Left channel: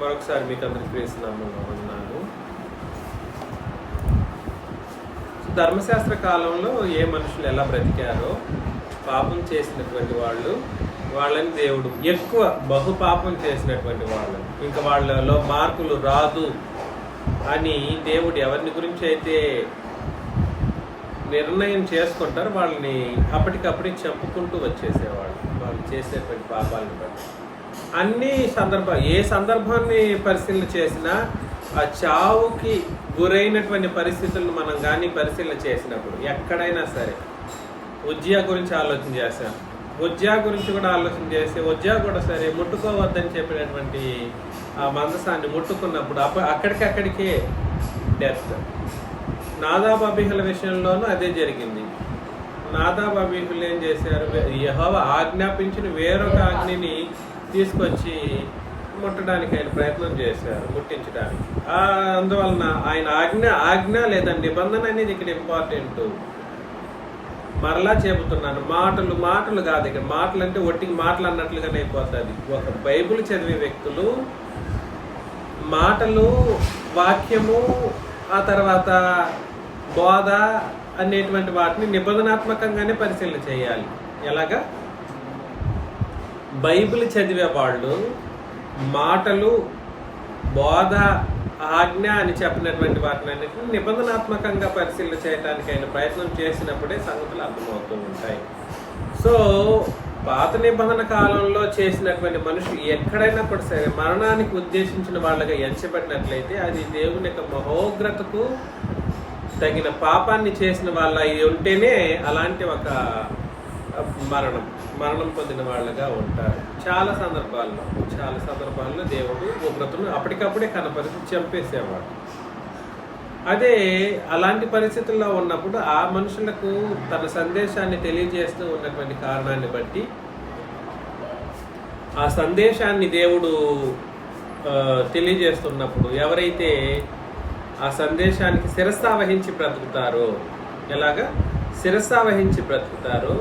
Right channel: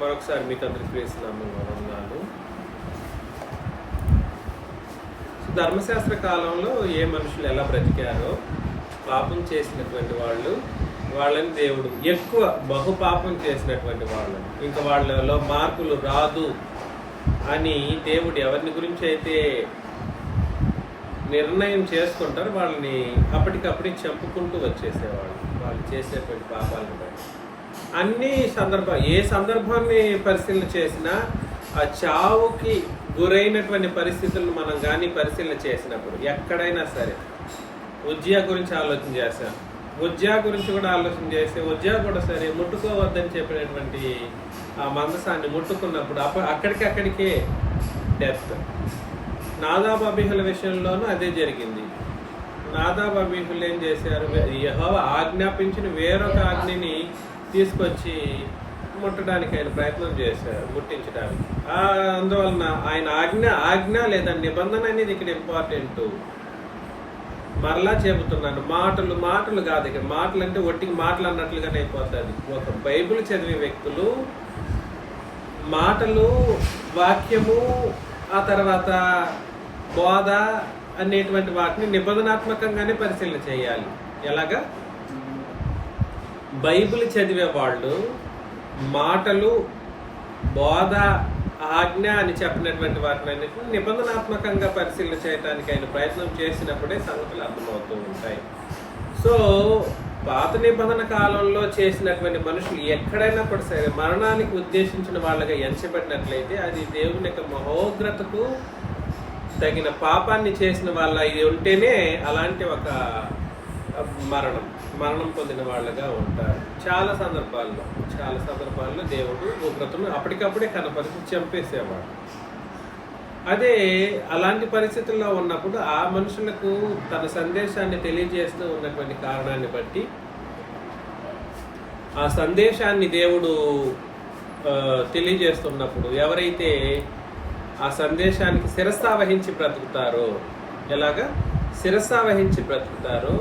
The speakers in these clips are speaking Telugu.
మరొకసారి మీకు అందరికి ప్రేస్తున్నాము వందనాలు. ధర్మశాస్త్ర కాలంలో ఏ మనుషులు ఎలా బ్రతికారో పాపం చేసినటువంటి వాళ్ళని దేవుడు ఎక్కువ బహుపాపం చేసినటువంటి వాళ్ళు, ఇంకా వాళ్ళలో మార్పులు రాదు అని దేవుడు ఎవరిని గురించి అయితే నిర్ణయం చేసుకుంటారో వాళ్ళని అప్పటికప్పుడు చంపుకుంటూ వచ్చేసేవాళ్ళు, వాళ్ళు చేసేటువంటి పాపాలను బట్టి. అన్ని ఏ సందర్భాన్ని పరిశీలన చేసినా ఆ చావుకి గురైనటువంటి పరిస్థితులను మనం కానీ పరిశీలన చేసినప్పుడు ఎక్కడైనా సరే ఉజ్జయా గురించి ఆలోచన చేశాం, ఉజ్జయా గురించి కూడా ఆలోచన చేస్తే ఉజ్జయా కూడా సరే ముట్టుకోవద్దని చెప్పినటువంటి ఆ మందసాన్ని ముట్టుకున్నప్పుడు అక్కడికే డెత్. నాదాబ్ అబీహుల విషయంలోనూ అదే జరిగింది. నాదాబ్ అబీహులు ఏం చేశారు, యెహోవా ఆజ్ఞాపించిన వేరొక ఆజ్ఞని తీసుకొచ్చి ముట్టడానికి ఆయన ప్రయత్నం చేశారు, ముట్టించడానికి. అందువలన ఆయన ఆజ్ఞ లేదా నిబంధన అనేది ఇక్కడ ఇంపార్టెంట్. మరలా చెబుతున్నాను, మాటలు కాదు, ఇక్కడ మాటలు అంటే ఒట్టికి మాటలు అన్నట్లుగానే అయిపోతుంది. ఒక బైబిల్ చదివే వ్యక్తులు మాటలు, వాక్యము, ఆ తర్వాత బోధ అనేటువంటి వాటిని నిబంధనాత్మకంగానే పరిశీలన చేయాలి. ఎలాగా? బైబిల్ చదివే వాళ్ళు మాటలు, బోధ, ఆజ్ఞ అని చెప్పినటువంటి వాటిని అన్నింటినీ నిబంధనాత్మకంగా పరిశీలన చేయడానికి ఆయన ప్రయత్నం చేసినప్పుడే సంగతులు అర్థమవుతూ ఉంటాయి. సో పాత నిబంధన కాలంలో చేసినటువంటి మనుషులు ఎక్కడైనా కూడా సరే మరణానికి ఉద్దేశించిన వాళ్ళగా ఎంచబడినట్లయితే అది దేవుని యొక్క మహోగ్రతకు తగిన పాపాన్ని చేసిన వాళ్ళ ఇది ఉంటేనే అలాంటి ఒక మరణం పొందిన వాళ్ళగా ఉంటారు. చాలా సందర్భాల్లో దేవుడు ఉగ్రతను అప్పటికప్పుడే కనపరిచి చంపేసేవాడు. అదే అలాంటి పరిస్థితుల్లో ఉన్నప్పుడు ఆ మనుషులకు తన సందేశాన్ని తెలియజేస్తూ ఉన్నటువంటి కారణాన్ని బట్టి ఆ సందేశాన్ని దేవుడు తెలియజేస్తున్నప్పుడు ఎవరైతే ఆ సందేశానికి శిరస్సావహించి బ్రతుకుతారో, ఎలాగా శిరస్సావహించి బ్రతుకుతారో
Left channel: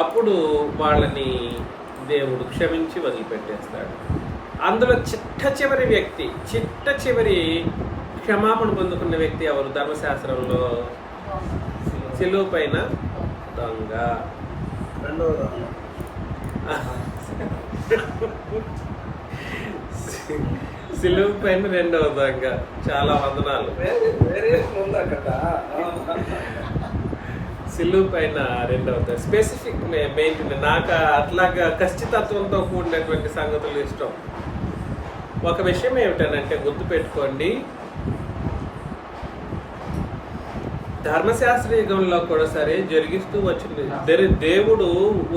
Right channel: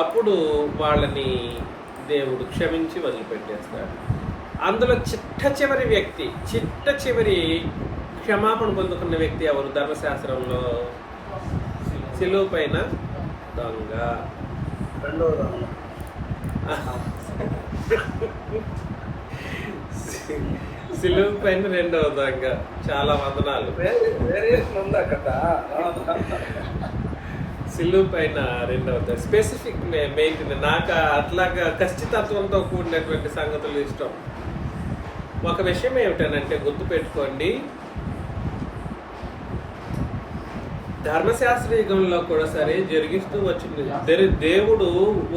అప్పుడు వాళ్ళని దేవుడు క్షమించి వదిలిపెట్టేస్తాడు. అందులో చిట్ట చివరి క్షమాపణ పొందుకున్న వ్యక్తి ఎవరు? ధర్మశాస్త్రంలో సిలువ పైన దొంగ. సిలువ పైన రెండవ దొంగ. చాలా వందనాలు. సిలువ పైన రెండవ స్పెసిఫిక్ మెయింటైన్. నాకు అట్లాగా ఖచ్చితత్వంతో కూడినటువంటి సంగతులు ఇష్టం. ఒక విషయం ఏమిటనంటే గుర్తుపెట్టుకోండి, ధర్మశాస్త్ర యుగంలో కూడా సరే జరిగిస్తూ వచ్చింది. దేవుడు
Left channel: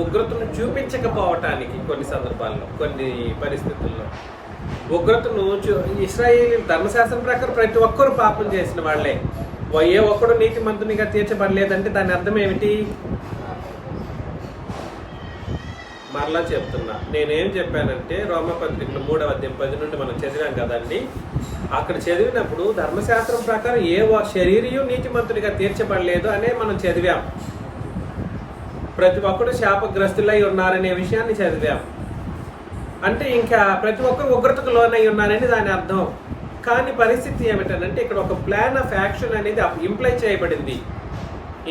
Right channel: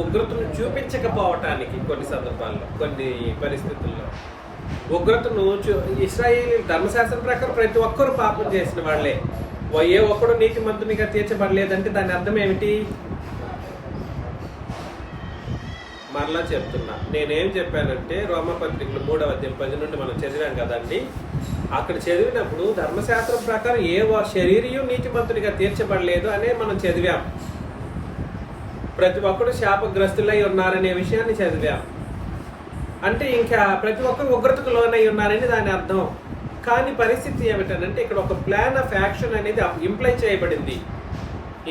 ఉగ్రతను చూపించకపోవటానికి కొన్ని సందర్భాల్లో, కొన్ని పరిస్థితుల్లో ఉగ్రతను ఇశ్రాయేలు ధర్మశాస్త్రం ప్రకారం ప్రతి ఒక్కరు పాపం చేసిన వాళ్లే. ఏ ఒక్కడు నీతిమంతునిగా తీర్చబడలేదంటే దాని అర్థం ఏమిటి? మరలా చెప్తున్నా, నేనేం చెప్పానంటే రోమపత్రికలు 3వ అధ్యాయం 10 నుండి మనం చదివాం కదండి. అక్కడ చదివినప్పుడు ధర్మశాస్త్రం ప్రకారం ఏ శరీరయు నీతిమంతునిగా తీర్చబడలేదు అనే మనం చదివాం. ప్రతి ఒక్కరు శాపగ్రస్తులై ఉన్నారనే విషయాన్ని చదివాం. అంటే ఇంకా ప్రతి ఒక్కరు ఉగ్రతకు లోనై ఉన్నారని దాని అర్థం. కానీ పరిస్థితి ఏమిటంటే ఇక్కడ ఒక ప్లాన్ ఆఫ్ యాక్షన్ అనేది ఇంప్లై చేయబడింది.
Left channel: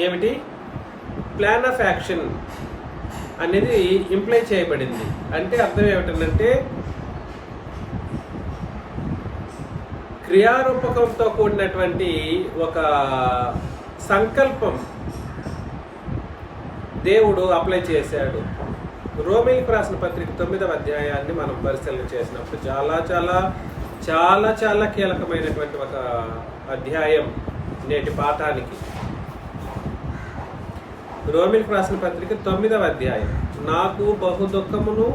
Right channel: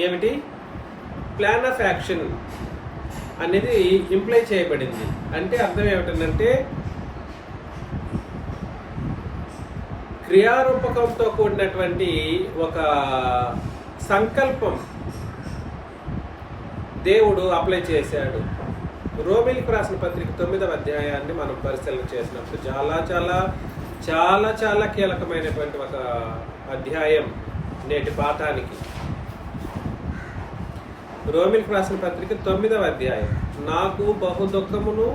ఏమిటి? ప్లాన్ ఆఫ్ యాక్షన్ అనేది ఇంప్లై చేయబడింది. అంటే అర్థం ఏమిటంటే క్రియారూపకంతో కూడినటువంటి ఒక సంకల్పం దేవుడు అప్లై చేశాడు. రోమీలకు రాసిన పత్రిక 9వ అధ్యాయాన్ని మనం పరిశీలన చేసినప్పుడు చాలా చాలా చాలా చాలా కీలకమైనటువంటి ఒక అధ్యాయం నేటి పాఠానికి. రోమీలకు రాసిన పత్రిక 9వ అధ్యాయం. నాకు బహు దుఃఖమును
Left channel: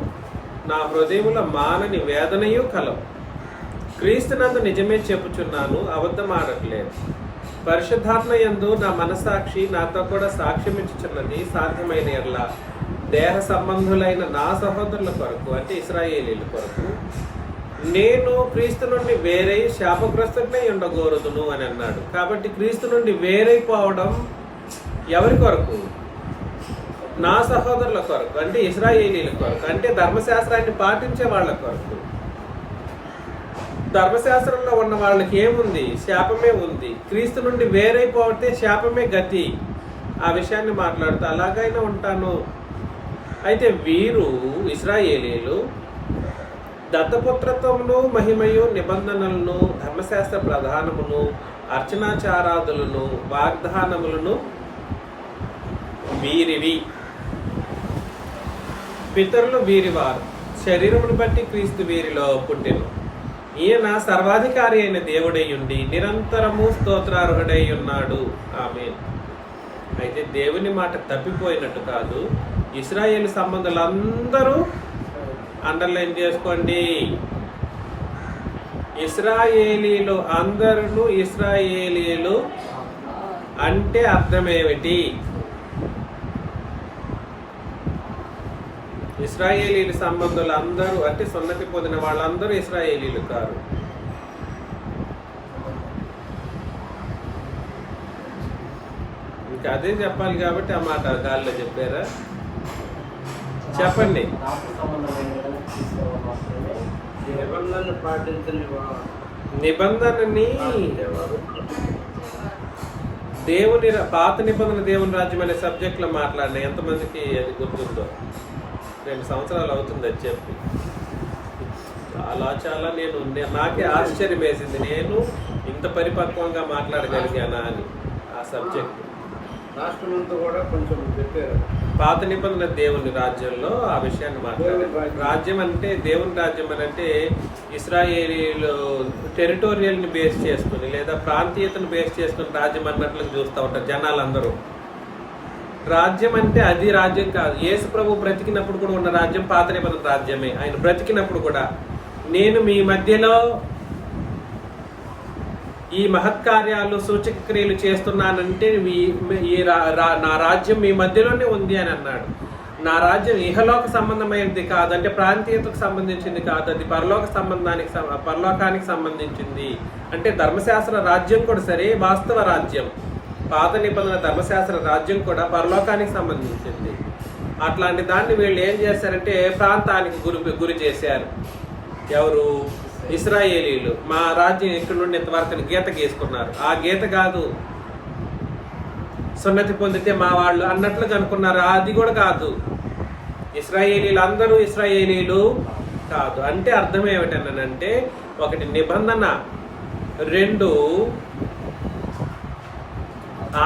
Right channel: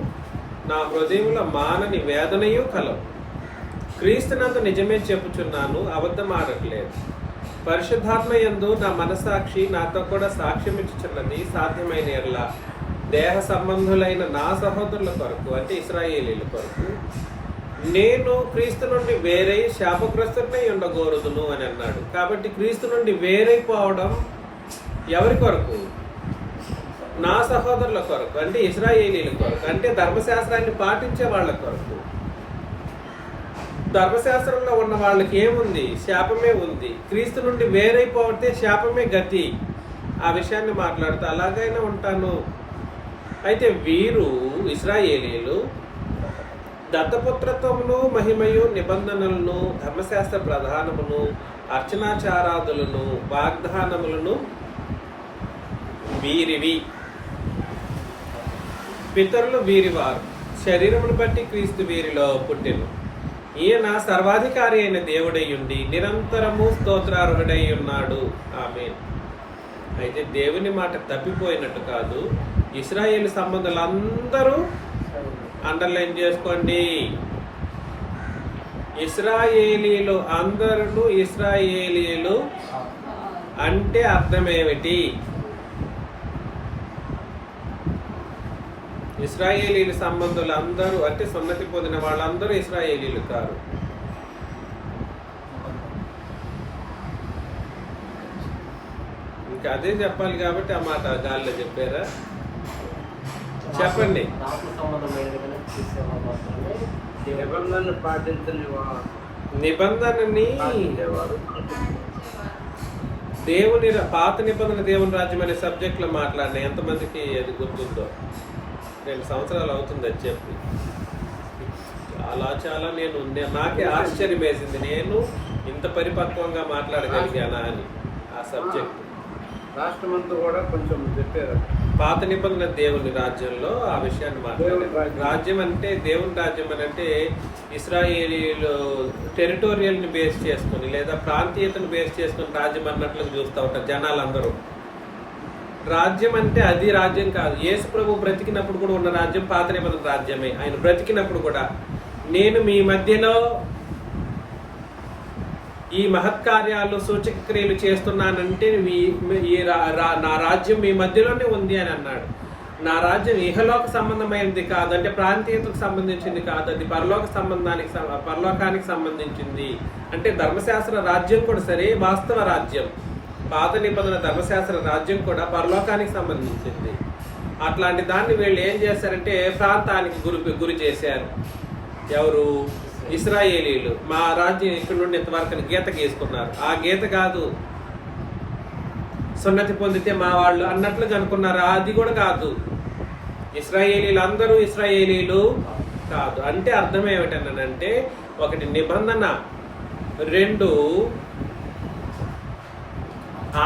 నా హృదయముల మానని వేదనయు కలవు. క్రీస్తునందు నిజమే చెప్పుచున్నాను, అబద్ధమాడట్లేదు. పరిశుద్ధాత్మ యందు నా మనసాక్షి నాతో కూడా సాక్ష్యం ఇచ్చుచున్నది. సాధ్యమైన ఎడల దేహ సంబంధులైన నా సహోదరుల కొరకు, అంటే ఇశ్రాయేలీల కొరకు, నేను క్రీస్తు నుండి వేరై శాపగ్రస్తుడై ఉండకూడదును అని అన్నాడు. కాబట్టి క్రీస్తు నుండి వేరైపోవడం ఎవరి కొరకు? నా సహోదరుల కొరకు, అంటే ఇశ్రాయేలీల కొరకు, అంటే ధర్మశాస్త్రాన్ని పాటించే వాళ్ళ కొరకు. ధర్మశాస్త్రంలో ఉన్న వాళ్ళకి ఏముంది? శాపమే ఉంది. క్రీస్తు నుండి వేరైపోతే శాపమే గతి. ఆ విషయాన్ని మాట్లాడుతూ అలాగైనా ఉంటాను. అయితే వీరు ఇశ్రాయేలీలు దత్తపుత్రత్వమును మహిమయు నిబంధనలను ధర్మశాస్త్ర ప్రధానమును అర్చనాచారాదులను వాగ్దానములను వీరివి. పితరులు వీరివారు, శరీరమును బట్టి క్రీస్తు వీరిలో పుట్టెను. ఈయన సర్వాధికారి అయిన దేవుడై ఉండి నిరంతరము స్తోత్రార్హుడై ఉన్నాడు. ఆమేన్. అయితే దేవుని మాట తప్పిపోయినట్టు కాదు. ఇశ్రాయేలు సంబంధులందరూ అండర్లైన్ చేసుకోండి. ఇశ్రాయేలీలు అందరూ ఇశ్రాయేలీలు అంటే అర్థమేమిటి? ఇశ్రాయేలీల సంబంధులు అందరూ అంటే సున్నతి పొందిన వాళ్ళందరూ ఇశ్రాయేలీలు కారు. ఇంకా అదే చెప్పాలి కాబట్టి ఆ మాట గాలిలో చెప్పారా? చెప్పండి. నిబంధనని దేవుని పాత నిబంధన దేవుని రాజ్యం అనే సబ్జెక్ట్ లో మాట్లాడినా ఎంతమందికి అది గుర్తుందో? 2 సంవత్సరాలు అవుతుంది అది చెప్పి. చాలా నేను నాకే ఆశ్చర్యం వేసింది, నేను ఇంత పరిపక్వంగా మాట్లాడగలిగానా అని. ఆ సబ్జెక్ట్ రాష్ట్రమంతా కూడా కొంచెం చెప్పారు. పాత నిబంధన దేవుని రాజ్యంలో ఆ విషయాన్ని మాట్లాడారు. రాజ్యం అంటే దేవుని రాజ్యం అని అంటే ఇశ్రాయేలీలు టెరిటోరియల్ ని బేస్ చేసుకుని లేదా ప్రాంతీయతను బేస్ చేసుకుని రాజ్యం అన్నట్లు చూస్తూ ఉంటారు జనాలందరూ. రాజ్యం అంటే అది రాజ్యం కాదు. యేసు ప్రభు బ్రతికినప్పుడు కూడా ఉన్న రాజ్యం పాత నిబంధన రాజ్యమే. ఆయన బ్రతికినప్పుడు కూడా నేను మీ మధ్యలో ఈ మహత్కార్యాలు సూచక క్రియలు చేస్తున్నానంటే నా రాజ్యం మీ మధ్యలోనే ఉంది అని అన్నాడు. నా రాజ్యం ఇహలోక సంబంధమైనది కాదు, అంటే ప్రాంతీయతకు సంబంధించింది కాదు, అది పరలోకానికి సంబంధించింది. అంటే ధర్మశాస్త్ర రాజ్యం కూడా సరే వాస్తవ రాజ్యం. పాత నిబంధన ధర్మశాస్త్ర రాజ్యం కూడా పరలోకానికి సంబంధించింది. అట్లాంటి దాన్ని వీళ్ళు ఏం చేశారంటే ప్రాంతానికి గురి చేశారు. ఎవరు? ఇశ్రాయేలీలు. మా రాజ్యం ఇక్కడ నుండి ఇంతవరకు గీత గీసుకున్నారు. ఆ గీత కాదు, సున్నతి పొందితే మా వాళ్ళు అన్నట్లుగా అనుకున్నారు. అది కూడా కాదు. ఇశ్రాయేలీలు అందరూ ఇశ్రాయేలీలు కాదు. అంటే అర్థం ఏమిటనంటే, ఒకటి నిబంధన, 2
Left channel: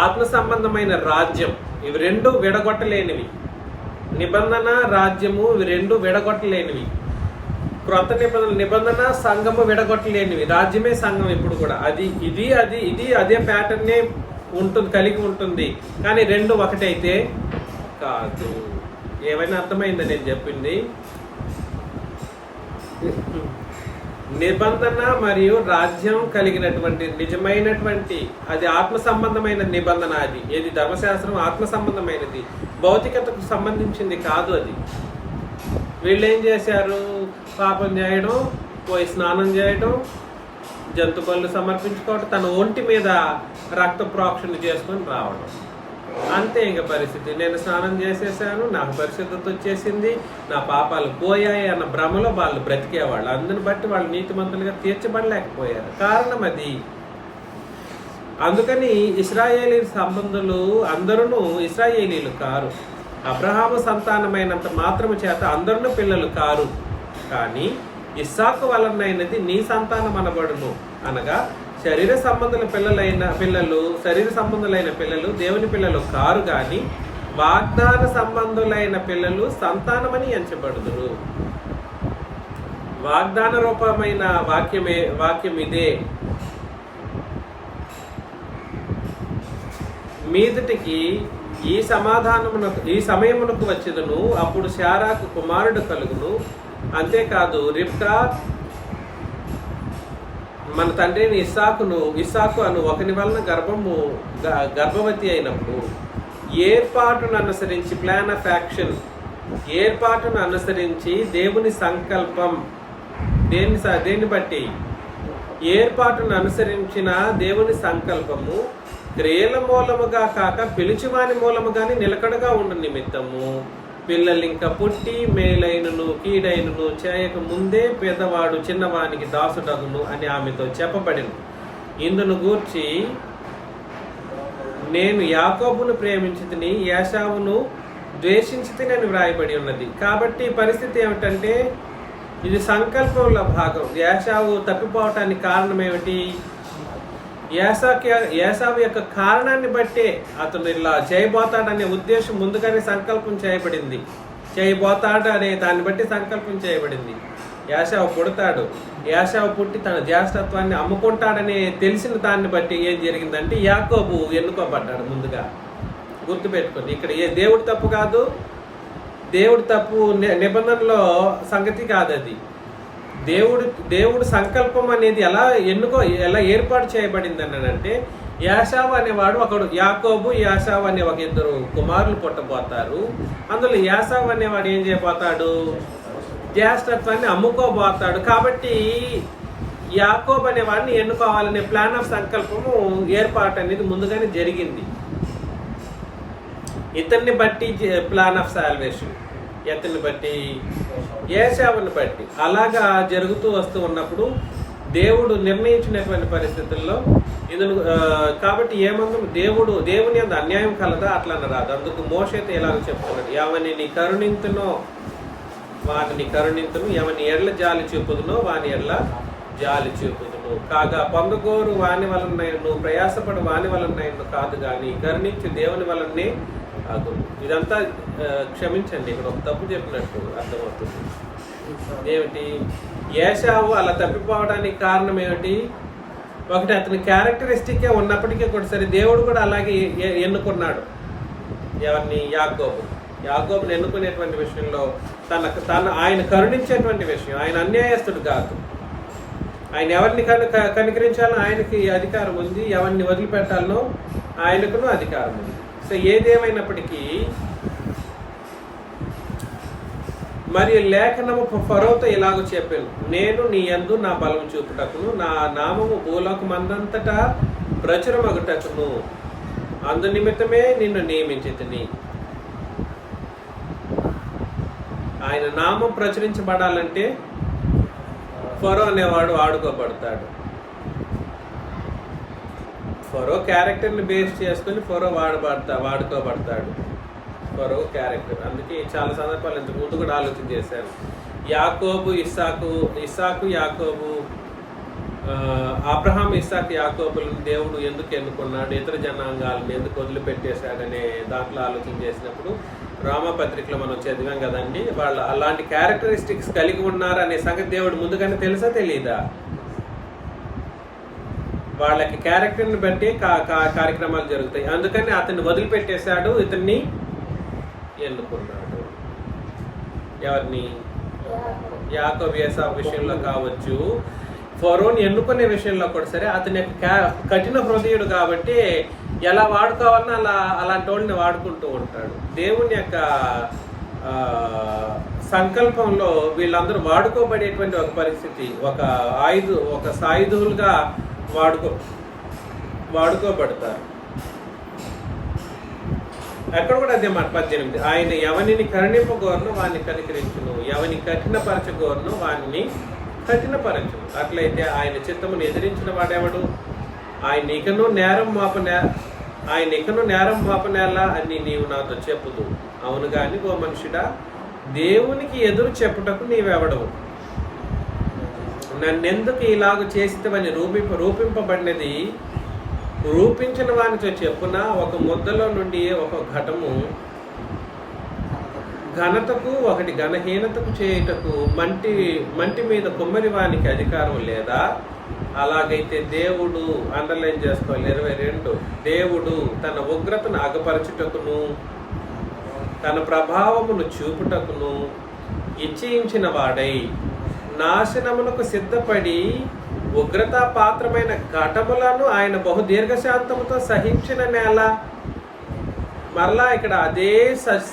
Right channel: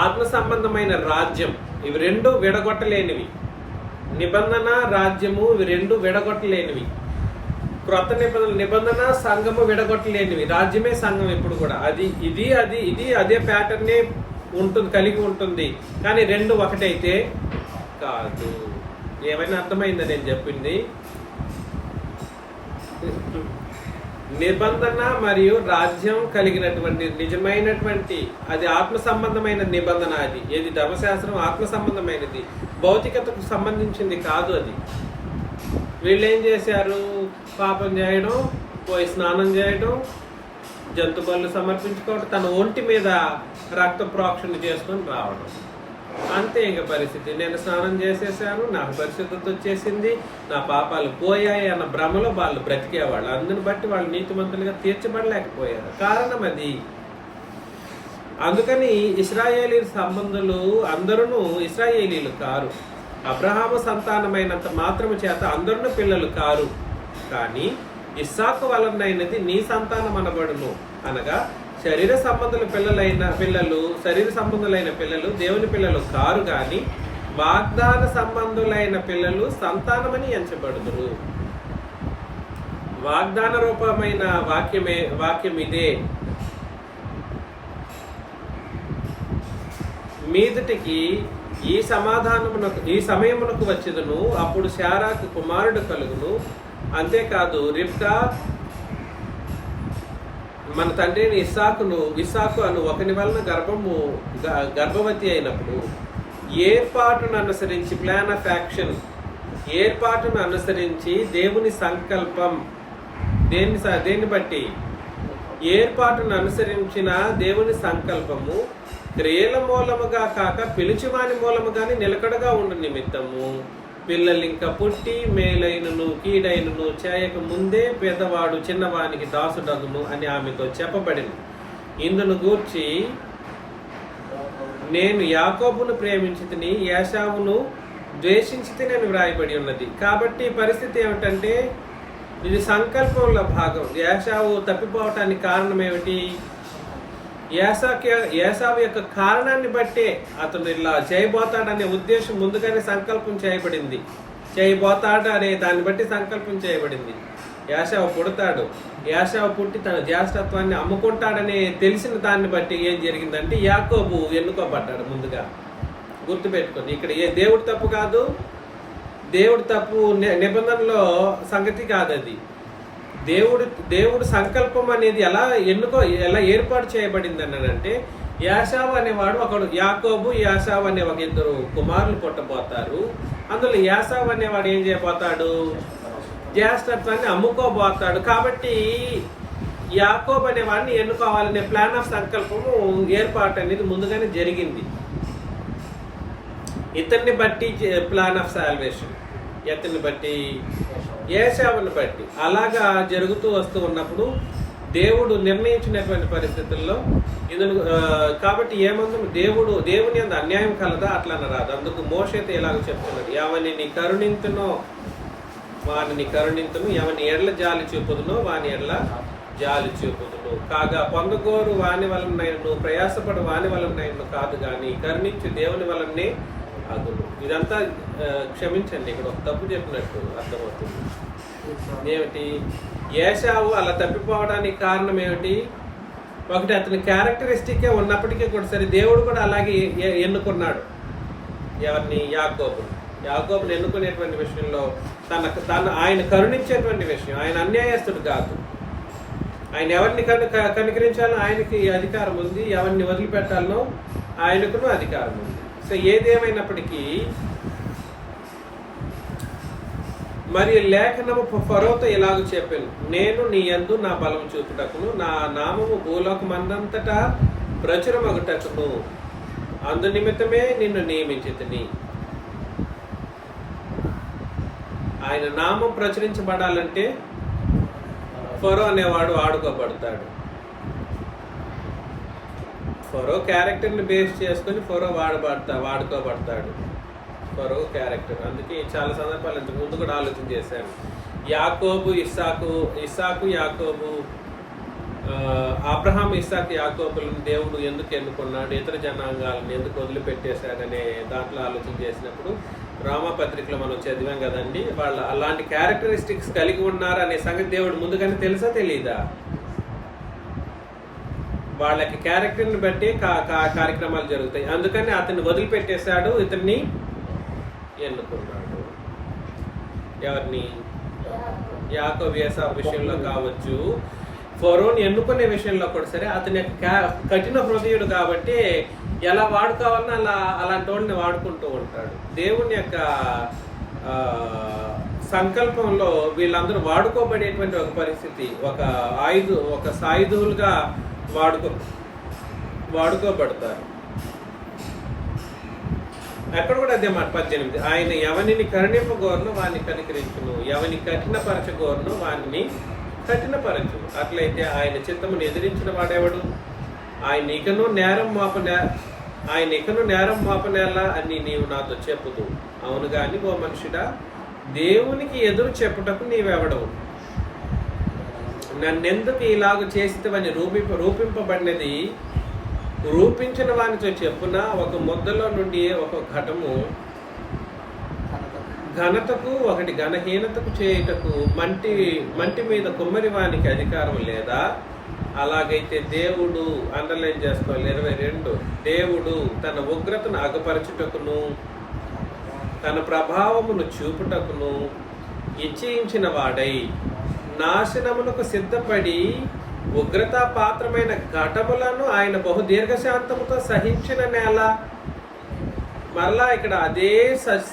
ఆత్మ సంబంధమైన రాజ్యం. ఇవి 2 విడగొట్టలేనివి. నిబంధన, రాజ్యము ఇవి 2 విడగొట్టలేనివి. క్రొత్త నిబంధన సంఘము విడగొట్టలేనివి. రాజ్యమే సంఘం ఎప్పుడు కూడా. అది ఇది అదే ప్యాటర్నే ఉంటుంది, కలిగి ఉంటుంది. కానీ 2 ఒకటైతే కాదు. ఏమైనా అర్థమైందా నేను చెప్పింది? నిబంధన మరియు రాజ్యం కలిగినటువంటి నిజమైనటువంటి అది ఆత్మ సంబంధమైన నిబంధన. అది ఏది? ధర్మశాస్త్రం ఆత్మ సంబంధమైనది, భౌతికతకు సంబంధించింది కాదు. అది వీళ్ళు ఏం చేశారు? పాపం చేయడం, పోయి స్నానం చేయడం, జంతు బలులు సమర్పించుకోవడం, తన ఒంటి మీద రక్త ప్రోక్షణ చేసుకొని రావడం. అంతే ఇంకా పరిస్థితి. నేను స్నానం చేసేసాను, నాకు పరిశుద్ధత వచ్చేసింది, నా పాపాలు పోయాయి అన్న భ్రమలో వాళ్ళు బ్రతికేవాళ్ళు. అందుని బట్టి వాళ్ళు నీతిమంతులుగా తీర్చబడలేకపోయారు. కారణం అది. అందుకని ఇశ్రాయేలీ సంబంధులు అందరూ ఇశ్రాయేలీలు కారు. అబ్రహాము సంతానమైనంత మాత్రము చేత అందరూ పిల్లలు కారు. కానీ ఇస్సాకు వలనైనది నీ సంతానం అనబడును. అనగా శరీర సంబంధులైన పిల్లలు దేవుని పిల్లలు కారు, గాని వాగ్దాన సంబంధులైన పిల్లలు సంతానమని ఎంచబడుదురు. వాగ్దాన రూపమైన వాక్యం ఇదే. మీదటికి ఈ సమయమునకు వచ్చేదను, అప్పుడు శారాకు కుమారుడు కలుగును. అంతేకాదు రిబ్కా మన తండ్రిని ఇస్సాకు అను ఒకని వలన గర్భవతి అయినప్పుడు ఏర్పాటును అనుసరించి, ప్లాన్ ఆఫ్ యాక్షన్, ఏర్పాటును అనుసరించి దేవుని సంకల్పం. దేన్ని బట్టి? ఏర్పాటును అనుసరించిన దేవుని సంకల్పము క్రియల మూలముగా కాక పిలిచివాని మూలముగాని నిలకడగా ఉండు నిమిత్తము పిల్లలు ఇంకా పుట్టి మేలైనను కీడైనను చేయక ముందే పెద్దవాడు చిన్నవానికి దాసుడగును అని ఆమెతో చెప్పబడిను. ఇందును గూర్చి నేను యాకోబును ప్రేమించితిని, ఏశావును ద్వేషించితిని అని వ్రాయబడి ఉన్నది. కాబట్టి పరిస్థితి ఏమిటంటే ఇది సంకల్పంలో భాగం. ఏశావు తప్పిపోవటానికి కారణం ఏమిటి? ఏశావు యొక్క కారణాన్ని బట్టే అతను ఇలా చేయబోతాడనే ఉద్దేశం ముందుగానే సంకల్పం చేయబడింది. చేయబోతాడు అనే దాన్ని బట్టి సంకల్పం చేయబడింది. ఏశావు పుడతాడు, ఏశావు పుట్టి తన జ్యేష్ఠత్వాన్ని అమ్ముకుంటాడని తెలిసిన దాన్ని బట్టి ఏం జరిగిందంటే యాకోబు ఎన్నుకోబడ్డాడు. ముందుగా గుర్తుపెట్టుకుంది, ఇక్కడ ఏ దేవుడి తప్పు కాదు, దేవుడి తప్పు నిబంధనలో సంగతి కాదు. అది దేవుడు సంకల్పం అనేది ఎలా ఏర్పాటు చేయబడింది అనంటే యాశావు అనేవాడు ఒకడు, యాకోబు యాశావు అనే ఒక ఇద్దరు కుమారులు పుట్టబోతారు. అందులో యాశావు అనేవాడు ఏం చేయబోతాడు? జ్యేష్ఠత్వాన్ని అమ్ముకోబోతాడు. కాబట్టి యాకోబు అనేవాడిని ఎన్నుకోవాలనే ప్లాన్ ఆఫ్ సంకల్పము ఏర్పాటు అనేది ముందుగానే జరిగింది. ఇతన్ని బట్టి ప్లాన్ ఆఫ్ సాల్వేషన్, ఇతన్ని బట్టి ఏశావుని బట్టి అలాగా జరుగుతూ వస్తూ ఉన్నప్పుడు దేవుడు నిర్ణయించినటువంటి పరిస్థితుల్లో ఇందులో కాబట్టి ఏమందు దేవుని అందు అన్యాయం కలదా అట్లా రాదు. అందుకు మోషేతో ఎలాగ చెప్తున్నాడు, ఎవరిని కరుణింతునో వాడిని కరుణింతును, ఎవరిని ఎడ్ల జాలి చూపుదునో వాని ఎడ్ల జాలి చూపుదును. కాగా పొందగోరు వాని వలనైనను ప్రయాసపడు వాని వలనైనను కాదు గాని కరుణించు దేవుని వలనే అగును. ఇదంతా క్షమించండి, ఇక్కడ ఒక తప్పు చెప్పినట్టు అర్థమవుతుంది. ఏమిటి? ఏశావు అలా తప్పిపోవడానికి కారణం ఏమిటి? ఒకటి అతని క్యారెక్టరిస్టిక్కే ఉన్నప్పటికీ కూడా సరే దేవుడు కూడా అలాగే ఎన్నుకున్నాడు. ఎవరిని? యాకోబుని ఎన్నుకునేటువంటి విషయంలో ఆయన కరుణించేటువంటి విషయం. ఆయన అన్యాయస్తుడు కాదు. ఆయన ఎవరిని కనికరించాలో ఆయనకి అధికారం ఉంది, ఎవరిని వదిలిపెట్టాలనో ఆయనకును అధికారం ఉంది. సో ఏదేమైనప్పటికీ మరి లేఖనము ఫరోతో ఇలాగ చెప్పాను, నేను నీ యందు నా బలం చూపుటకును నా నామము భూలోకమందంతటా ప్రచురమగుటకును అందు నిమిత్తమే నిన్ను నియమించితిని. ఆయన నామం ప్రచురించబడాలంటే ఫరో అనేవాడు వాడుకోబడతాడు. ఫరో క్యారెక్టర్ని బేస్ చేసుకుని ఫరో వాడుకోబడతాడు. ఫరో క్యారెక్టర్. అందుకే చాలా సందర్భాలు ఇంతకు ముందు కూడా ఆలోచన చేశాను. యాకోబు ఇస్సాకు యాకోబు, అబ్రహాం ఇస్సాకు యాకోబులను దేవుడు ఎందుకు ఎన్నుకున్నాడు, ఇతర జనాంగాలను ఎందుకు వదిలిపెట్టేశాడనే దాంట్లో ఆలోచన చేసినప్పుడు రామపత్రికలో మనం చదివాం కదండి. వాళ్ళు అలాంటి క్యారెక్టరిస్టిక్స్ కలిగి ఉన్నారు అనే సంగతి దేవుడు ముందుగానే తెలుసా తెలీదా? వాళ్ళకి క్యారెక్టర్ని బట్టి కార్యక్రమాలు జరుగుతాయి. అందుకని అతన్ని వదిలిపెట్టేశాడు, ఇతన్ని ఎన్నుకున్నాడు. ఎవరిని? యాకోబు ఏశావు విషయంలో కావచ్చు, ఫరోని ఎన్నుకునే విషయంలో కూడా సరే అతని యొక్క కఠిన హృదయుడు కాబట్టి ఎలా వాడుకోవాలన్నా అలాంటి వాళ్ళని వాడుకుంటూ ఉంటాడు. దేవుని యొక్క సంకల్పంలో వీళ్ళందరూ వాడుకోబడేటువంటి ఒక పరిస్థితి, ఒక సాయుధులుగా వాడుకోబడతారు. అక్కడ కూడా అదే మాట 18, ఆయన ఎవరిని కరుణింపగోరును వాడిని కనికరించును, ఎవరిని కఠినపరచగోరును వాడిని కఠినపరచును. అట్లయితే ఆయన చిత్తమును ఎదిరించిన వాడెవడు? ఆయన ఇకను నేరం మాపనేలా అని నీవు నాతో చెప్పుదు. అవును గాని ఓ మనుషుడా, దేవునికి ఎదురు చెప్పుటకు నీవెవడవు? నన్నెందుకు ఇలాగ చేసితవని రూపింపబడినది రూపించిన వానితో చెప్పున, ఒక ముద్దలో నుండి ఒక ఘటము ఘనతకు ఒకటి ఘనహీనతకు చేయుటకు మంటి మీద కుమ్మరి వానికి అధికారం లేదా? అలాగైతే దేవుడు, అండర్లైన్ చేసుకోవాలి 22, దేవుడు తన ఉగ్రతను అగపరచుటకును తన ప్రభావమును చూపుటకును ఇచ్ఛయించిన వాడై నాశనమునకు సిద్ధపడి ఉగ్రతా పాత్రమైన ఘటములను ఆయన బహుదీర్ఘశాంతముతో సహించిన నేల. మరలా ఇక్కడ అదే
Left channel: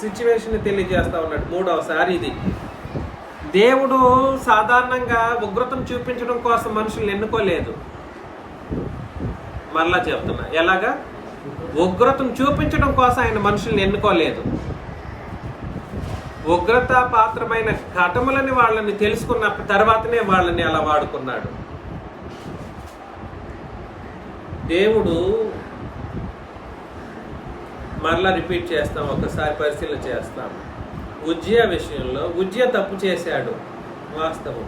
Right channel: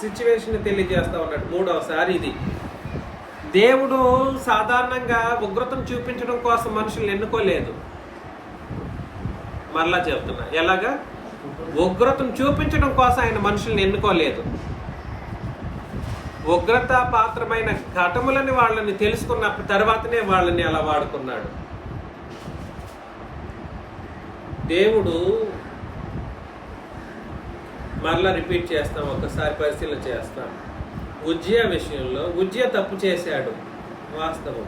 సిచ్యువేషన్ తెలియజేస్తా ఉన్నాడు మూడవసారి. ఇది దేవుడు సాధారణంగా ఉగ్రతను చూపించడం కోసం మనుషుల్ని ఎన్నుకోలేదు. మరలా చెప్తున్నా, ఎలాగా? ఉగ్రతను చూపించడం కోసం ఆయన మనుషుల్ని ఎన్నుకోలేదు. ఉగ్రత పాత్రమైన ఘటములని వాళ్ళని తెలుసుకున్న తర్వాతనే వాళ్ళని అలా వాడుకున్నాడు. దేవుడు మరలా రిపీట్ చేస్తాం, ఒకసారి పరిశీలన చేస్తాం. ఉజ్జియా విషయంలో ఉజ్జియా తప్పు చేశాడు, వాస్తవం.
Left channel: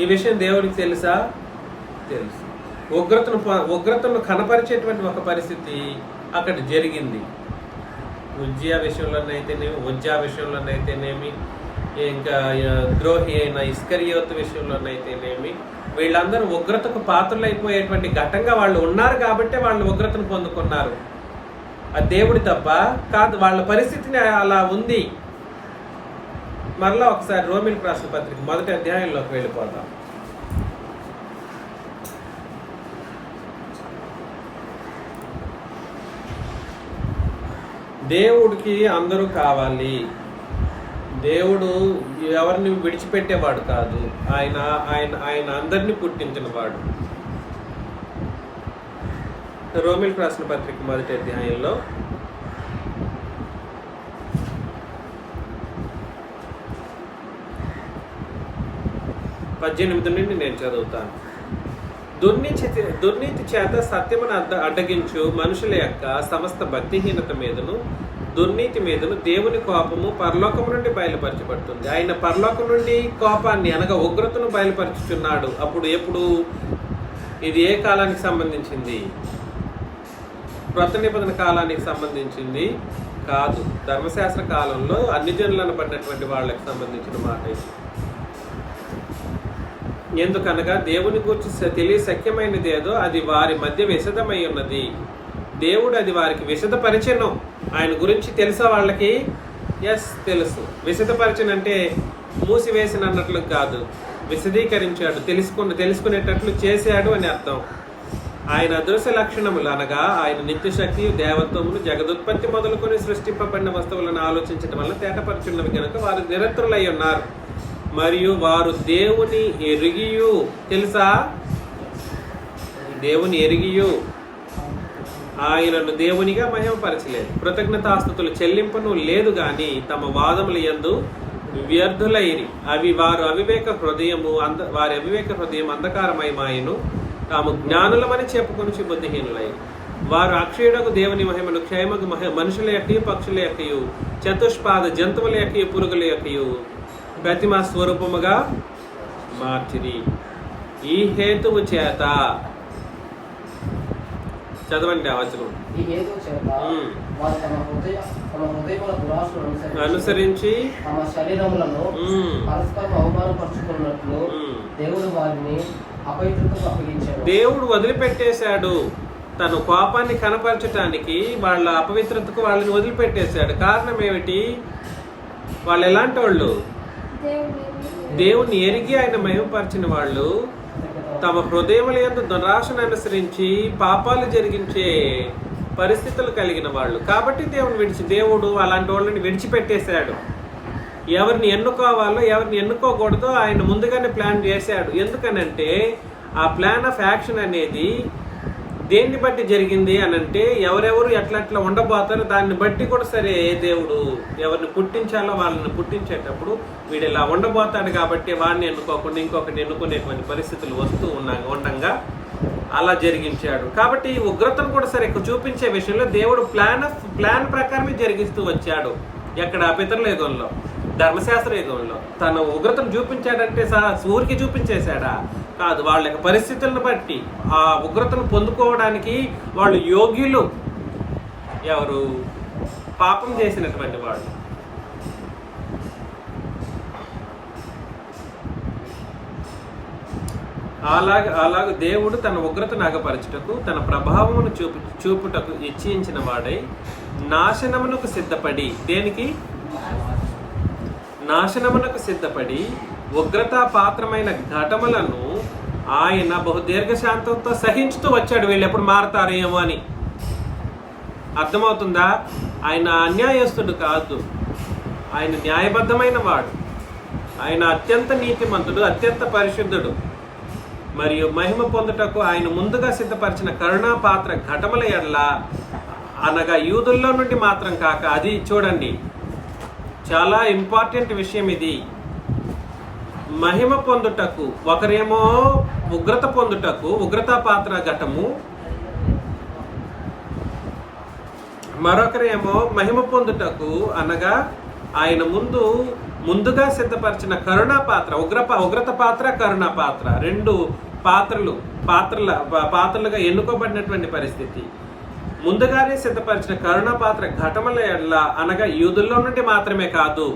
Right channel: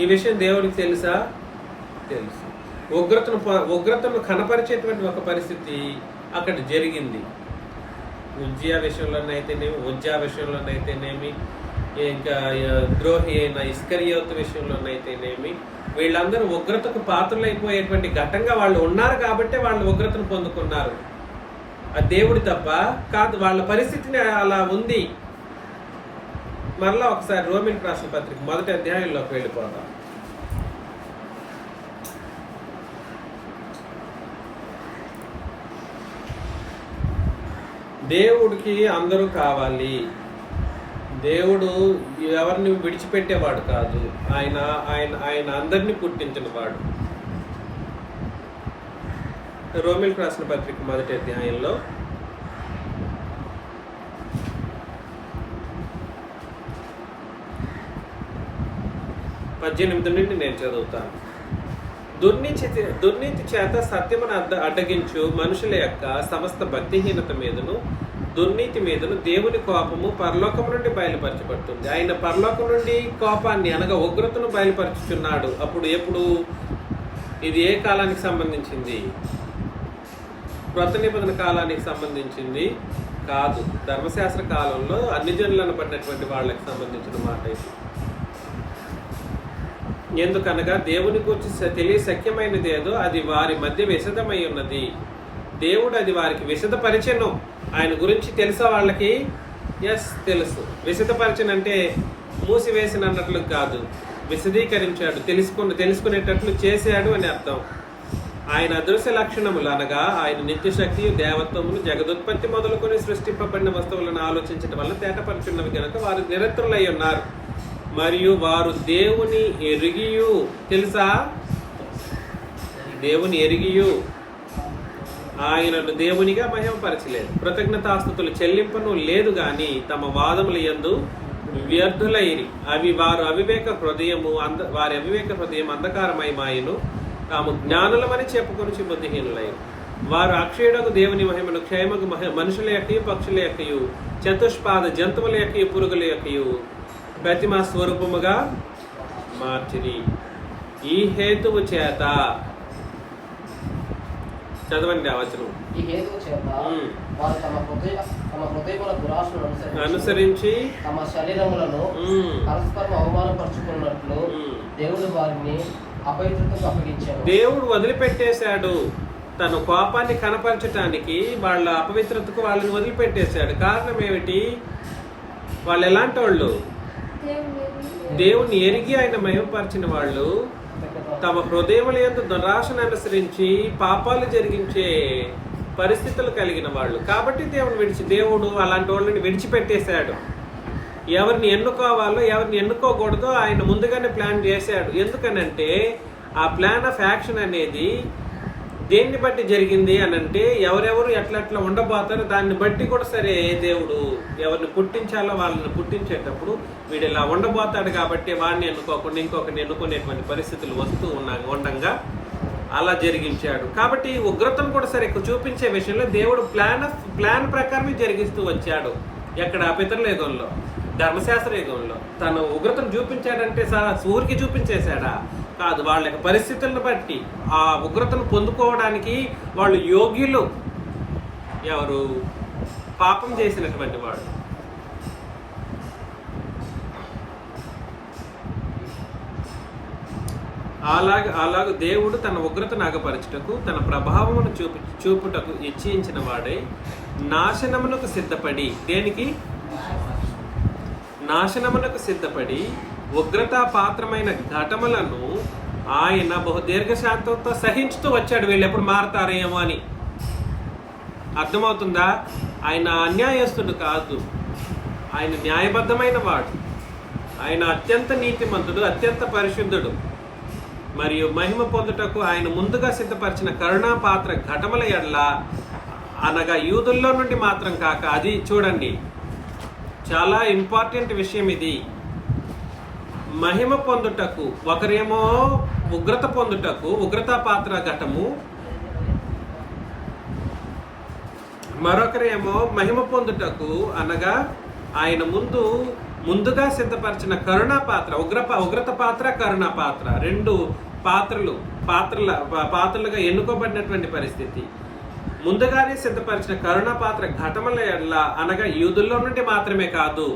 ఈ విషయం దేవుడికి తెలుసా? తెలుసు. ఉగ్రతను కనపరిచేటువంటి ఒక పరిస్థితి అక్కడ జరిగింది. ఉజ్జియా విషయంలోనైతేనేమి, ఉజ్జా విషయంలోనైతేనేమి, ఇంకా ద్రోహి అయిన ఇస్కరియోతు విషయంలోనైతేనేమి, వీళ్ళందరూ ఉగ్రతకు పాత్రలైపోయేటువంటి ఘట్టంగా వాళ్ళు ఉన్నారు కాబట్టి వాళ్ళు ఉగ్రతను పొందుకున్నారు. అది దేవుడి తప్ప కాదు, వాళ్ళ పరిస్థితిని అలా ఉంది. మరలా ఒకసారి రోమిలకు రాసిన పత్రిక 1వ అధ్యాయంలోకి వెళ్ళిపోతాం. దేవుడికి అందరూ కావాలి. దేవుడు ఎవరిని విడిచిపెట్టేవాడు కాదు. ఆయన ఆయన ఆయన అందరినీ పుట్టించిన వాడు. రోమిలకు రాసిన పత్రిక 1వ అధ్యాయంలో 18 నుండి నేను చదువుతాను. దుర్నీతి చేత సత్యమును అడ్డగించు మనుషుల యొక్క సమస్త భక్తిహీనత మీదను దుర్నీతి మీదను దేవుని కోపము పరలోకము నుండి బయలుపరచబడుతుంది. ఆయన పరలోకం నుండి కోపాన్ని అనగా ఉగ్రతను బయలుపరుచుచున్నాడు. అప్పుడు ఎప్పుడు? ఇది ఏ కాలానికి సంబంధించింది? క్రొత్త నిబంధన కాలానికి సంబంధించింది కాదు. ధర్మశాస్త్ర కాలంలో అన్ని జనులను పడినటువంటి వాళ్ళకి సంబంధించిన మాట ఇది. ఎందుకనగా దేవుని గురించి తెలియశక్యమైనది ఏదో అది వారి మధ్య విశదమై ఉన్నది. దేవుడు అది వారికి విశదపరిచెను. ఆయన గురించి తెలుసా వాళ్ళకి? ఎస్, తెలుసు. విశదపరిచనంటే మూసివేసిన అన్నట్లు కాదు, విశదీకరించాడు, తెలుసుకునేటట్లు చేశాడు అని అర్థం. ఆయన అదృశ్య లక్షణములు అనగా ఆయన నిత్యశక్తి, దేవత్వములు, జగదుత్పత్తి మొదలుకొని సృష్టింపబడిన వస్తువులను ఆలోచించడం వల్ల తేటపరుచున్నవి కనుక వారు నిరంతరులై ఉన్నారు. మరియు వారు దేవుని ఎరిగియు, తెలుసా? దేవుని ఎరిగియు ఆయనను దేవునిగా మహిమపరచలేదు. కృతజ్ఞతాస్తుతులు చెల్లింపును లేదు గాని తమ వాదముల యందు వ్యర్థులైరి. వారి అవివేక హృదయం అంధకారమయమాయను. తాము జ్ఞానులమని చెప్పుకొని బుద్ధిహీనులై వారు అక్షయుడకు దేవుని మహిమను క్షేమకు మనుషుల యొక్కయు పక్షుల యొక్కయు చతుష్పాద జంతువుల యొక్కయు పురుగుల యొక్కయు ప్రతిమా స్వరూపముగా మార్చిరి. ఈ హేతువు చేత చదవండి ఆ వచనం. అనుసరించి తమ శరీరములను పరస్పరం అవమానపరుచుకున్నట్లు దేవుడు వారిని అపవిత్రతకు అప్పగించాడు. దేవుడు వదిలిపెట్టేశాడు. తన కోపాన్ని కనపరచటానికి వాళ్ళ అపవిత్రతకు వాళ్ళని వదిలిపెట్టేశాడు. కారణం ఏమిటి? వాళ్ళు ఎలాంటి వాళ్ళు? దేవుని ఎరిగి ఆయన మహిమపరిచిన వాళ్ళు, తమ హృదయముల యందు దురాశను అనుసరించి పాపాలు జరిగించే పరిస్థితులు కలిగిన వాళ్ళు. కాబట్టి దేవుడు అలాంటి వాళ్ళని విడిచిపెట్టేశాడు. ఎవరిని ఎన్నుకోవాలో ఎవరిని ఎన్నుకోకూడదో ఆయన ముందుగానే ప్లాన్ చేశాడు. ఎందుకనంటే ఆ ప్లాన్ ఆఫ్ యాక్షన్ అనేది దేన్ని బట్టి జరిగింది అనంటే ఎవరెవరు ఎట్లా ఉండబోతారో దాన్ని బట్టి కూడా సరే దేవుడు ఎవరిని పుట్టించాలో వాళ్ళని పుట్టించేటప్పుడు వీడు ఇలా ఉండబోతాడు కాబట్టి వాడిని ఎన్నుకోకుండా ఇంకొకరిని ఎన్నుకునేటువంటి పరిస్థితులు వస్తూ ఉండగా అలా జరిగించాడు. కాబట్టి ఉగ్రతను కూడా సరే చూపించే విషయంలో దేవుడు ప్లాన్ ప్రకారమే జరిగిస్తూ వచ్చాడు. ఎక్కడ? పితరుల యుగంలో, ధర్మశాస్త్ర యుగంలో తన ఉగ్రతను చూపించాడంటే సూర్యుకి చూపించేశాడా? కాదు. వాళ్ళ యొక్క పరిస్థితులను బట్టి ఆ ఉగ్రతను పొందుకోవడానికి వాళ్ళు యోగ్యులు. ఎవరు? పాపం చేసినటువంటి వాళ్ళు. అలాగ దేవుడు తన ఉగ్రతను అగపరచుటకు తన ప్రభావమును చూపుటకు ఇచ్చించిన వాడై నాశనమునకు సిద్ధపడి, దేనికి? నాశనమునకు సిద్ధపడి ఉగ్రతా పాత్రమైన ఘటములను ఆయన బహుదీర్ఘశాంతంతో సహించుతూ వచ్చాడు. వీళ్ళు ఎప్పుడు మారతారేమో అని. అర్థమవుతుందా? ఆయన అన్యాయస్తుడు కాదు, ఆయన న్యాయబద్ధమైన వాడు. ఆయన అత్యంత నీతిమంతుడు, అత్యంత పరిశుద్ధుడు. మరియు మహిమ పొందుటకు ఆయన ముందుగా సిద్ధపరిచిన కరుణా పాత్ర ఘటముల ఎడల అనగా యూదుల్లో నుండి మాత్రం కాక, అది చూడండి, చాలా ఇంపార్టెంట్ విషయం ఇది. మహిమ పొందుటకు, ఒకరేమో ఉగ్రత పొందుటకు ఉగ్రతా పాత్ర ఘటము, మరొకరేమో మహిమ పొందుటకు అనగా ఆయన ముందుగా సిద్ధపరిచిన కరుణా పాత్ర, ఉగ్రత పాత్ర, కరుణా పాత్ర, రెండు పాత్రలుగా ఎన్నుకోబడినటువంటి పరిస్థితి. ముందుగానే సిద్ధపరిచిన కరుణా పాత్ర ఘటముల ఎడల అనగా యూదుల్లో నుండి మాత్రమే కాదు,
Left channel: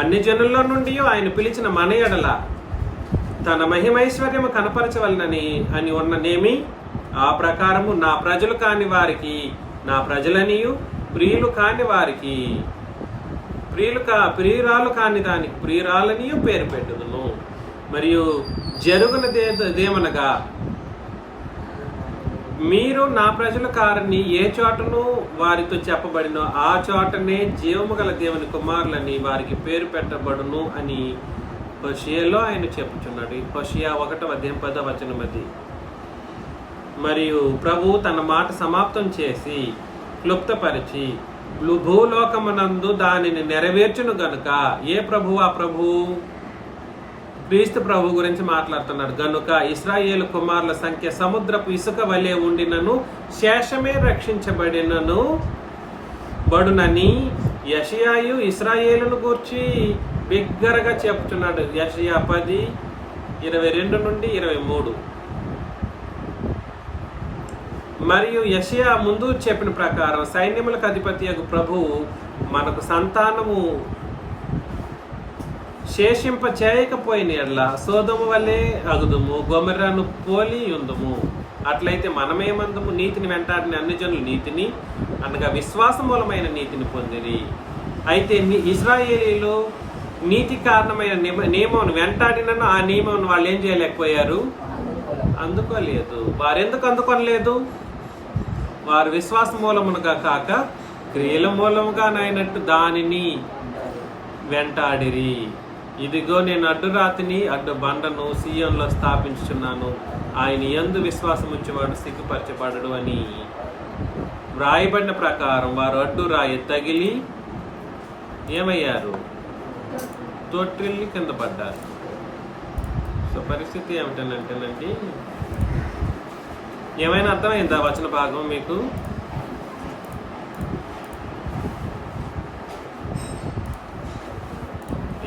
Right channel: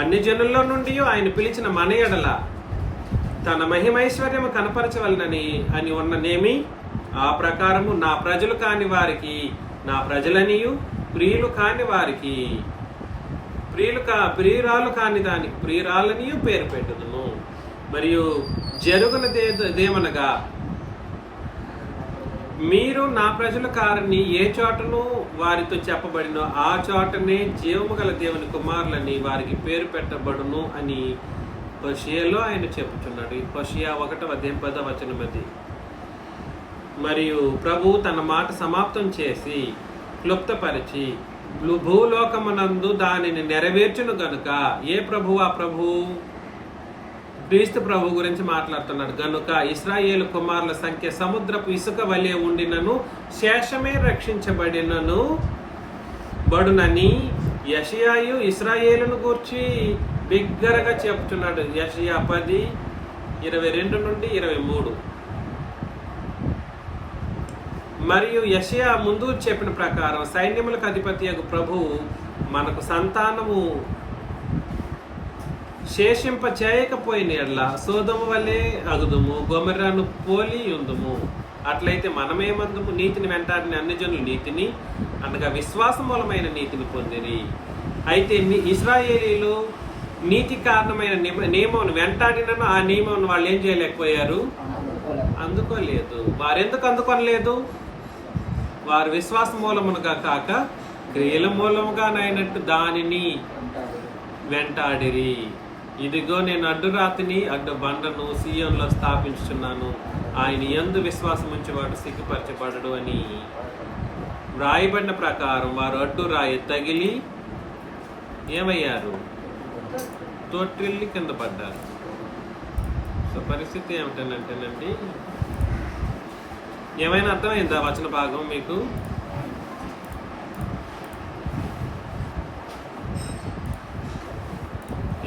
అన్ని జనుల్లో నుండి ఆయన పిలిచిన మన ఎడల తన మహిమైశ్వర్యము కనపరచవలనని అని ఉన్ననేమి, ఆ ప్రకారము నా ప్రజలు కాని వారికి నా ప్రజలనియు, ప్రియులు కాని వారికి ప్రియురాలు కాని దానికి ప్రియురాలనియు పేరు పెట్టుదును. మరియు జరుగునదేమనగా, మీరు నా ప్రజలు కారని ఏ చోటను వారితో చెప్పబడినో ఆ చోటనే జీవము గల దేవుని కుమారులని వారికి పేరు పెట్టబడును అని హోషేయలో ఆయన చెప్పుచున్నాడు. హోషేయ 1:10 మరియు ప్రభు తన మాట సమాప్తం చేసి క్లుప్తపరిచి భూలోకమునందు దానిని నెరవేర్చును గనుక, ఏ ప్రభు? ఆ ప్రభు క్రీస్తు ప్రభు గురించి మాట్లాడుతున్నాడు. గనుక ఇశ్రాయేలు కుమారుల సంఖ్య సముద్రపు ఇసుక వలె ఉండినను శేషమే రక్షించబడినను బడునని యెషయాయు ఇశ్రాయేలును గూర్చి బిగ్గరగా చెప్తున్నాడు. యెషయా 10:22-23. మరియు యెషయా ముందు చెప్పిన ప్రకారం సైన్యములకు అధిపతియగు ప్రభువు మనకు సంతానము శేషింప చేయకపోయిన ఎడల సోదము వల్లే అగుదుము, గొమొర్రాను పోలి ఉందుము. అట్లయితే మనమేమందుము? నీతిని వెంటాడిన అన్ని జనులు నీతిని అనగా విశ్వాసమూలమైన నీతిని పొందిరి. అయితే ఇశ్రాయేలీలు నీతి కారణమైన నియమం వెంటాడినను ఆ నియమం వాళ్ళు ఏం చేయలేకపోయారు? అందుకోలేదు. వారెందుకు అందుకొనలేదు? వారు విశ్వాస మూలమునుగా కాక క్రియల మూలముగానైనట్టు దానిని వెంటాడిరి. ఇదిగో నేను అడ్డు రాతిని అడ్డు బండను సీయోనులో స్థాపించుచున్నాను, ఆయన యందు విశ్వాసం ఉంచేవాడు సిగ్గుపరచబడడు అని వ్రాయబడిన ప్రకారం వారు అడ్డు రాయి తగిలి ఏమయ్యారు? తొట్టిల్లి కింద పడ్డారు. సో పరిస్థితి ఏమిటనంటేనండి, ఏమైనా అర్థమైందా వచన భాగం మీకు?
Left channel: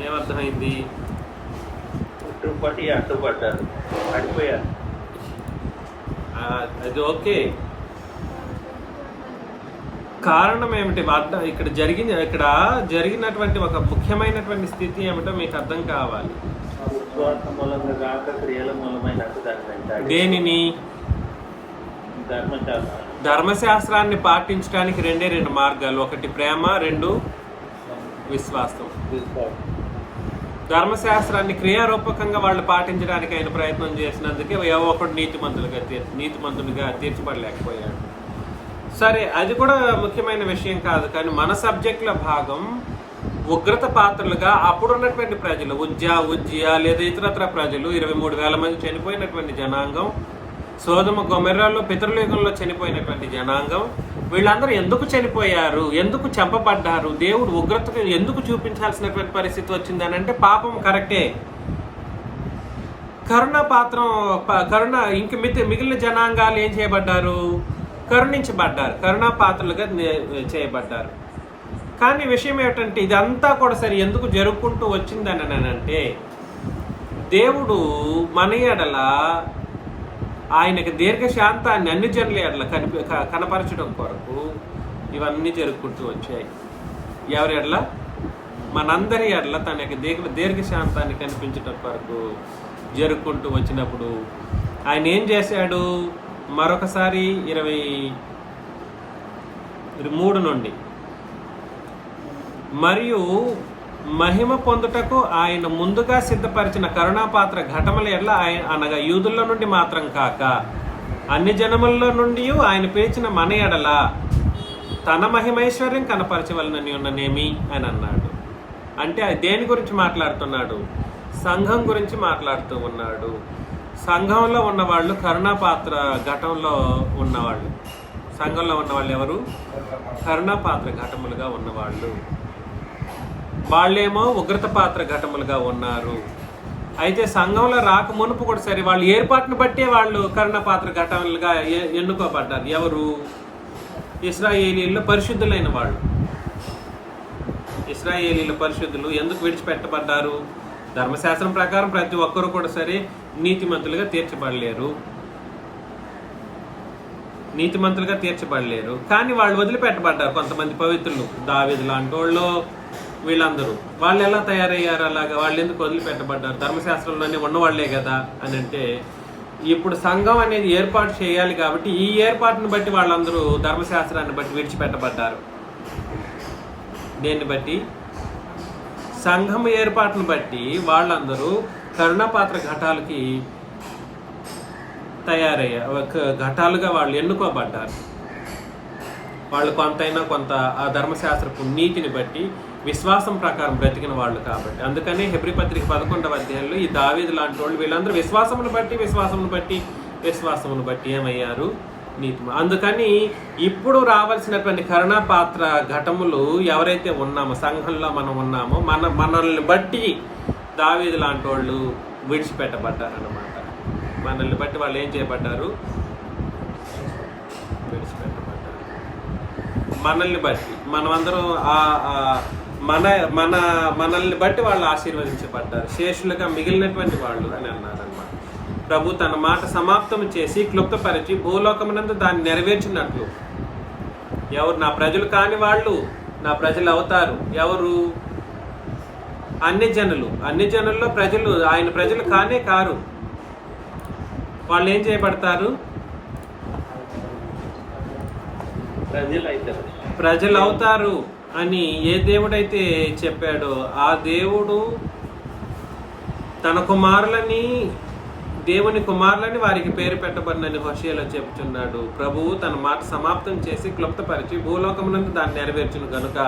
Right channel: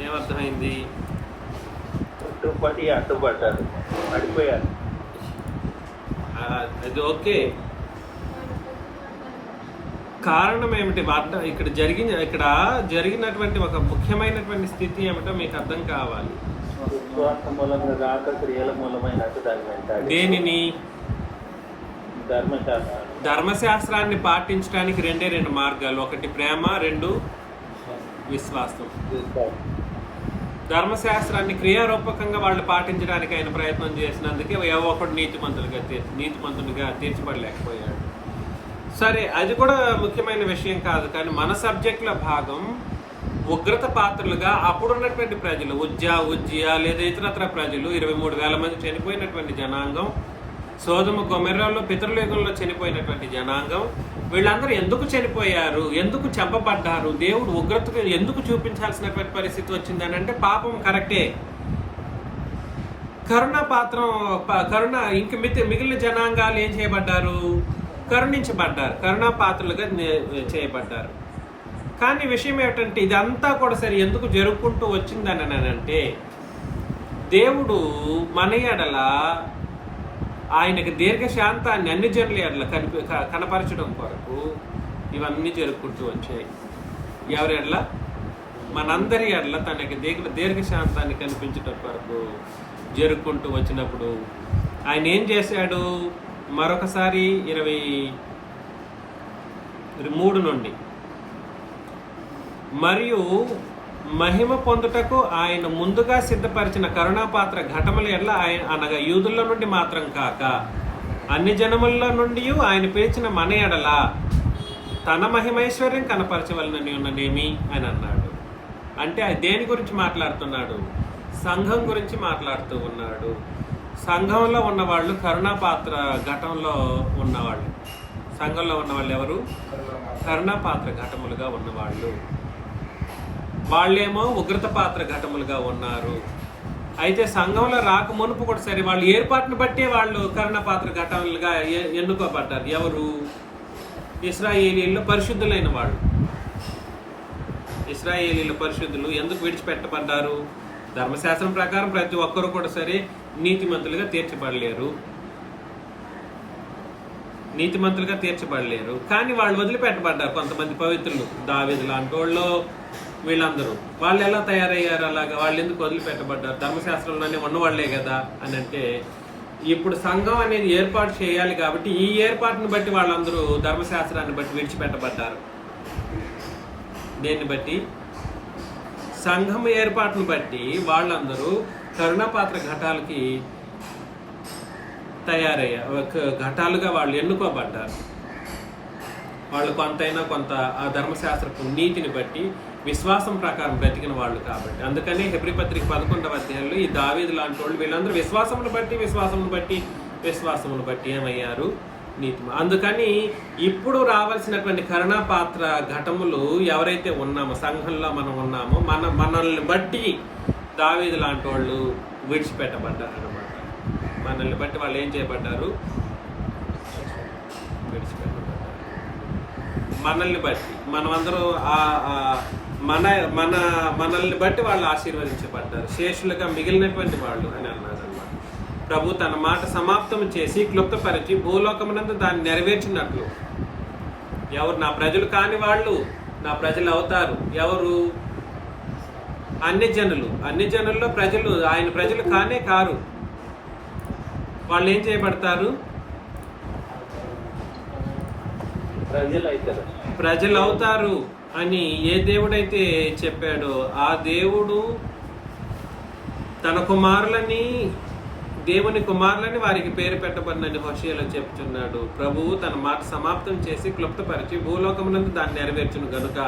ఏమర్థమైంది? అడ్డుపడ్డారు, పడిపోయారు. అది ఓకే. కారణం ఏమిటి? ఇక్కడ జరిగినటువంటి ఒక ముఖ్యమైనటువంటి స్థితి ఏమిటో మీకు అర్థం కావాలి. విశ్వాస మూలంగా కాక క్రియల మూలమైన దేనిని? ధర్మశాస్త్రం. ధర్మశాస్త్రాన్ని పాటించడానికి రెండు మార్గాలు, ఒకటి ప్రేమ, రెండు విశ్వాసం. ధర్మశాస్త్రాన్ని క్రియారూపకంగా వాళ్ళు పాటించడానికి ఆయన ప్రయత్నం చేసినందుకే ఏవో ఒకటి నీతిమంతునిగా తీర్చబడలేకపోయాడు. సరే, అది కూడా ముఖ్యమైన విషయం కాదు. కానీ మన సబ్జెక్టుల భాగం ఉగ్రత పాత్రలుగా అప్పుడున్నటువంటి ప్రజలు, ఉజ్జియా లేదా ఇతరత్ర ప్రజలు, 23,000 మంది చనిపోయినటువంటి జనాంగం, సోదమ గొమొర్రాలో పితరుయుగంలో చనిపోయినటువంటి జనాంగం, వీళ్ళందరూ ఎందుకు చనిపోయారు? ఎందుకు చంపబడ్డారు? దేవుడు ఉగ్రతను ఎందుకు చూపించాల్సినటువంటి పరిస్థితి వచ్చిందని అంటే, పాపం కరెక్టే. కరుణ ఇంక మిగిలిన జనాంగాలు ఏం చేయబడ్డారు? కరుణించబడ్డారు, కరుణా పాత్రలుగా చేయబడ్డారు. కానీ విషయం ఏమిటంటే, ఇదంతా కూడా సరే ఎందుకు జరుపుకుంటూ వచ్చిందని అంటే, దేవుడు మన ఎడల ఆయనకు దీర్ఘశాంతాన్ని అన్ని జనుల ఎడల కనపరచడం కొరకు ఇవన్నీ జరుపుకుంటూ వచ్చాయి. ఎవరి ఎడల? మనందరి ఎడల తన యొక్క దీర్ఘశాంతాన్ని కనిపించడం కొరకు జరుపుకుంటూ వచ్చినప్పుడు ఆయన ఏం చేశాడు? మరొకసారి 23 నుండి, మరియు మహిమ పొందుటకు ఆయన ముందుగా సిద్ధపరిచిన కరుణాపాత్ర ఘటముల ఎడల ఆయన అనగా యూదుల్లో నుండి మాత్రం కాక అన్ని జనముల్లో నుండి ఆయన పిలిచిన మన ఎడల తన మహిమైశ్వర్యం కనపరచవలనని ఉన్ననేమి అని అన్నాడు. అంటే దేని గురించి మాట్లాడుతున్నాడు? సంఘం గురించి మాట్లాడుతూ ఉన్నాడు. సంఘంలో ఉన్నవాళ్ళు కరుణాపాత్ర ఘటంలో ఉన్నవాళ్ళు. సంఘంలో ఉన్న వాళ్ళు ఎవరు? కరుణాపాత్ర ఘటములుగా ఉన్నవాళ్ళు. వాళ్ళేమో ఉగ్రత పాత్ర ఘటములుగా ఉన్నారు. అయితే సంఘంలో రాక మునుపు కూడా సరే వాళ్ళు ఏర్పాటును బట్టే వాళ్ళు కరుణాపాత్ర ఘటములుగా ఎన్నుకోబడ్డారు. ఎవరు? ఇశ్రాయేలీల్లో పరిశుద్ధులైన వాళ్ళు. ఇశ్రాయేలీల పరిశుద్ధులు ఎందుకు విడిచిపెట్టబడ్డారు? ధర్మశాస్త్రం ప్రకారం ప్రతి ఒక్కరు కూడా సరే నీతిమంతులుగా తీర్చబడలేరు. కానీ వాళ్ళు వదిలిపెట్టబడ్డారు. కొంతమంది పవిత్రులు, దావీదు లాంటి వాళ్ళు, వీళ్ళందరూ వాళ్ళు ఎలా తయారయ్యారు? అలాగా వాళ్ళు ఎందుకు వదిలిపెట్టబడ్డారు? ధర్మశాస్త్రంలోనే ఉన్నవాళ్లే కదా అని అంటే, ఇప్పుడు సంఘం అనేది ఏర్పాటు చేయాలి కాబట్టి ఈ ఏర్పాటును బట్టి వాళ్ళందరూ ధర్మశాస్త్రాన్ని బట్టి విడిచిపెట్టబడ్డారు. దేన్ని బట్టి? సంఘం ఏర్పాటును బట్టి వాళ్ళందరూ కరుణాపాత్ర ఘటాలకి ఘటాలుగా వాళ్ళు ఎన్నుకోబడ్డారు. వాళ్ళు కొంతైనా కొంత ఆ ధర్మశాస్త్రపు నీతిని బట్టి విశ్వాసం ప్రకారం బ్రతికిన వాళ్ళు కాబట్టి. అందుకని హెబ్రీ పత్రిక 11వ అధ్యాయంలో ఈ దావీదు లాంటి వాళ్ళు వీళ్ళందరూ విశ్వాసమును బట్టి ఏమయ్యారు? నీతి. అందుకని ఇప్పుడు రావాల్సినటువంటి కరుణాపాత్ర ఘటములు ఎవరైతే ఉన్నామో, సంఘంలో మనం ఉన్నామో, మనల్ని బట్టి దావీదు లాంటి వాళ్ళు విడిచిపెట్టబడ్డారు అన్నమాట. మనల్ని బట్టి వాళ్ళు ఏం చేయబడ్డారు? విడిచిపెట్టబడ్డారు. మనల్ని బట్టి మనమందరం మనల్ని బట్టి వాళ్ళు ఆశీర్వదించబడ్డారు. శేషులుగా మిగిలినటువంటి వాళ్ళు అని అన్నారన్నమాట. ప్రభు తన మాట సమాప్తం చేసి క్లుప్తపరిచి భూలోకమునందు దాన్ని నెరవేర్చినట్లు. ఎవరు? నా ప్రజలు కాని వాళ్ళు నా ప్రజలు అవుతారు. ఎవరు? అన్ని జనుల్లో ప్రజలు ఆయన ప్రజలు కానే కారు. వాళ్ళు ఏం చేయబడతారు? ప్రజలు అవుతారు అని ఏ దేవుడైతే చెప్పాడో ఆ దేవుడు తన దేవుని కుమారులని వారికి పేరు పెట్టబడినని హోషేయలో చెప్తున్నాడు. ప్రభువు తన మాట సమాప్తం చేసి క్లుప్తపరిచి భూలోకమునందు దాన్ని నెరవేర్చును గనుక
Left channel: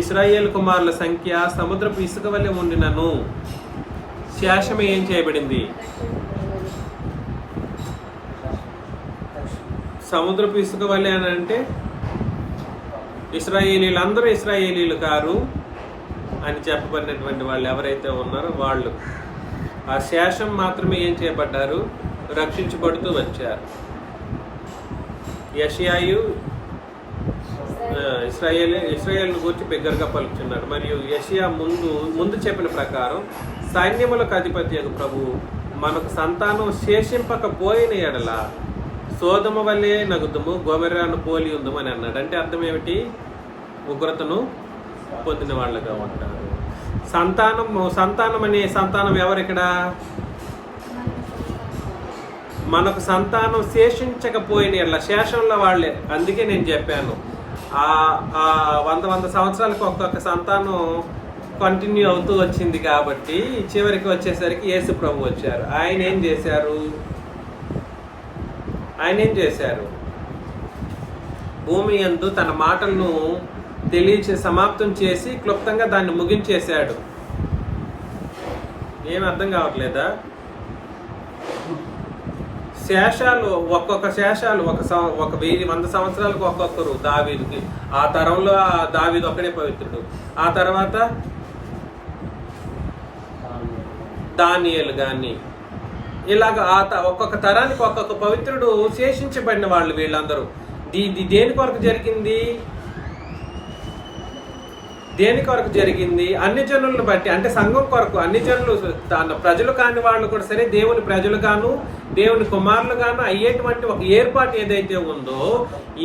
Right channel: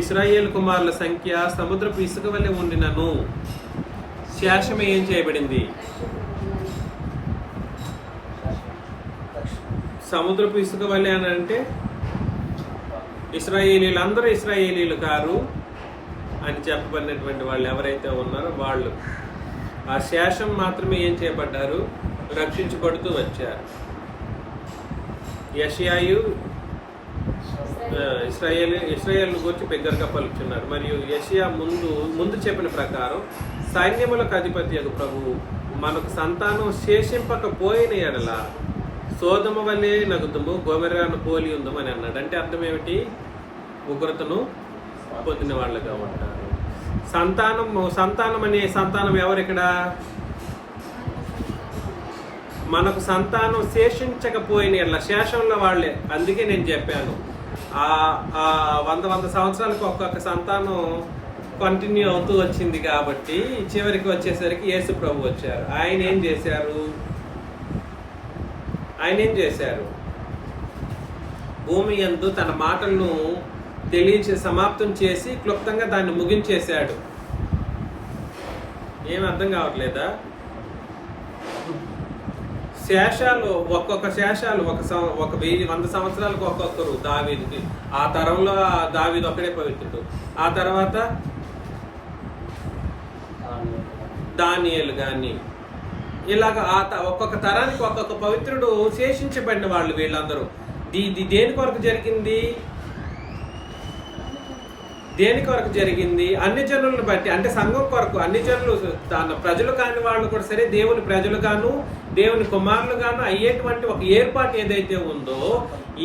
ఇశ్రాయేలు కుమారుల సంఖ్య సముద్రపు ఇసుక వలె ఉండినను శేషమే ఏం చేయబడింది? సముద్రపు ఇసుక వలె అని అంటే అందరూ ఇశ్రాయేలీలు కారు అని చెప్పబడినటువంటి వాళ్ళు ఎవరైతే ఉన్నారో వాళ్ళు ఆ శేషం మాత్రమే ఏం చేయబడ్డారు? రక్షించబడుతూ వచ్చారు. యెషయాయు ఇశ్రాయేలు గురించి బిగ్గరగా పలుకుతున్నాడు. మరియు యెషయా ముందు చెప్పిన ప్రకారం సైన్యములకు అధిపతి యొక్క ప్రభువు మనకు సంతానం శేషింపకపోయిన ఎడల సోదమ వల్లే నగుదుము, గొమెర్రాను పోలి ఉందము అని అన్నాడు. అంటే అర్థం ఏమిటి? ఉగ్రతను పొందిన వాళ్ళగా ఉంటారు. సంతానం ఎవరు ఇక్కడ? మనకు సంతానం శేషించకపోయిన ఎడల, శేషంలో వాళ్ళే. అందుకే నేను చెప్పాను, ఆ 100 సంవత్సరాలకు ఒక్కొక్క సంతానం కంటిన్యూ అవుతూ వచ్చింది కాబట్టి చివరికి వచ్చేసరికి యేసు ప్రభు వచ్చారు. ఆయన ఏం చేశారు? భూమి యందు తన మాటలను సమాప్తం చేసి క్లుప్తంగా దాన్ని ముగించేశాడు. ఏం అర్థం కావట్లేదా? శేషాలు, ఒక్కొక్క శేషాలు 100 సంవత్సరాలకు ఒక్కొక్కరు దావీదుకి. ఆ తరంలో దావీదు ఒక్కడే పవిత్రుడు. ఆ తర్వాత దానియేలు గాని ఇలాగ ఒక్కొక్క తరానికి ఒక్కొక్క పవిత్రుడు శేషించబడిన వాళ్ళు వీళ్ళందరూ. దేని కొరకు జరిగింది? అన్ని జనులను బట్టి, అంటే సంఘం కొరకు. అన్ని జనులు ప్రజలు కాని వాళ్ళు కూడా సరే దేవుని ప్రజలు గాను దేవుని కుమారులు గాను అయ్యేటువంటి ఒక ఏర్పాటు ఏదైతే ఉందో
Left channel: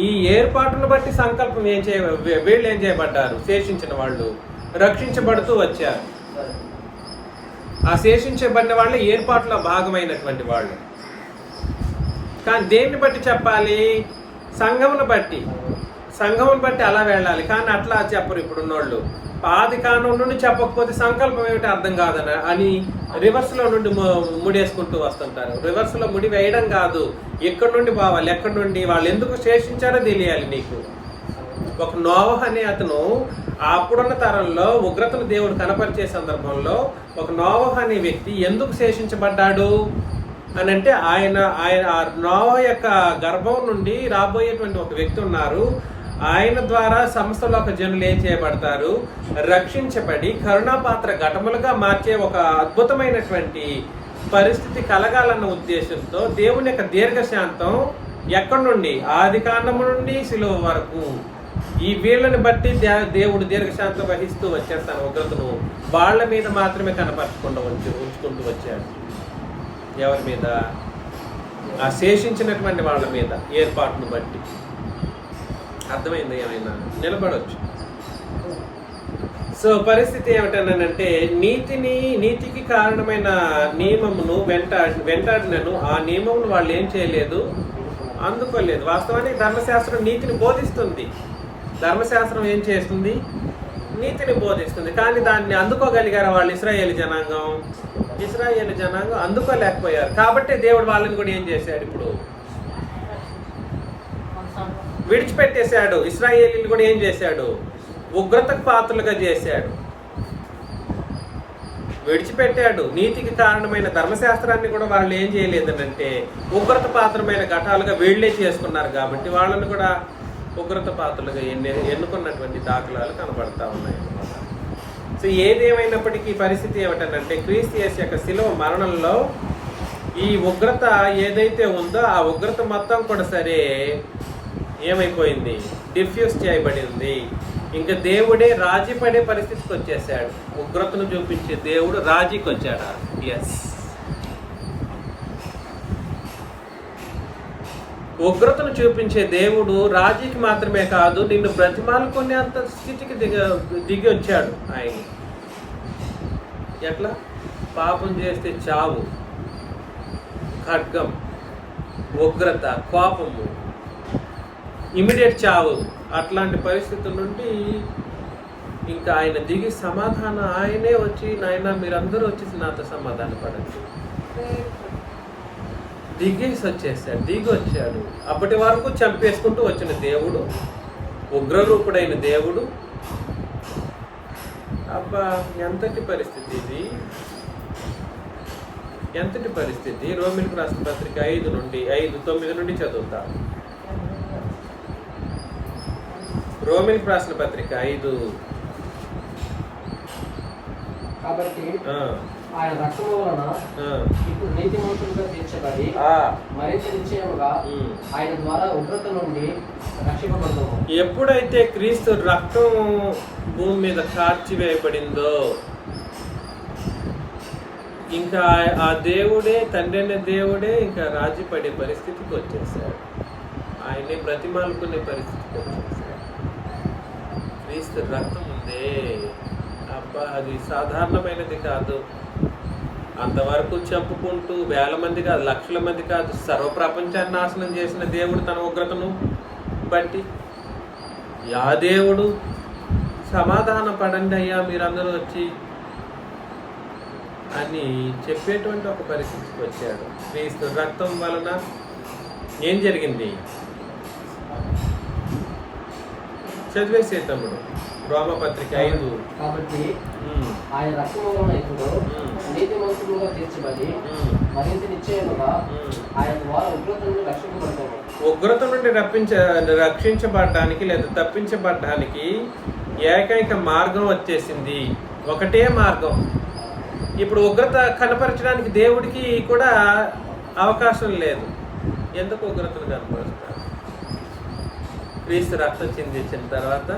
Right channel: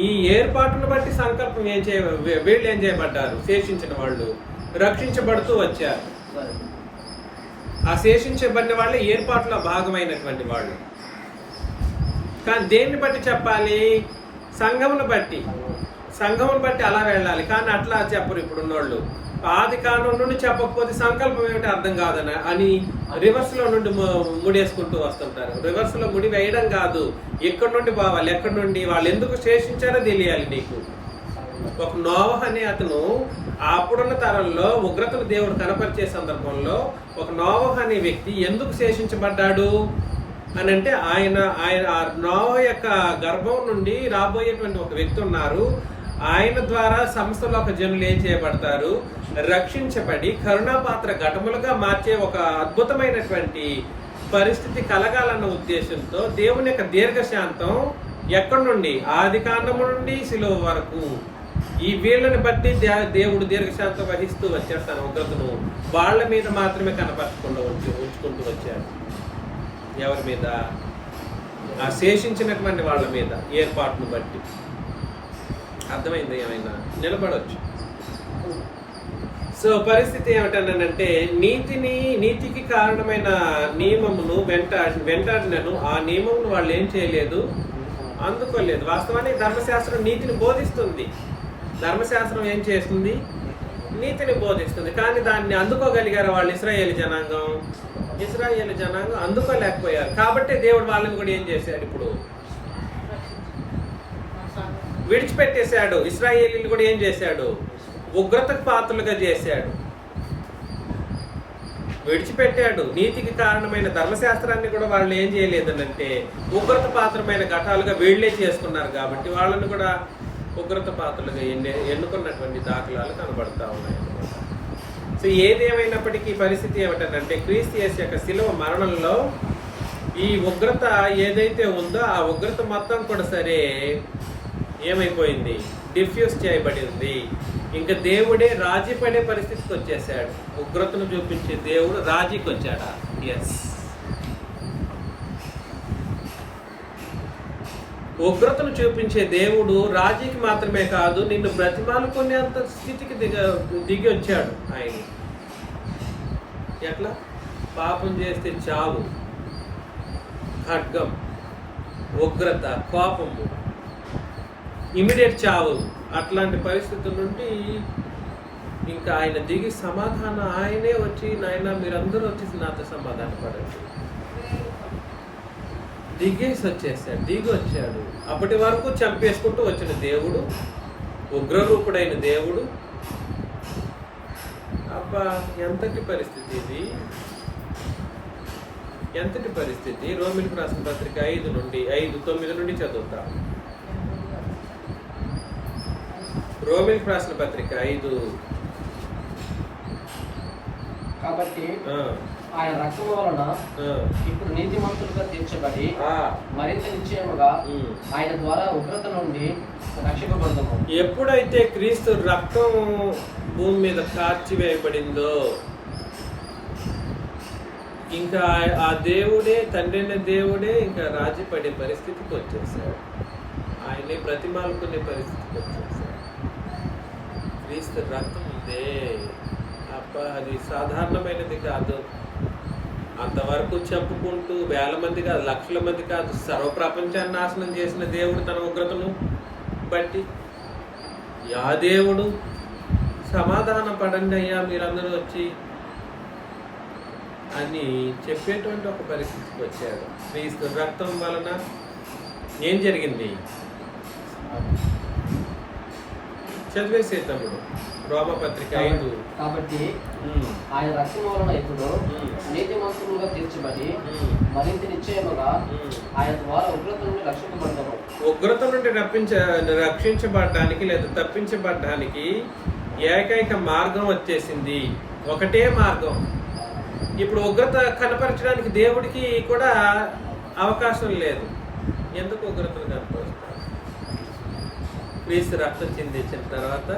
ఈ ఏర్పాటును బట్టి సంకల్పం వీళ్ళు ఏం చేయబడ్డారు? శేషించిన వాళ్ళు రక్షించబడుతూ వచ్చారు. ఆ శేషించబడిన వాళ్ళే ఏర్పాటులో భాగమైనటువంటి వాళ్ళు. కానీ దేన్ని బట్టి చెప్పాలి? సంఘమును బట్టి అలా వెళ్ళాలి. కానీ అట్లా చెప్పరు ఇప్పుడున్నోళ్ళు. ఆది కాలం నుండి చెప్పకపోతే సంకల్పం ఏమిటి అర్థం అని రివర్స్లో నుండి ముడేసుకుంటూ వస్తుంటారు. రివర్స్లో ముడి వేయడం కాదు, ఎక్కడి నుండి పోవాలి, ఎక్కడి నుండి వాళ్ళు ఎందుకు శేషించారో తెలియాలి నీకు. ఒక నోవహు అనే అతను అప్పుడున్న తరంలో ఉగ్రతను దేవుడు కనపరిచే సందర్భంలో ఒక నోవహు అనే వ్యక్తి ఎందుకు శేషించబడ్డాడు? అని అంటే ఆయన ఆ నోవా యొక్క గర్భం నుండి రాబోయేటువంటి ఒక వ్యక్తి ఉన్నారు. ఆయన ద్వారా సమస్తలోక జనులు ఏం చేయబడతారు? రక్షించబడి కరుణాపాత్ర ఘటములుగా మార్చే ఒక అద్భుతమైనటువంటి పరిస్థితి కలగాలన్న ఉద్దేశంతో దేవుని యొక్క దీర్ఘశాంతం ఎక్కడి నుండి, ఆది కాండము నుండి శిలువ వరకు ఈ వీళ్ళని బట్టి దేవుడు దీర్ఘశాంతం వహిస్తూ వచ్చారు. తన ఉగ్రతను వాళ్ళ మీద మాత్రమే కనపరచకుండా ఉంచుకుంటూ వచ్చారు. ఎవరి మీద? ఆ శేషించినటువంటి వాళ్ళ మీద ఏర్పాటును బట్టి. అర్థమైంది? ఏమైనా నిలబడవచ్చు. సో పరిస్థితి ఏమిటంటే నీతికి కారణమైన నియమమును వెంటాడినను ఆ నియమమును వాళ్ళు ఏం చేయలేదు, అందుకోలేదు. వాస్తవానికి ధర్మశాస్త్రం నీతిని బోధిస్తుంది. ధర్మశాస్త్రం ఏం చేస్తుంది? నీతిని బోధిస్తుంది. కానీ దాన్ని అందుకోగలిగారు వాళ్ళు? ఇశ్రాయేలు జనాంగం అందుకోలేకపోయారు. కాబట్టి దేవుడు వాళ్ళని కూడా ఏం చేశాడు? ఇప్పుడు విడిచిపెట్టేశాడు. ఇశ్రాయేలీలు కూడా ఏం చేశాడు? ఉగ్రతకు పాత్రలుగా చేశాడు, విడిచిపెట్టాడు. నీతికి కారణమైన ధర్మశాస్త్రాన్ని కూడా వాళ్ళు ఏం చేయలేదనంటే ఉగ్రత పాత్రమైన ఘటాలుగా వీళ్లే చేసుకున్నారు. కాబట్టి వాళ్ళని కూడా ఉగ్రత పాత్రలుగా ఎన్నుకున్నటువంటి దాఖలాలు కనబడతా ఉన్నాయి అన్నమాట. సో ఏదేమైనప్పటికీ పరిస్థితి ఏమిటంటే క్రీస్తు యేసు యొక్క శిలువ మరణంలో ఈ ఉగ్రత ఏదైతే ఉందో ఆ ఉగ్రత మొత్తం కూడా సరే ఏమైపోయింది? డిఫ్యూజ్ చేయబడింది. ఇంకా దేవుడే రాజీ పడే పరిస్థితికి వచ్చేసాడు. ఉగ్రతను చూపించే దేవుడు రాజీకి వచ్చాడా? ఎస్. ఉగ్రతను చూపించే దేవుడు రాజీకి మాత్రమే కాదు, నిన్ను బ్రతిమాలుకునేంత స్థితికి దిగి వచ్చాడు ఆయన. ఎట్లా? పాపం చేస్తే చావు, ఖడ్గం, ఉగ్రత, కోపము, ఇమిడియట్ చావు, అట్లాంటి పరిస్థితుల నుండి ఇంకా ఆయన దిగి సమాధానం ఆయనే వచ్చి, నాయన మీరందరూ వచ్చేసి నాతో సమాధాన పడండి, దిగేసి వచ్చేసాడు. దిగి వచ్చాడు. అప్పటి వరకు చంపేసుకుంటూ వచ్చిన దేవుడు, ఉగ్రరూపుడైన దేవుడు. అబ్బా ఎంతటి పరిస్థితి ఇది! ఎంతటి పరిస్థితి! రోమిలకు రాసిన పత్రిక 5:9 నుండి చదువుతాం. రోమిలకు రాసిన పత్రిక 5. కాబట్టి ఆయన రక్షణ వలన ఇప్పుడు నీతిమంతులుగా తీర్చబడి మరింత నిశ్చయముగా ఆయన ద్వారా ఉగ్రత నుండి రక్షింపబడతాము. ఎప్పుడైతే క్రీస్తు రక్తం భూమి మీద కార్చివేయబడిందో ఇంకా ఆ దేవుడే, తండ్రి అనే దేవుడే ఇంకా రాజీ పడే పరిస్థితికి వచ్చేసాడు. ఆయనే బ్రతిమాలుకునే పరిస్థితికి వచ్చేసాడు. క్రీస్తు రక్తం ఉందే, అబ్బా అది సాధారణమైనది కాదు. అంతవరకు చెప్పుకుంటూ వేల మంది కాదు, లక్షల మంది కాదు, సర్వప్రపంచాన్ని నాశనం చేసిన దేవుడు తన ఉగ్రతను బట్టి యా దేవుడు సమాధాన పడండి అయ్యా మీరందరూ వచ్చి అని చెప్పేటువంటి ఒక పరిస్థితికి వచ్చాడు. క్రీస్తు రక్తం వలన ఏం జరిగింది? చదివేసే తమ్ముడు రోమపత్రిక 5. కాబట్టి ఆయన రక్షణ వలన ఇప్పుడు నీతిమంతులుగా తీర్చబడి మరింత నిశ్చయముగా ఆయన ద్వారా ఉగ్రత నుండి రక్షించబడ్డాము. ఉగ్రత నుండి రక్షించబడ్డానికి లేదా తప్పించబడ్డానికి ఏకైక మార్గం వచ్చేసింది. ఒకటే మార్గం. ఇప్పుడు ఉగ్రత కనపరచడానికి దేవుడికి కూడా అవకాశం లేదు. ఎందుకు ఉగ్రతను కనపరుస్తారు? క్రీస్తు రక్తం చిందించిన తర్వాత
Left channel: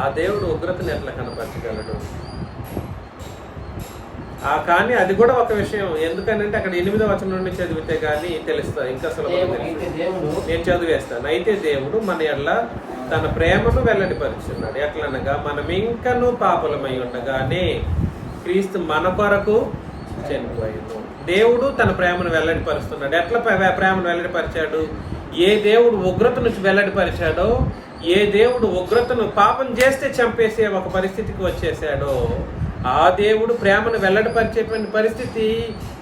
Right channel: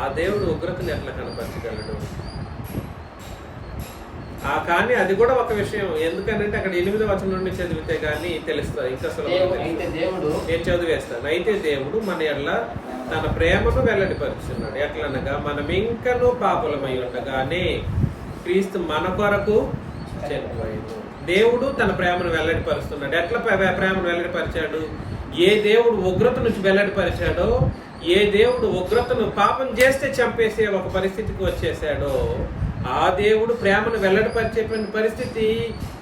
ఆ దేవుడు ఉగ్రతను ఎట్లా కనపరచగలడు? కానీ అది కూడా ఒక విషయం. ఎందుకనంటే అక్కడ 8వ వచనం నుండి చదివితే గానీ తెలుస్తుంది, ఇంకా సులభంగా తెలుస్తుంది. నేను చదివేస్తాను. అయితే దేవుడు మన ఎడల తన ప్రేమను వెల్లడిపరుచున్నాడు. ఎట్లనగా మనం ఇంకనూ పాపులమై ఉండగానే క్రీస్తు మన కొరకు చనిపోయాడు. దేవుడు తన ప్రేమను వెల్లడిపరుస్తున్నాడు. ఎట్లా ప్రేమను వెల్లడిపరిచాడు? ఏ దేవుడు ఉగ్రత నుంచి వెల్లడిపరిచాడో, ఏ దేవుడు ఉగ్రతను పాపం చేస్తే చంపేసే ఒక పరిస్థితికి వచ్చేసాడో, ఆ దేవుడు ప్రేమను వెల్లడిపరిచేటువంటి పరిస్థితి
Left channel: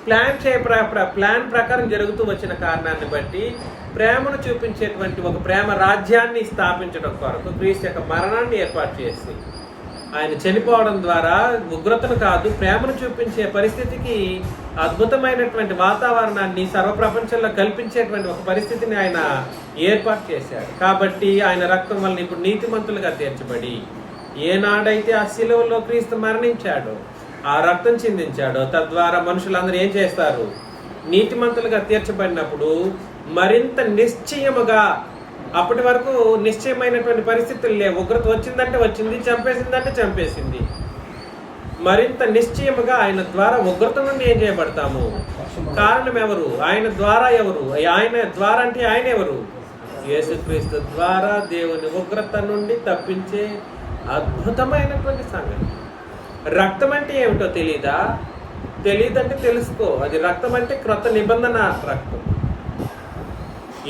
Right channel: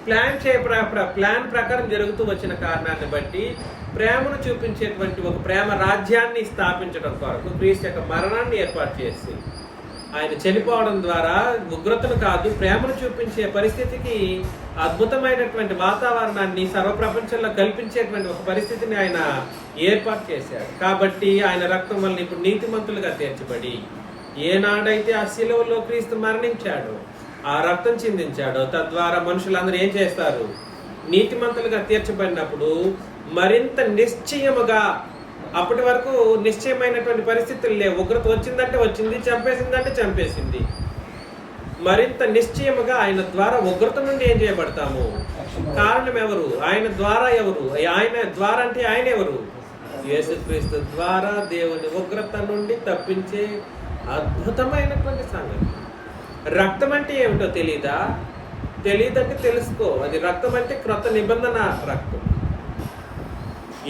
ప్లాన్ ప్రకారం జరుగుతూ వచ్చిన కారణాన్ని బట్టి ప్రేమను చూపించేటువంటి ఒక ప్రేమ రాజ్యాన్ని స్థాపించడం కొరకు క్రీస్తు యొక్క మరణాన్ని ఏర్పాటు చేసి ఆయన చనిపోవడం ద్వారా ఉగ్రతను కాదు ప్రేమను చూపించే పరిస్థితికి అద్భుతమైనటువంటి వాతావరణాన్ని సర్వప్రపంచంలో కల్పించేటువంటి ఒక పరిస్థితిని ఆయన ఏర్పాటు చేశాడు. కాబట్టి ఆయన రక్తం వల్ల ఇప్పుడు నీతిమంతులుగా తీర్చబడి ఏనాడైతే ఆ శిలువలో క్రీస్తు మరణించాడో ఆ రక్తం చిందించాడో తద్వారా మనుషులందరూ ఏం చేస్తారు? నీతిమంతులుగా తీర్చబడినప్పుడు మరింత నిశ్చయముగా, అప్పటి వరకు నిశ్చయమైనటువంటి పరిస్థితులు లేవు. ఉగ్రత వచ్చిందంటే వచ్చింది, చంపేసిందంటే చంపేసింది. మరింత నిశ్చయముగా ఆయన ద్వారా ఉగ్రత నుండి ఏం చేయబడతాము? కారణం ఎవరు? ఆయన ద్వారా ఎవరు? ఆయన ద్వారా అంటే ఆయన ఎవరు? యేసుక్రీస్తు ద్వారా దేవుని ఉగ్రత నుండి తప్పించే అద్భుతమైనటువంటి సంగతి. రక్తం అంటే ఏమిటో తెలీదా? తెలియదంటే తెలుసుకో. అది రక్తం అంటే క్రొత్త నిబంధన రక్తం.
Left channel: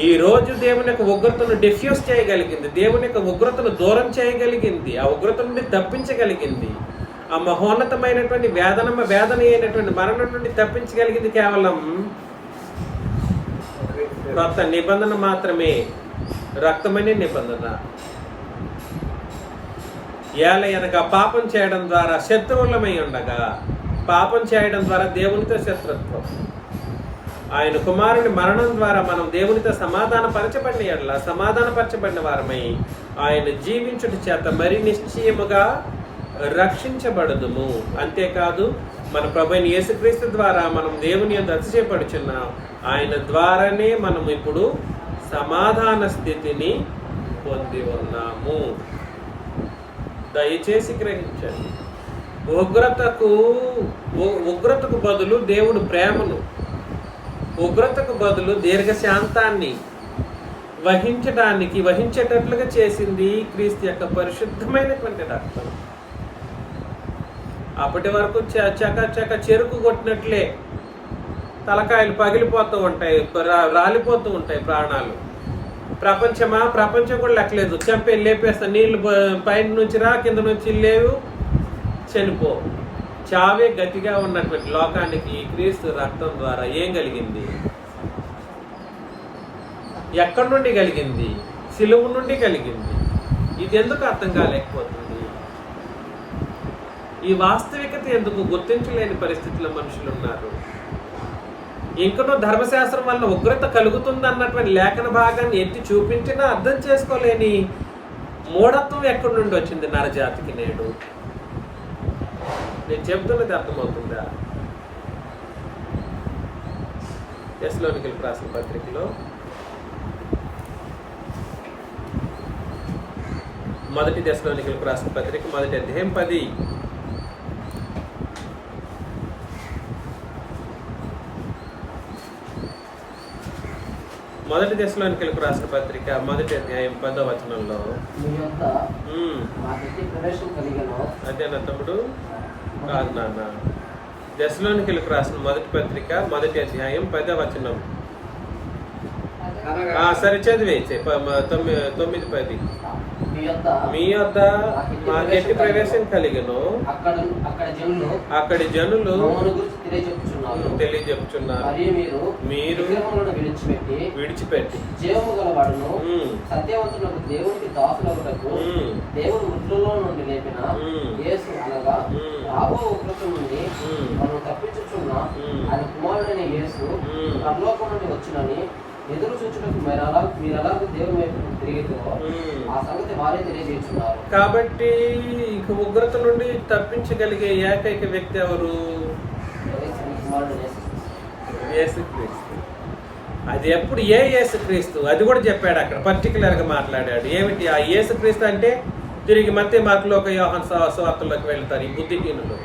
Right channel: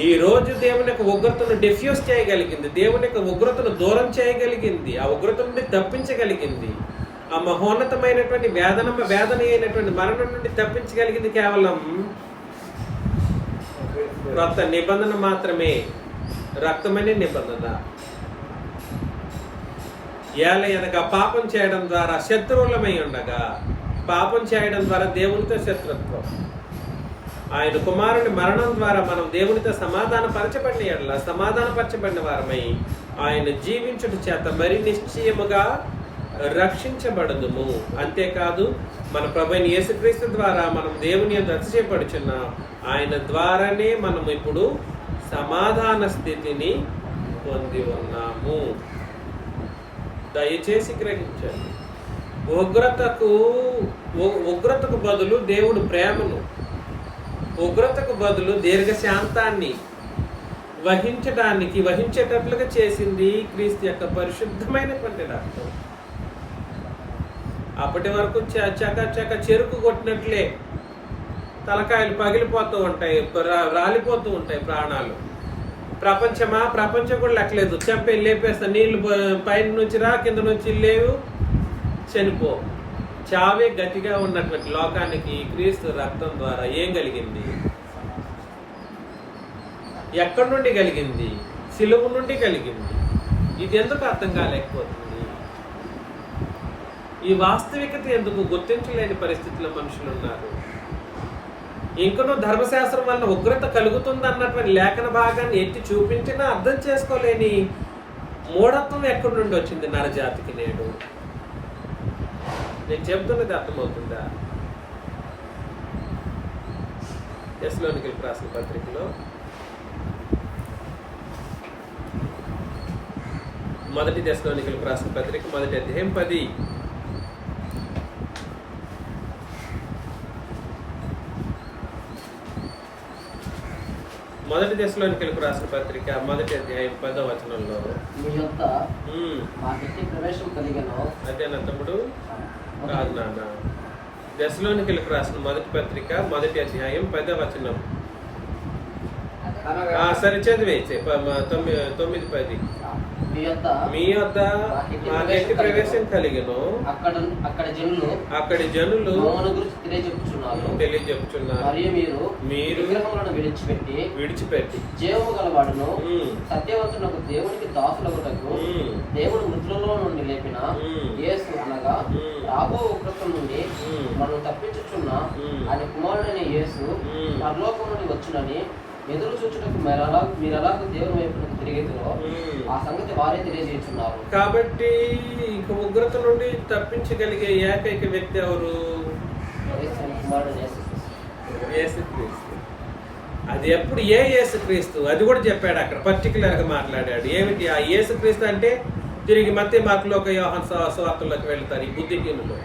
ఈ రోజు దేవుని యొక్క ఉగ్రతను డిఫ్యూజ్ చేయగలిగింది, దేవుని యొక్క ఉగ్రతను దూరం చేయగలిగింది, ఆ ఉగ్రత నుండి తప్పించగలిగింది, ఆ మహోన్నతమైనటువంటి వేదన అయినటువంటి మరణం నుండి తప్పించగలిగింది కేవలం క్రొత్త నిబంధన మాత్రమే, రక్తమనే నిబంధన. ఏలయనగా పాపం చేయడం ద్వారా శత్రువులమై ఉండగా, పాపం చేయడం ద్వారా దేవునితో శత్రుత్వం. ఆయన కుమారుని మరణం ద్వారా మనం దేవునితో సమాధానపరచబడిన వారమై ఆయన జీవించుట చేత మరి నిశ్చయముగా రక్షించబడదుము. అంతేకాదు మన ప్రభువైన యేసుక్రీస్తు ద్వారా మనం దేవుని యందు అతిశయపడుచున్నాం. ఆయన ద్వారానే మనం ఇప్పుడు సమాధాన స్థితిని పొంది ఉన్నాము. దయచేసి గ్రహించండి. ఉగ్రతకు బదులు దేవుడు ప్రేమను, ఉగ్రతకు బదులు దీర్ఘశాంతాన్ని వహించేటట్లుగా చేసింది క్రీస్తు యొక్క పరిశుద్ధమైనటువంటి రక్తం. అప్పటి వరకు చక చెరుకు కొట్టినట్లే తలకాయలు పగిలిపోతూ ఉంటాయి, రాలిపోతూ ఉంటాయి ప్రాణాలు. ప్రపంచం కూడా లెక్కలేదు. చంపే లేపేస్తా, నీళ్లు పైన నుంచి రా, కింద నుంచి లేవు, చనిపో. చావే గతిగా ఉన్నటువంటి లోకానికి క్రీస్తు రక్తం ద్వారా ఏం కలిగింది? ఎక్కడి నుండి కలిగింది? సిలువ నుండి కలిగింది. ఇది ఎందుకు అర్థం కాలేకపోతుంది? ఈ వాస్తవికత ఎందుకు గుర్తించలేని పరిస్థితిలో మనుషులు ఉన్నారు? ఇంకనూ ధర్మశాస్త్రం వల్ల ఉగ్రత కలుగుతుంది అన్నటువంటి లేఖన భాగాన్ని ఎత్తి చూపించినా అర్థం చేసుకోలేని మూఢత్వం ఎక్కడి నుండి వచ్చింది నరజాతికి నేడు? నేను చెప్తున్నది అర్థమవుతుందా? తెస్సలోనికీయులకు రాసిన పత్రికలో మొదటి తెస్సలోనికీయులకు రాసిన పత్రిక 1వ అధ్యాయం 10. మొదటి తెస్సలోనికీయులకు రాసిన పత్రిక 1వ అధ్యాయం 10వ వచనంలో అదేనా తమ్ముడు? కాదు నాన్న. తెస్సలోనికీయులకు రాసిన మొదటి పత్రిక 1వ అధ్యాయం 10వ వచనం. సరే చదివే 9:10. మీ యొద్ద మాకెట్టి ప్రవేశం కలిగను, అక్కడి జనులు తెలియజెప్పుచున్నారు. మీరు విడిచిపెట్టి జీవము గలవాడును సత్యవంతులకు దేవునికి దాసులగుటకు దేవుడు మృతులలో నుండి లేపిన యేసు అనగా రాబో ఉగ్రత నుండి మనం తప్పించుచున్న ఆయన కుమారుడైన యేసు పరలోకం నుండి వచ్చునని ఎదురు చూచుటకు మీరు ఎలాగ దేవుని వైపు తిరిగితో ఆ సంగతి వారే తెలియజేస్తున్నారు. కాబట్టి ఇక ఉగ్రత నుండి తప్పించగలిగే ఏకైక వ్యక్తి ఎవరు? యేసుక్రీస్తు. అది ఎప్పుడు ఏ యేసుక్రీస్తు? అది కూడా చెప్పాడు అక్కడ, పర్టికులర్ గా మాట్లాడాడు. ఏమిటి ఆ యేసుక్రీస్తు అంటే? తిరిగి మత్తయి, మార్కు, యోహాను సువార్తల్లోకి వెళ్తారు ఈ బుద్ధిహీనులు.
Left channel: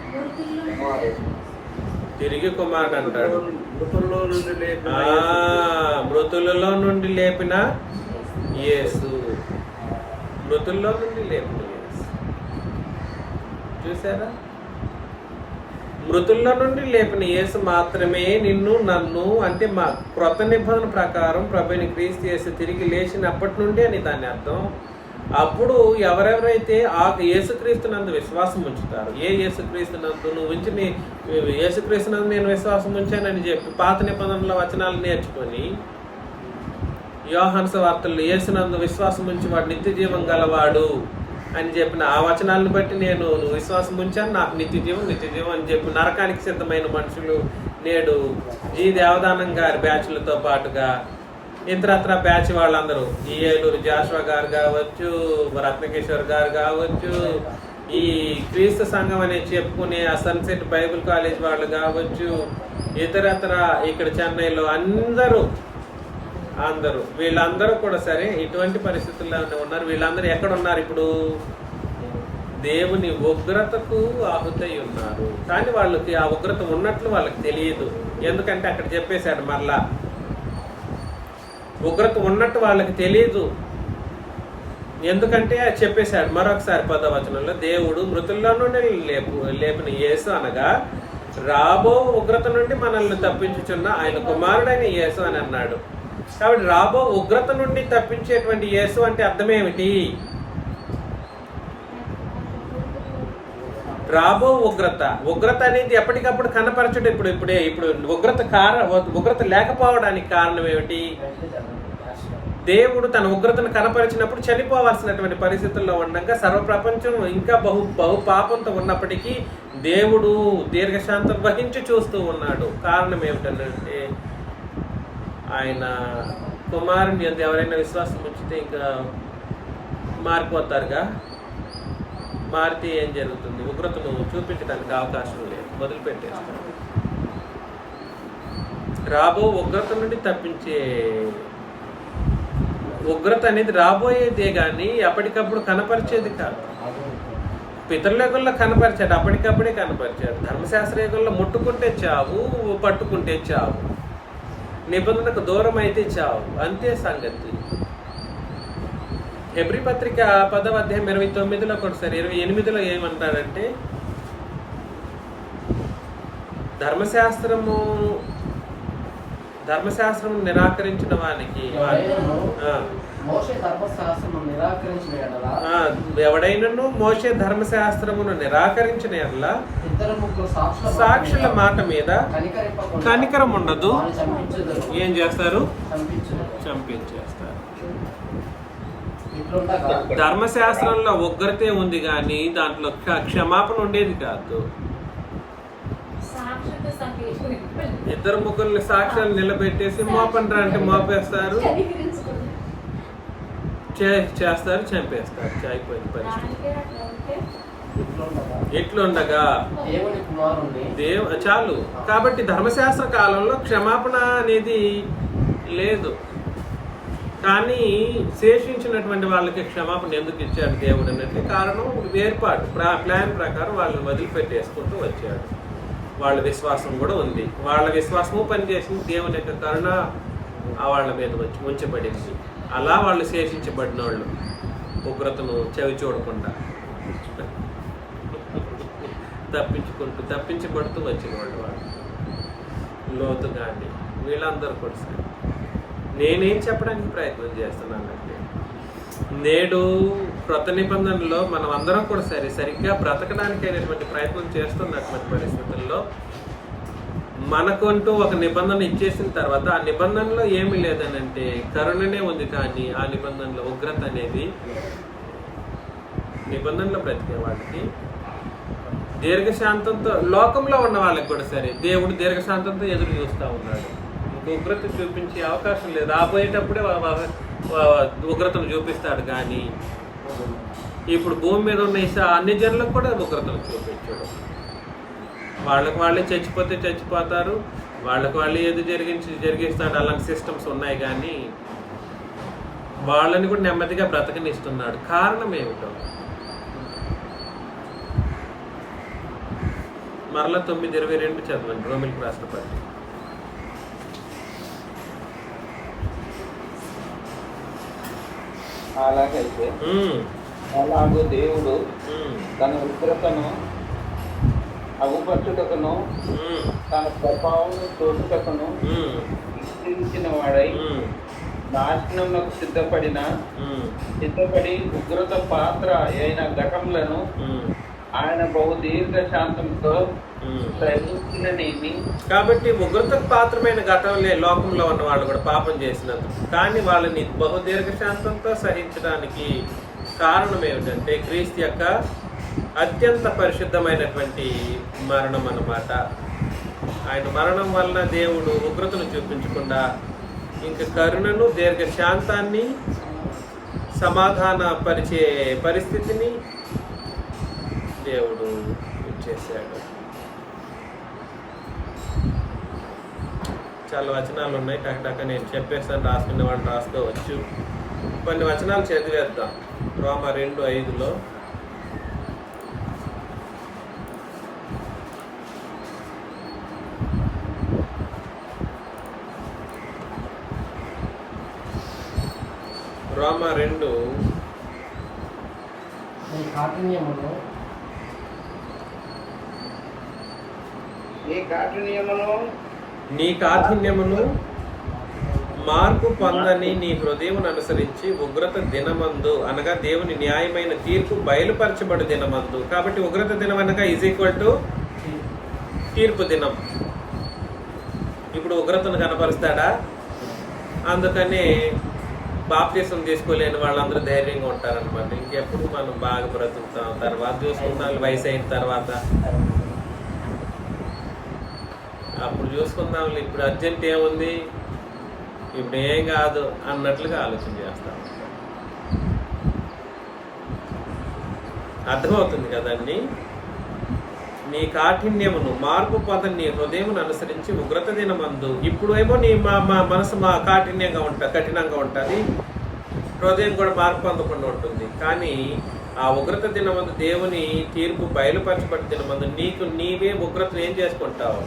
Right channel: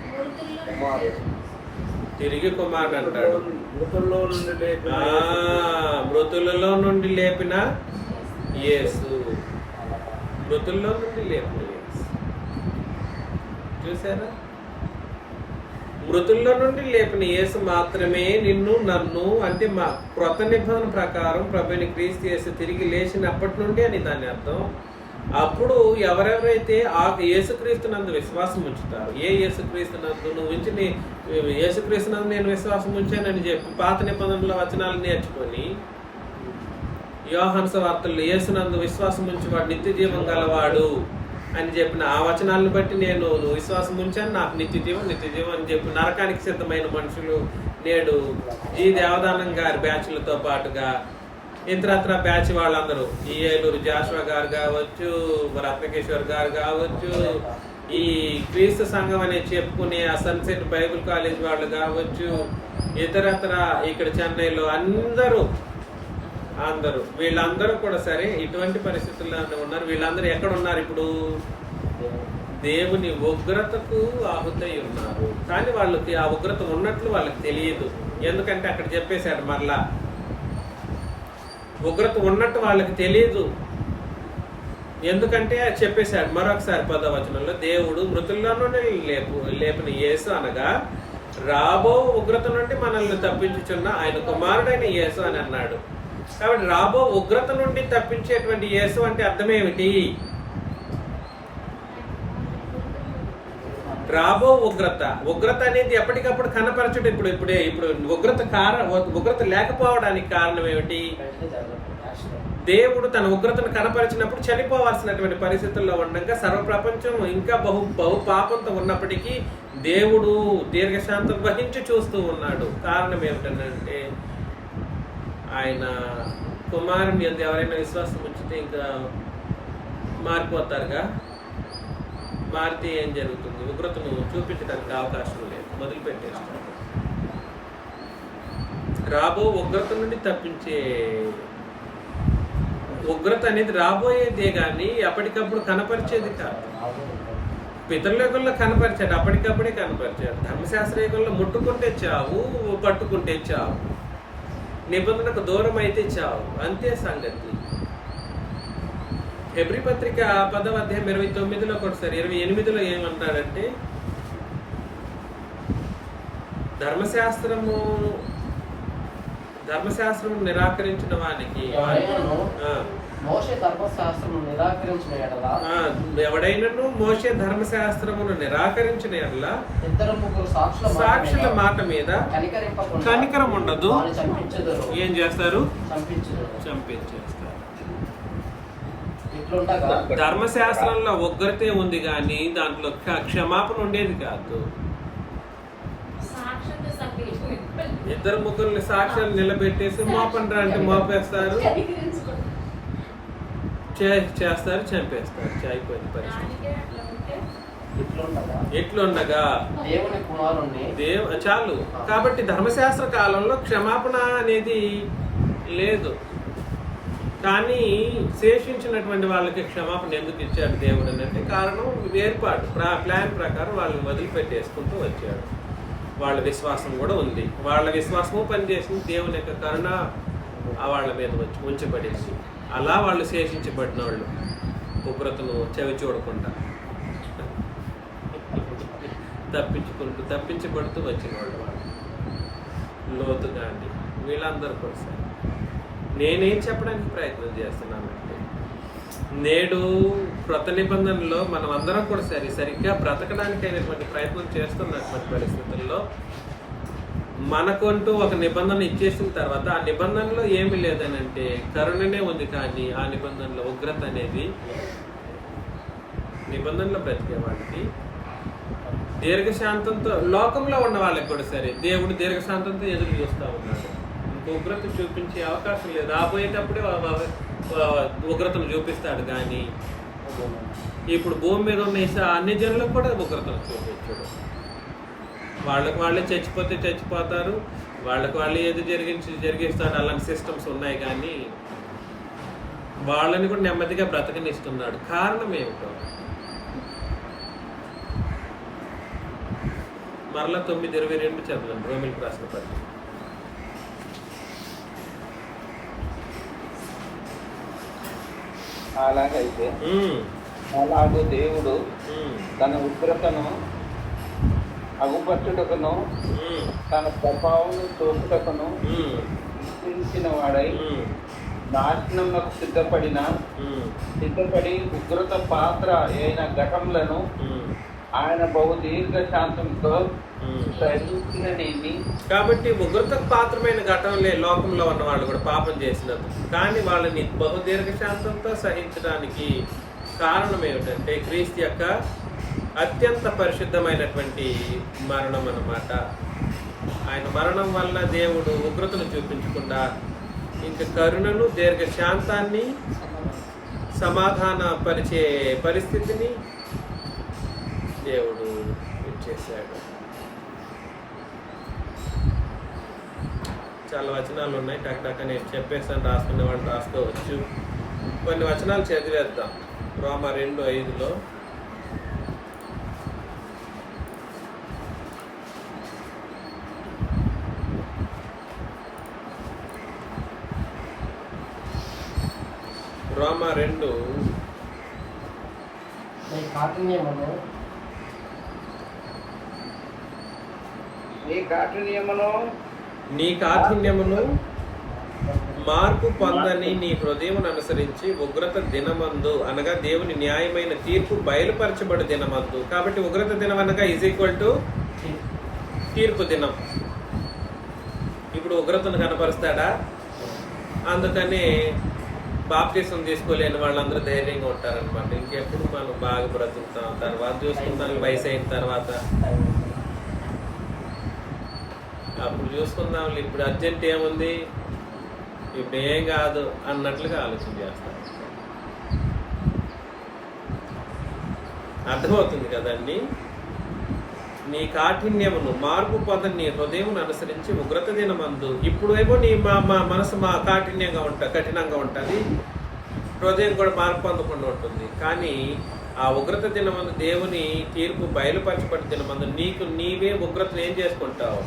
తిరిగి కుమారుడు అంటాడు. మృతులలో నుండి లేపిన యేసు. మృతుల్లో నుండి లేపిన యేసు. చూసారా? మృతుల్లో నుండి లేపిన యేసు మాత్రమే నిన్ను నన్ను, అంటే మా క్రొత్త నిబంధన ప్రకారం ప్రభువైన క్రీస్తు యేసు తిరిగి లేచినప్పటి నుండి అని దాని అర్థం. అప్పుడు ఎవరెవరైతే ఆ యేసుక్రీస్తునందు విశ్వాసం ఉంచుతారు, ఏ యేసుక్రీస్తునందు నువ్వు ఉంచి యేసుక్రీస్తునందు నేను విశ్వాసం ఉంచానని చెప్పి పాత నిబంధనల వచనాలు నేర్చుకొని యోహాను సువార్తల్లో యేసునందు విశ్వాసం ఉంచి వాడు నిత్య జీవం గలవాడు అని చెప్పిన ఆ వచనాలను బట్టి నేను విశ్వాసం ఉంచాను, నాకు నిత్య జీవం అని చెప్పి నరకానికి సిద్ధమైన మనుషులు నేడు జీ దేవదానం గారి బ్యాచ్లతో పాటుగా ఇతరత్ర బ్యాచ్ వాళ్ళందరూ ఈ ఏలూరు జాషువా గారు కావచ్చు, రత్నకిషోర్ గారు కావచ్చు, ఈ క్రీస్తు సంఘం అని చెప్పుకునే ఆ సన్సెట్ బైబిల్ కాలేజ్ వాళ్ళు కావచ్చు, ఇతరత్ర ఇక్కడ చెన్నైలో అందరూ వీళ్ళందరూ కూడా సరే ఇటువంటి పరిస్థితుల్లోనే ఉన్నారు. వీళ్ళందరూ ఎక్కడ ఉన్నారు ఇప్పుడు? దేవుని ఉగ్రతకు ఆహుతై ఉన్నారు. కానీ వాళ్ళకి ఆ ఉగ్రత ఉన్నట్లు వాళ్ళకి తెలియదు. ఎందుకంటే అక్కడ చెప్పేశాడు, మరలా ఉగ్రత ఉన్నట్టు వాళ్ళకి తెలియదు. ఎందుకంటే చెప్పేశాడు మరొకసారి 10వ వచనంలో, దేవుడు మృతుల్లోనూ లేపిన యేసు అనగా రాబో ఉగ్రత నుండి మనల్ని తప్పించుచున్న ఆయన కుమారుడైన యేసు అని అన్నాడు. కాబట్టి రాబో ఉగ్రత నుండి తప్పించేటువంటి యేసు అంటే అర్థమేమిటి? రాబో ఉగ్రత అనేది ఎప్పటికప్పుడు కనపరచడం. ఇప్పుడు ఉగ్రత లేకపోవడానికి కారణం ఏమిటి? దేవుడు తన ఉగ్రతను కనపరిచినప్పుడు చనిపోవాల్సినటువంటి పరిస్థితుల్లో ఉండగా సర్వప్రపంచం ఇంకా బహు పాపంతో ఉన్నప్పటికీ దేవుడు దీర్ఘశాంతం వహించి చూస్తూ ఉన్నాడు. కారణం ఏమిటంటే ఆయన కుమారుని యందు ఎవరైనా విశ్వాసం ఉంచితే ఇంకా మారిపోతారుగా. మారితే ఏం జరుగుతుంది? ఉగ్రతను చూపించడానికి అవకాశం లేదు, మొదలుపెట్టేస్తారు. రాబో ఉగ్రత నుండి తప్పించే ఉగ్రత అనేది రాబోయేదే కానీ అప్పటికప్పుడు కనపరిచేది కాదు. పితరుల యుగంలో కనపరిచాడు, అప్పటికప్పుడే కనపరిచాడు. ధర్మశాస్త్ర యుగంలో ముట్టుకుంటే చావు, పట్టుకుంటే చావు, నిబంధనకు దూరం అయితే చావు, అంతే సంగతి. హెబ్రీ పత్రిక 10వ అధ్యాయం 29లో ఒకసారి 28లో ఏమంటాడంటే, ధర్మశాస్త్రము నిరాకరించిన వానికి ఎవడైనను మోషే ధర్మశాస్త్రమును నిరాకరించిన ఎడల సాక్షుల మాట మీద కనికరం ఉండదు. ఏం చేస్తారు? చంపించేస్తారు. ధర్మశాస్త్రంలో ఉగ్రతే ఉంది కానీ దాంట్లో క్షమాపణ ఉండేది కాదు. ఇద్దరు ముగ్గురిని సాక్ష్యాలు నిలబెట్టేసి మోపండ్రా అంటే మోపేస్తారు, చేస్తారు, చంపేస్తారు. అయిపోయింది పరిస్థితి. ఎట్లుండగా చాలు. కాబట్టి ధర్మశాస్త్ర కాలంలో క్షమాపణ అనేది లేదు. కానీ శేషించినటువంటి వాళ్ళకి క్షమాపణ ఎందుకు ఇచ్చాడు దేవుడు అంటే కారణం ఏర్పాటు, ప్లాన్ ప్రకారం వాళ్ళని వదిలిపెట్టేసుకుంటూ వచ్చాడు. వాళ్ళ విశ్వాసం కూడా ఉంది. వాళ్ళ విశ్వాసము పనిచేసింది. దేవుని యొక్క కరుణ వాళ్ళ మీద ఉంచబడింది. అలా వాళ్ళు శేషించబడిన వాళ్ళు ఉగ్రతను చవి చూడకుండా తప్పించబడుతూ వచ్చిన వాళ్ళు లోతు కానీ వీళ్ళందరూ కూడా. నేనేం చెప్పడానికి ప్రయత్నం చేస్తున్నానంటే, నేడు క్రొత్త నిబంధనలో మనం అందరం కూడా సరిగ్గా బ్రతకడానికి అయినటువంటి ప్రయత్నం చేస్తున్నటువంటి పరిస్థితుల్లో మనకంటూ ఒక నిబంధన ఇచ్చేసిన తర్వాత ఆ నిబంధనలో ఏమీ లేదని అంటే కరుణనే ఉంది. కానీ ఆ నిబంధనలో ఉగ్రత అనేది నిబంధనలో బ్రతికే వాళ్ళకి దీర్ఘశాంతంతో, లోకంలో ఉన్న వాళ్ళకి కూడా సరే దేవుడు దీర్ఘశాంతంతో ఎదురు చూస్తూ ఉన్నాడు. ఉగ్రత చూపించే అవకాశం లేదు. రాబోయేటప్పుడే ఉగ్రతను చూపిస్తాడు. కానీ ఇప్పుడు భూమి మీద ఉన్న అన్ని జనులకు కూడా ఉగ్రతను చూపించాడు. వాళ్ళకి వాళ్ళే చచ్చిపోతే చచ్చిపోతారు, వాళ్ళకి వాళ్ళే ఏది జరిగిస్తాడు. అలాంటి సిస్టమ్స్ ఉన్నాయి. కానీ వాళ్ళని కూడా నెమ్మదిగా బ్రతకనిస్తున్నాడు. కారణం ఏమిటో మరలా 9:22 చదవండి. రోమిల్కి రాసిన పత్రిక. అలాగైతే అలాగూ దేవుడు తన ఉగ్రతను అగుపట్టుటకును తన ప్రభావం చూపుటకును నిశ్చయించిన వాడై నాశనమునకు సిద్ధపడి ఉగ్రత పాత్ర అయిన ఘటములను ఆయన బహు దీర్ఘశాంతంతో సహించిననేమి. కాబట్టి ఉగ్రతకు పాత్రమైన ఘటనలే లోకంలో ఉన్న వాళ్ళు కూడా పాపం చేసినందుకు. కానీ వాళ్ళని బహు దీర్ఘశాంతంతో సహించడానికి కారణం ఏమిటంటే క్రీస్తు యొక్క అత్యంత పరిశుద్ధమైనటువంటి మరణం అన్నమాట. ఆయన మరణం వలన దేవుడు ఉగ్రతను చూపించకుండా ఇంకా కరుణను, దీర్ఘశాంతాన్ని, సమాధాన పరిచే పరిస్థితిని దేవుడు ఇచ్చేసాడు. చాలా వచనాలు ఉన్నాయి, టక్ నేను చెప్పేసాను, రాసుకునే వాళ్ళు రాసుకోవచ్చు. కొన్ని వచనాలు చదివేద్దాం. రోమా 2:5 రోమా 2 నీ కాఠిన్యమును నీ కాఠిన్యమును మార్పు పొందని నీ హృదయమును అనుసరించి ఉగ్రత దినమందు అనగా దేవుని న్యాయమైన తీర్పు బయలుపరచబడు దినమందు. కాబట్టి ఉగ్రత దినం అనగా = తీర్పు దినం. ఇప్పుడు ఉగ్రతను కనపరుస్తాడా? అందుకని బాప్తిసం తీసుకోలేని వాళ్ళందరూ ధైర్యంగా ఉంటారనమాట. ఇంకెప్పుడు మనం బాగా బ్రతుకుతాం, తర్వాత చూసుకుందాం, వయసు అయిన తర్వాత అప్పుడు చూసుకుందాం, ఇప్పుడు అర్జెంట్ ఏముంది, ఇప్పుడు ఏం కాదు అన్నట్లుగా ఆలోచన చేస్తాం. అర్థమవుతుంది కదండి. నీ కాఠిన్యమును మార్పు పొందని నీ హృదయమును అనుసరించి ఉగ్రత దినమందు. ఇప్పుడు ఏమో నీ మనసు కఠినంగా ఉంటుంది, హృదయం కూడా మార్పు పొందకుండా ఉంటుంది. కానీ ఆ ఉగ్రత దినమందు దేవుని తీర్పు బయలుపరచబడి దినమందు నీవే ఉగ్రతను ఏం చేసుకుంటావు?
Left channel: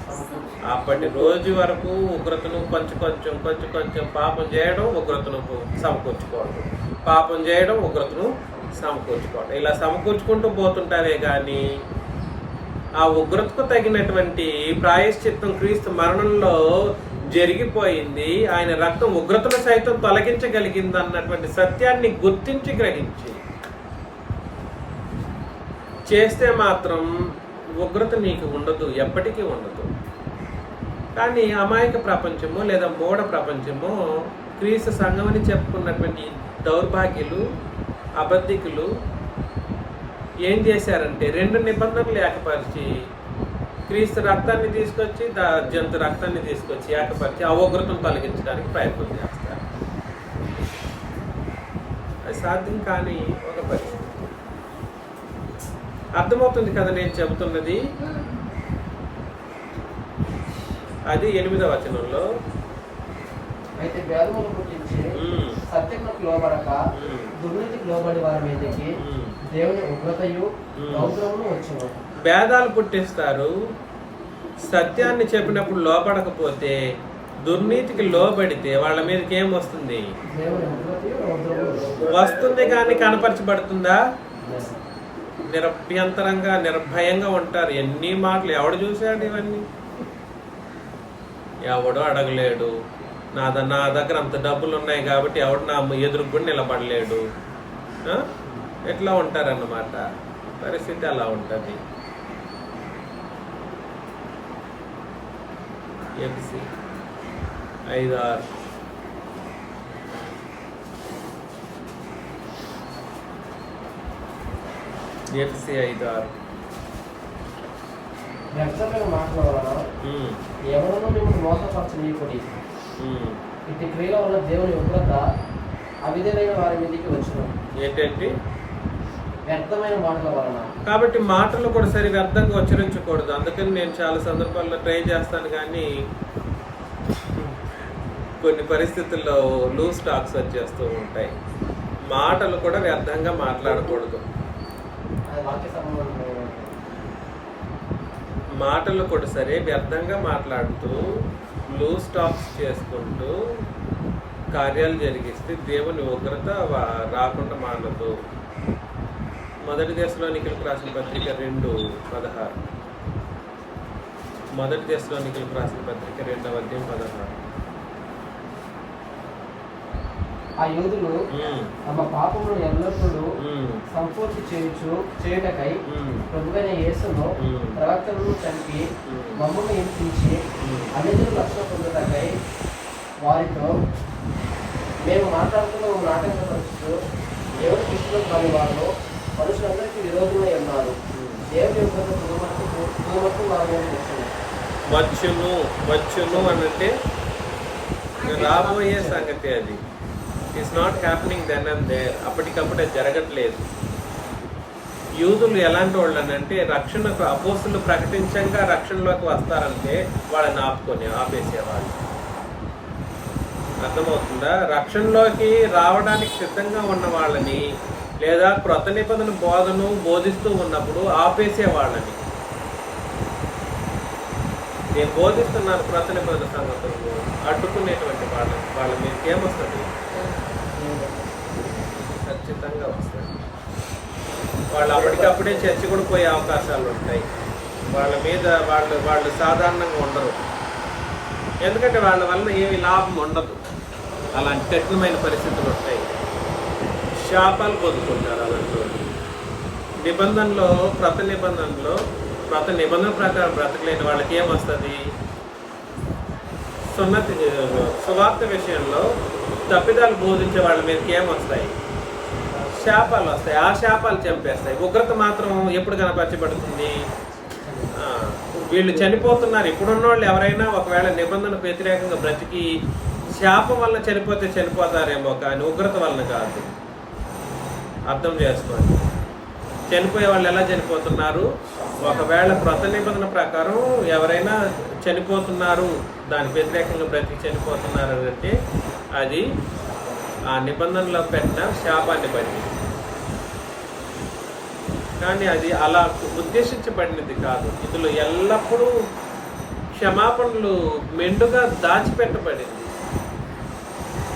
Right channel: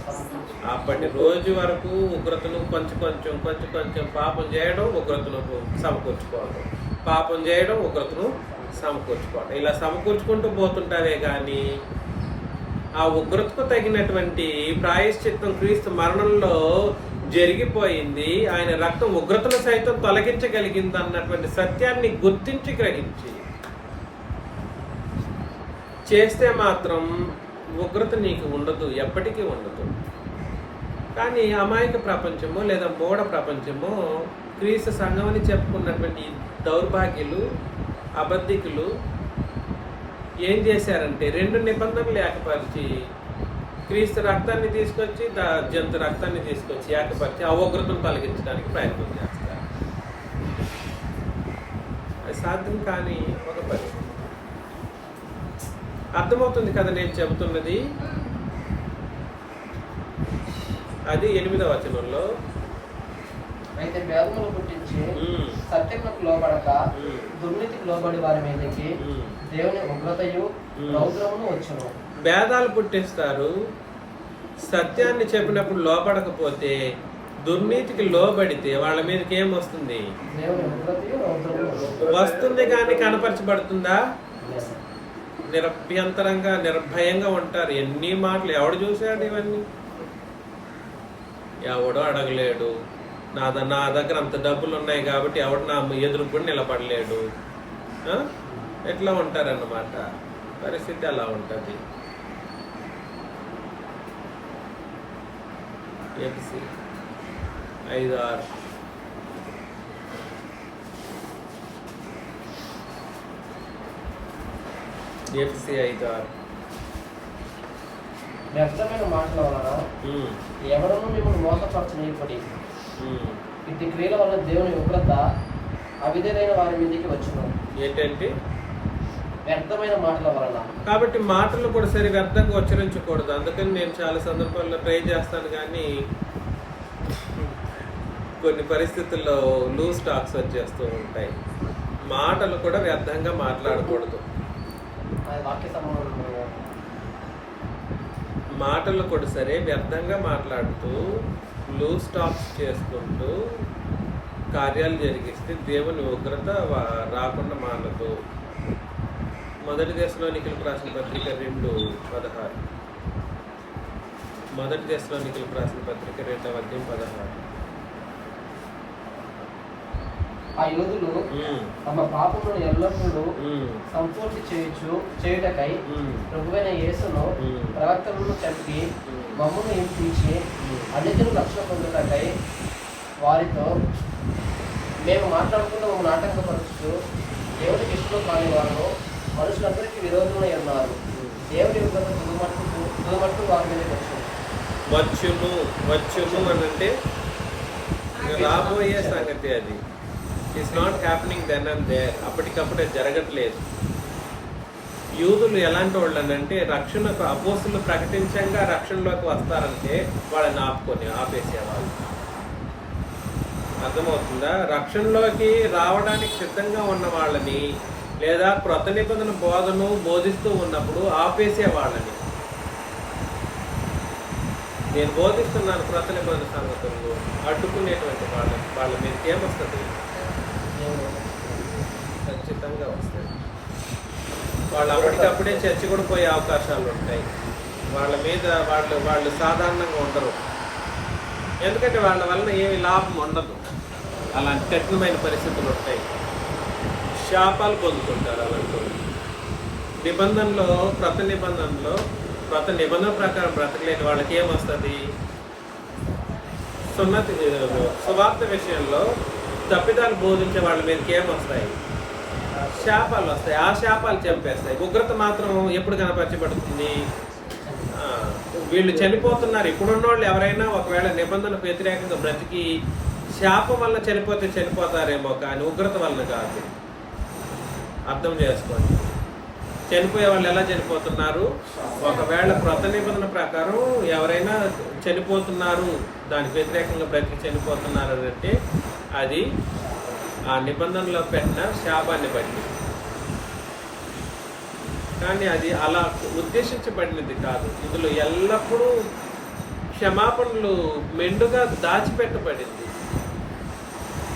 అప్పటి రోజు వరకు ఉగ్రతను కొంచెం పాపం చేయడం, ఉగ్రతను సమకూర్చుకోవడం, పాపం చేయడం, ఉగ్రతను సమకూర్చుకోవడం, ఇలా సమకూర్చుకుంటూ పోతుంటావే కానీ ఆ ఉగ్రతకు తగినటువంటి ప్రాయశ్చిత్తం క్రీస్తు మరణంలో జరిగిపోయింది. ఆయన రక్తం ఉగ్రతను సైతం తొలగించగలిగింది అన్నటువంటి సత్యాన్ని గుర్తించి గ్రహించి చేస్తే మాత్రం ఉగ్రత నీకు ఉండదు, ఎప్పటికీ ఉండదు. కానీ అమాయక ప్రపంచము లేదా మూఢ ప్రపంచము క్రీస్తు సంఘం అని చెప్పుకున్నటువంటి దౌర్భాగ్యులు, అబద్ధికులు ఏం చేశారంటే 2 నిబంధనలు ఏకపరిచి క్రీస్తు రక్తాన్ని తీసుకొచ్చి జంతు రక్తాన్ని తీసుకొచ్చి ఏకపరిచి ఆ ఉగ్రతను తొలగించడానికి ప్రయత్నం చేస్తారు. అది సాధ్యం కాని ఒక పరిస్థితి. అర్థమవుతుంది కదా నేను చెబుతున్నది? అది 8వ వచనంలో, అయితే భేదములు పుట్టించి సత్యమునకు లోబడక దుర్నీతికి లోబడి వారి మీదకి దేవుని ఉగ్రతయు రౌద్రమును వచ్చును. భేదాలు పుట్టిస్తారు. సత్యాన్ని చెప్పినప్పుడు లోపడకపోతే, దుర్నీతికి లోబడితే వాళ్ళ మీదకి ఏం వస్తుంది? దేవుని ఉగ్రతయు రౌద్రమును వస్తుంది. కానీ కనపరచబడుతుందా? నిరభ్యంతరంగా నిర్భయంగా ఉంటారు. ఎన్ని మాటలు ఎవడు చూశాడు? ఇవన్నీ ఎవడో అడగలేడు. నా దగ్గర అంత డబ్బులు ఉన్నాయి కాబట్టి ఎవడు నా ఎదురు కూడా నిలబడలేడు. ఎట్లా ఉంటారన్నమాట. పరిస్థితి అలా ఉంటుంది. ఎఫ్సి 5:6 ఎఫ్సి 5:6 వ్యర్థమైన మాటల వలన ఎవరన్నా మిమ్మల్ని మోసపరచనీయకుడి. ఇట్టి క్రియల వల్ల దేవుని ఉగ్రత అవిధేయులైన వారి మీదకి వచ్చును. ఏంటంటే వ్యర్థమైన మాటల వలన. కాబట్టి మాటలు కూడా సరి వ్యర్థంగా ఉచ్చరించకూడదు. అందుకని నేను చాలా సందర్భాల్లో ట్రై చేస్తాను, కానీ కొన్ని పరిస్థితుల్లో లూజ్ టాక్స్ వచ్చేస్తూ ఉంటాయి. మాటలు కూడా వ్యర్థంగా మాట్లాడకూడదు. మాటలు కూడా సరే వ్యర్థంగా మాట్లాడుతూ లూజ్ టాక్స్ చేసుకుంటూ కార్యాలు జరిగిస్తే దేవుని ఉగ్రత రాకుండా మానదు. 1 దెస్సలోనికీయులకు రాసిన పత్రిక 2:16. 1 దెస్సలోనికీయులకు రాసిన పత్రిక 2వ అధ్యాయం 16. ఆ యోధులు తమ పాపమును ఎల్లప్పుడూ సంపూర్తి చేయుటకై ప్రభువైన యేసును ప్రవక్తలను చంపి మమ్మును హింసించి అన్నిటిని రక్షణ పొందుటకై వారితో మేము మాట్లాడుతున్న నాటకపరుస్తూ దేవుడికి ఇష్టం కాని వారు మనుషులందరికీ విరోధమై ఉన్నారు. దేవుని యొక్క తుదమట్టు వారి మీద వచ్చును వచ్చును అని అంటే రాబోయే సంగతి. అది it's not happening then and there. అప్పటికప్పుడే జరగట్లేదు. యూదులు ఎలాంటి వాళ్ళు అని అంటే రక్షణకు అపోస్తులు ప్రకటించంగా రక్షణలోకి వస్తారంటే వాళ్ళని ఆపేసేవాళ్ళు. అర్థమవుతుందా? రక్షణలోకి రావడానికి సిద్ధంగా ఉన్న వాళ్ళని లేదా క్రొత్త నిబంధన బోధను బోధిస్తూ ఉన్నప్పుడు ఆపేసే వాళ్ళని. నేను బోధిస్తున్నాను క్రొత్త నిబంధన సంగతులు అడ్డుకునేటువంటి వాళ్ళ మీదకి ఏమొస్తుంది? ఖచ్చితంగా వస్తుంది. వాళ్ళు అప్పటికప్పుడే చర్చి కూడా పోయే అవకాశాలు ఉంటాయి. వాళ్ళ మీద వాళ్ళు సాధారణంగా ఉండరు. ఎందుకంటే వాళ్ళ వలన ఏమి లాభం ఉండదు. అలాంటి కఠినమైన పరిస్థితులు ఉంటాయి. శాపాలు పొందుకుంటారు అలాంటి వాళ్ళు. నిబంధనలో క్రొత్త నిబంధన ప్రకారం బ్రతకలేని వాళ్ళకి ఏమొస్తుంది? సువార్త విషయంలో తప్పిదాలు బోధించే వాళ్ళ మీదకి ఏమొస్తాయి? శాపాలు వస్తాయి. ఆ శాపాలు చంపేస్తాయి. ఉగ్రత మాత్రం ఎప్పుడు కనపరచబడుతుంది? వీళ్ళు చనిపోతున్నారు. ఇప్పుడున్న వాళ్ళు ఎవరైనా ఒకవేళ నిబంధనకు వ్యతిరేకంగా బ్రతికి శాపం వల్ల చనిపోతారేమో, కానీ ఉగ్రత వలన కాదు. అర్థం చేసుకోండి. చనిపోయే వాళ్ళు ఎలా చనిపోతున్నారు? ఒకవేళ క్రొత్త నిబంధన ప్రకారం ఎవరైనా చనిపోతున్నారు, దానికి వ్యతిరేకంగా బ్రతికి చనిపోతున్నారు అంటే అది ఆ నిబంధనలో పెట్టిన శాపాన్ని బట్టి. కానీ అది అలా ఉద్దేశించబడినది కాదు. ఇందులో ఎల్లప్పుడూ క్షమాపణలు మెండుగా దాచిపెట్టబడింది.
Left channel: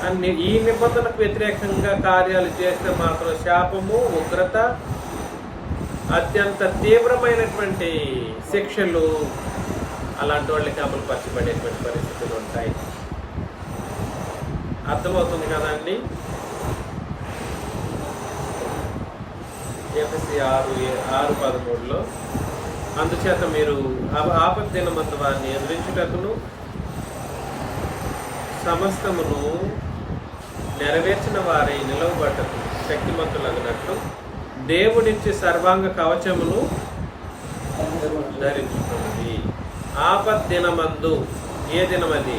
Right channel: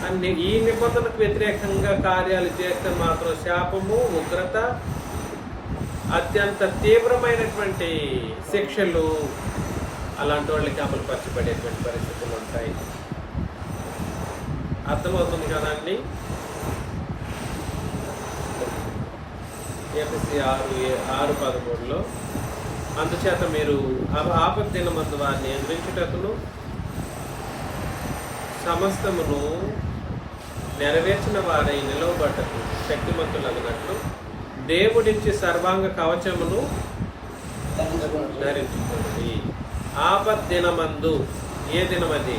అన్ని ఈ నిబంధనకు వ్యతిరేకంగా కార్యాలు చేస్తే మాత్రం శాపము, ఉగ్రత, అత్యంత తీవ్రమైనటువంటి శిక్షలు అలాంటి వాళ్ళకి అమలు పరచబడేటువంటి పరిస్థితులు ఉంటాయి. అర్థమవుతుంది కదండి? ఎఫెసీ 6:13 అందుచేత మీరు ఆపద దినమందు వారిని ఎదురించుటకును సమస్తమును నెరవేర్చిన వారై నిలవబట్టకు శక్తిమంతులగినట్లు దేవుడిచ్చి సర్వాంగ కవచమును ధరించుకోండి. ఆపద దినమందు ఏ దినమది?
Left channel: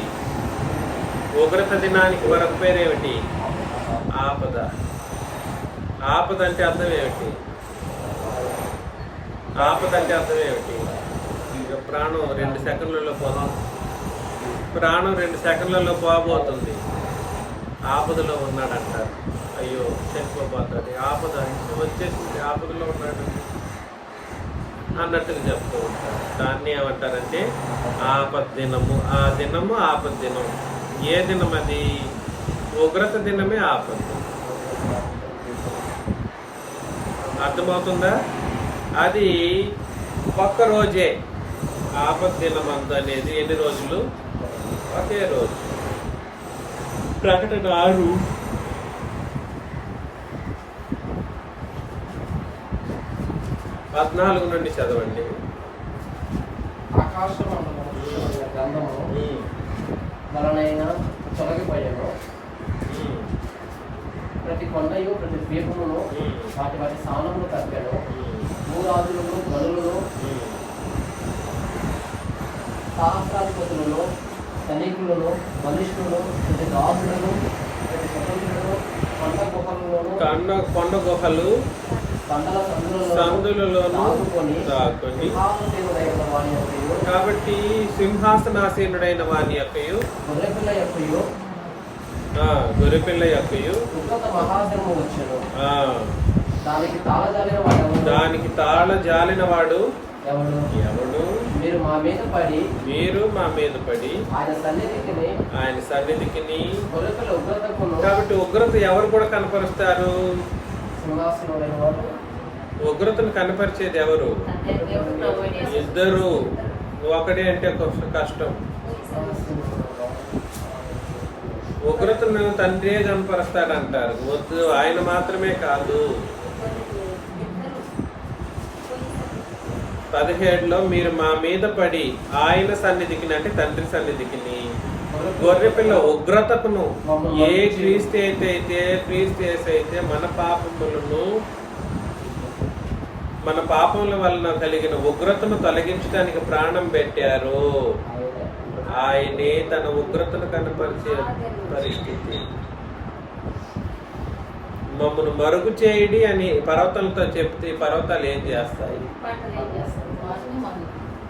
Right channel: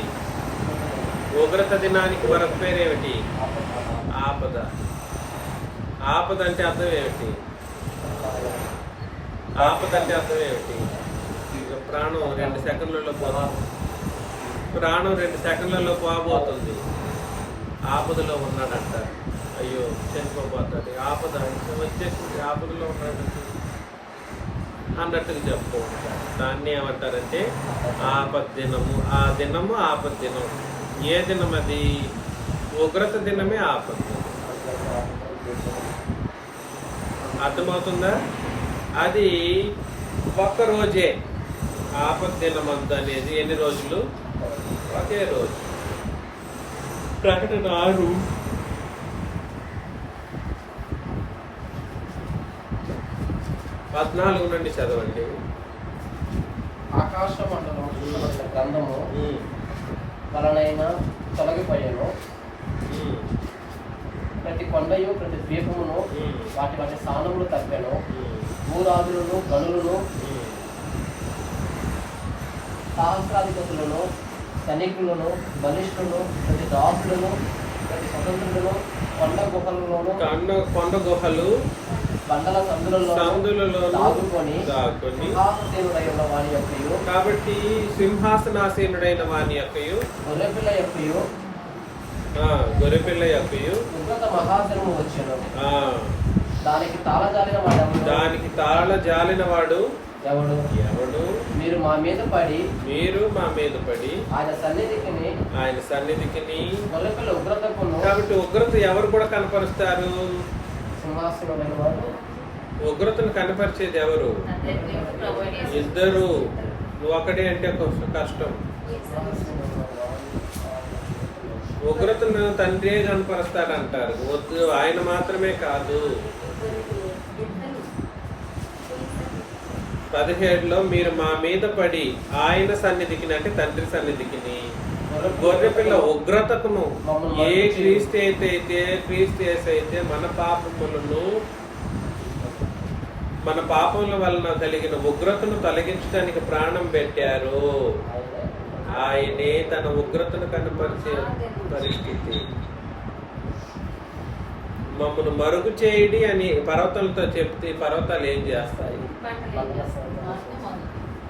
ఉగ్రత దినానికి మరొక పేరేమిటి? ఆపద. ఆపద అంటే అర్థం ఏమిటి? ఆపద అంటే అర్థం ఏమిటి? ఇక ప్రాణం 2 సెకండ్లలో పోతుంది. ప్రాణం 2 సెకండ్లలో పోబోతుంది. ఆపదలో ఉన్నాడంటారు. అయ్యో చనిపోబోతుంది, ఆపద వచ్చేసింది, ఆపదలో ఉన్నాడండి అన్నట్టుగా చెప్తూ ఉంటారు. దాన్ని ఏమంటారంటే ఆపద దినము. ఆ దినము ఆపద దినం. ఏ దినం అది? ఉగ్రత దినమే ఆపద దినం. అర్థమవుతుందా? అది ఒక్కరోజే. ఆపద దినమంత అనేది ఎన్ని రోజులు? ఒకే రోజు. ప్రకటన 6:14 నుండి చదవండి. ఆకాశ మండలం గ్రంథము వలనైనా తొలగిపోయాను. ప్రతి కొండయు ప్రతి ద్వీపమును వాటి వాటి స్థానములు తప్పాను. భూరాజులను, గనులను, సహస్రాధిపతులను, సైనికులను, బలిష్ఠులను, ప్రతి దాసులను, ప్రతి స్వతంత్రులను, కొండ గుహలు పంటల సందులలో దాక్కుని కాబట్టి సింహాసనాసీనుడైన వాని యొక్కయు గొర్రెపిల్ల యొక్కయు మహాజనము వచ్చాను. దానికి తాళ జాలిన వాడు ఎవడు? మీరు మా మీద పడి ఆయన సన్నిధికి. ఉగ్రతకు కాబట్టి ఉగ్రత ఎవరు కూడా కనపరుస్తారు? సింహాసనమైన వాడు. ఉగ్రతను కనపరిచేది ఎవరు? ఇద్దరు. ఒకడే అంటే కష్టం. ఉగ్రతను తండ్రి కనపరుస్తాడంటారు. వద్దు, ఆయన మాత్రమే కాదు. 17లో మీరు మా మీద పడి ఆయన సన్నిధికి అంటే తండ్రి సన్నిధికి గొర్రెపిల్ల ఉగ్రతకును ఏ క్రీస్తు అయితే మన పాపముల వలన కలిగిన ఉగ్రతను తొలగించడానికి ప్రాణం పెట్టారు. ఆయనే తన ఉగ్రతను కనపరిచే పరిస్థితి. మమ్మల్ని మరుగు చేయడి అని పర్వతాలతో చెప్తే పర్వతాలు ఏం చేస్తాయి?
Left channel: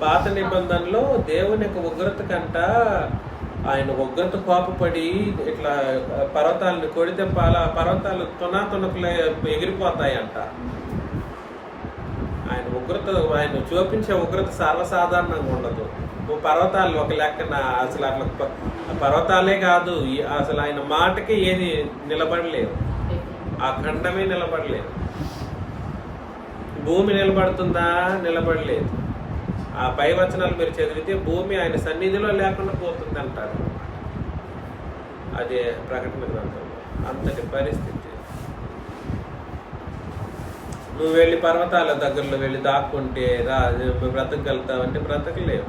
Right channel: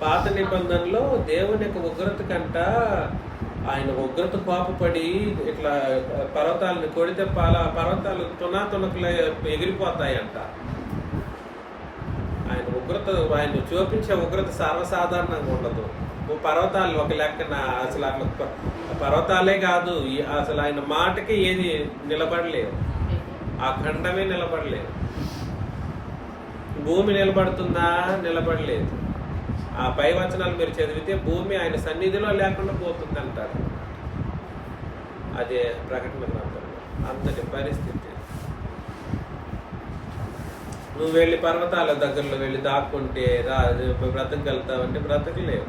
పాత నిబంధనలో దేవుని యొక్క ఉగ్రత కంట ఆయన ఉగ్రత కోపపడి ఇట్లా పర్వతాలను కొడితే పర్వతాలు తునకులే ఎగిరిపోతాయంట. ఆయన చూపించే ఉగ్రత సర్వసాధారణంగా ఉండదు. పర్వతాలు ఒక లెక్కన అసలు అట్లా పర్వతాలే కాదు, అసలు ఆయన మాటకి ఏది నిలబడలేవు. ఆ ఖండమే నిలబడలేదు. భూమి నిలబడుతుందా? నిలబడలేదు. ఆ పై వచనాలు మీరు చదివితే భూమి ఆయన సన్నిధిలో లేకుండా పోతుంది అంటారు. అదే ప్రకటన గ్రంథంలో అంతటి పరిస్థితి. నువ్వు వెళ్ళి పర్వతాల దగ్గరలో వెళ్ళి దాక్కుంటే బ్రతకగలుగుతావంటే బ్రతకలేవు.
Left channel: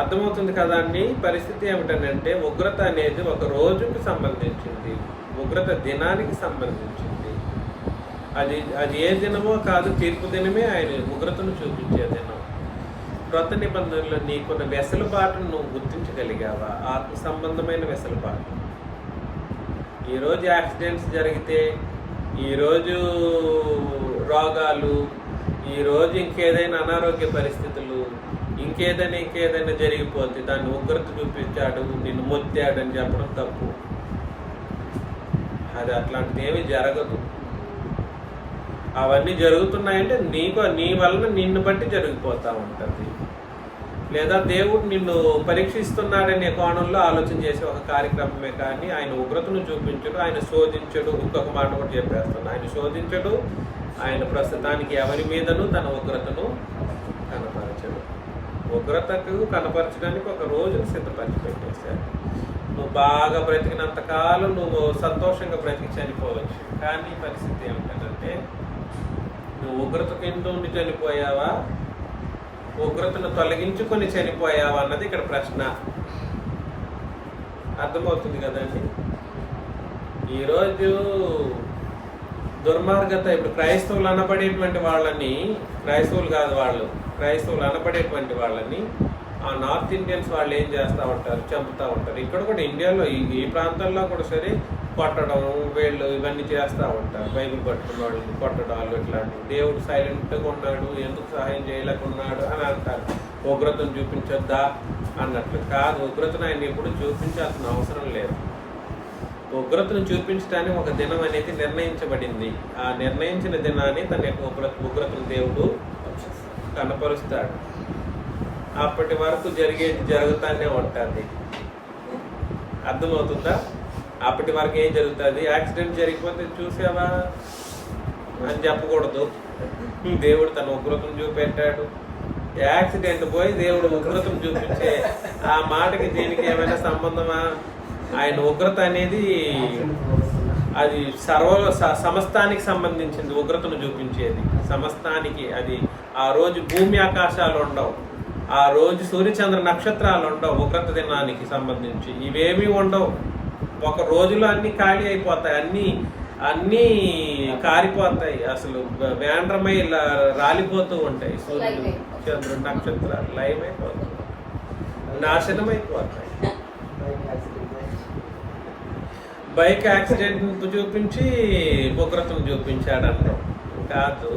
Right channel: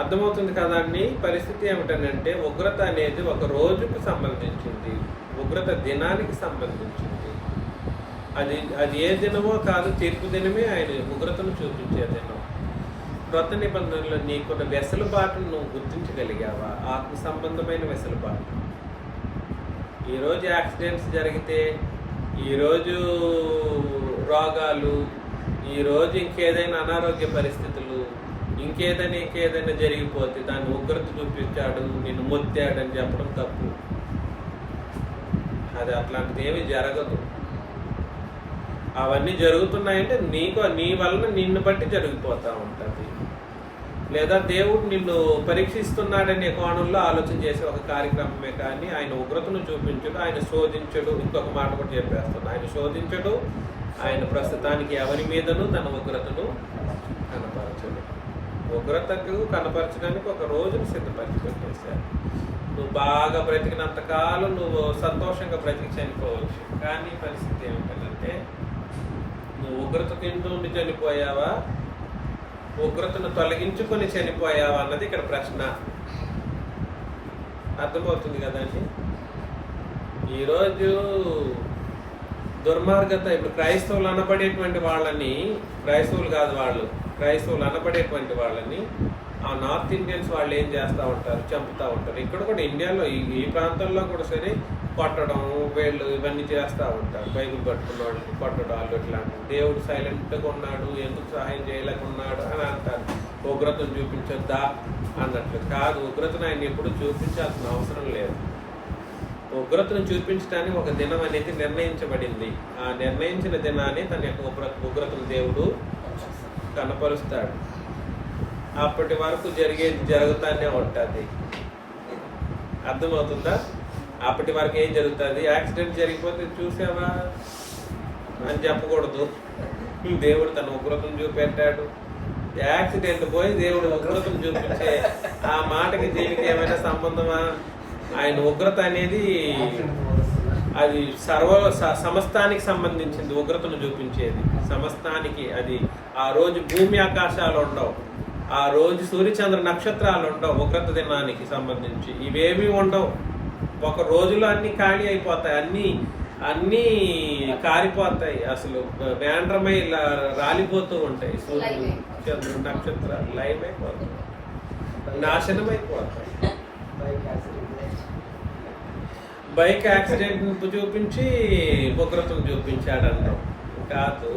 అర్థమవుతుంది కదా అండి. పరిస్థితి ఏమిటంటే ఉగ్రత అనేది ఒక రోజుకి సంబంధించింది, ఉగ్రత దినానికి సంబంధించింది. అది ఏ దినమో కాదు, తీర్పు దినమే ఆయన ఉగ్రతను చూపించే దినం. క్రొత్త నిబంధనలో నీకున్న వెసులుబాటును నువ్వు గుర్తించగలిగావా? ఆత్మ సంబంధమైన వెసులుబాటు. ఈరోజు యాక్సిడెంట్స్ జరిగితే, ఈరోజు రోగాలు, ఈరోజు ఇంకేదైనా అనారోగ్య పరిస్థితులు, ఇంకేదైనా జరిగిపోతే దాన్ని ఉగ్రత చూపించాడు, నిన్ను మొత్తాడు అని చెప్పడం తప్పు. అది అట్లాంటిది ఏమీ జరగదు. అవన్నీ జరుగుతున్నాయంటే నీ వలన నిన్ను బట్టి జరిగిపోతూ ఉంటుంది. లేదా దేవుడు నిన్ను పరీక్షిస్తున్నాడనే కోణంలో ఆలోచన చేసే ఒక కార్యక్రమమే కానీ ఆయన ఉగ్రతను చూపించడు, ఆయన శోధించడు. ఇంకొక మాట కూడా చెప్పేస్తాను, ఆయన శోధించడు. ఆయన ప్రస్తుతానికి ఎవరి మీదను తన ఉగ్రతను కనపరచడు. ఉగ్రతకు కనపరచడానికి ఒక రోజును సిద్ధపరిచి పెట్టేశాడు. నువ్వు బాగా బ్రతికినంత కాలం నువ్వు సంతోషంగా బ్రతికి చనిపోవచ్చు. కానీ పరిస్థితి ఏమిటంటే నువ్వు ఉగ్రత కింద ఉండి చనిపోయావా, ఉగ్రతను తొలగించుకొని చనిపోయావా అన్నది ఇక్కడ ప్రశ్న. అర్థమవుతుంది కదండి. ఈరోజు దుర్మార్గత, ఇప్పుడు క్రైస్తవులు అనబడేటువంటి వాళ్ళని, క్రైస్తవులు అనబడేటువంటి వాళ్ళని ఆ నార్త్ ఇండియన్స్ వాళ్ళు ఏం చేస్తూ ఉంటారు? చంపుతూ ఉంటారు. ఇక్కడ కూడా ఇండియాలో ఈ ప్రాంతంలో కూడా సరే కొట్టడం, వీళ్ళు ఇవన్నీ చేస్తూ ఉంటారు. బైబిల్ పట్టుకున్న వాళ్ళని కొట్టడాలు ఇట్లాంటివి. దేవుడు సైలెంట్గా ఉన్నాడు, ఎందుకు సహాయం చేయలేకున్నాడు అని అంటారు. ఉగ్రతను చూపించొద్దా అన్నట్లు కాదు. ఉగ్రతను ఆయన ఎప్పుడు చూపించాల్సిన అవసరం లేదు. ఉగ్రతను చూపించడానికి ఒక దినం అనేది నిర్ణయించబడింది. ఆ నిర్ణయించిన దినాన్ని తన యొక్క ఉగ్రతను దేవుడు కనపరుస్తాడు. అప్పటి వరకు జరుగుతానే ఉంటుంది. అర్థమవుతుందా? అప్పటి వరకు ఏం జరుగుతుంది? యాక్సిడెంట్ జరిగిపోతే చూసావా అని చెప్పకూడదు. దేవుడు తన ఉగ్రతను చూపెట్టాడు. యాక్సిడెంట్ పోయి దేవుడు ఉగ్రతను చూపించే ఆ మాటకి దీనికి ఏమైనా సంబంధమా? ఆయన ఉగ్రత అనేది అది సమస్తానికి సంబంధించింది. ఉగ్రతను చూపించేది సమస్తానికి. అది ఆ రోజు భూమి ఆకాశాలు ఉండవు, ఆ రోజు సూర్యచంద్ర నక్షత్రాలు ఉండవు. ఉగ్రత దినానికి సంబంధించి ఇవేమీ ఉండవు. ఒక రోజులో అన్ని ఖాళీ అయిపోతాయి, అన్నీ కారిపోతాయి. అసలు వేండ్రమై రాలిపోతూ ఉంటాయి. సూర్యుడు, చంద్రుడు, నక్షత్రాలు లైవ్ అయిపోతాయి, నాశనం అయిపోతాయి. బైక్ యాక్సిడెంట్ చూపించి ఉగ్రతను చూపించాడంటాం కాదు.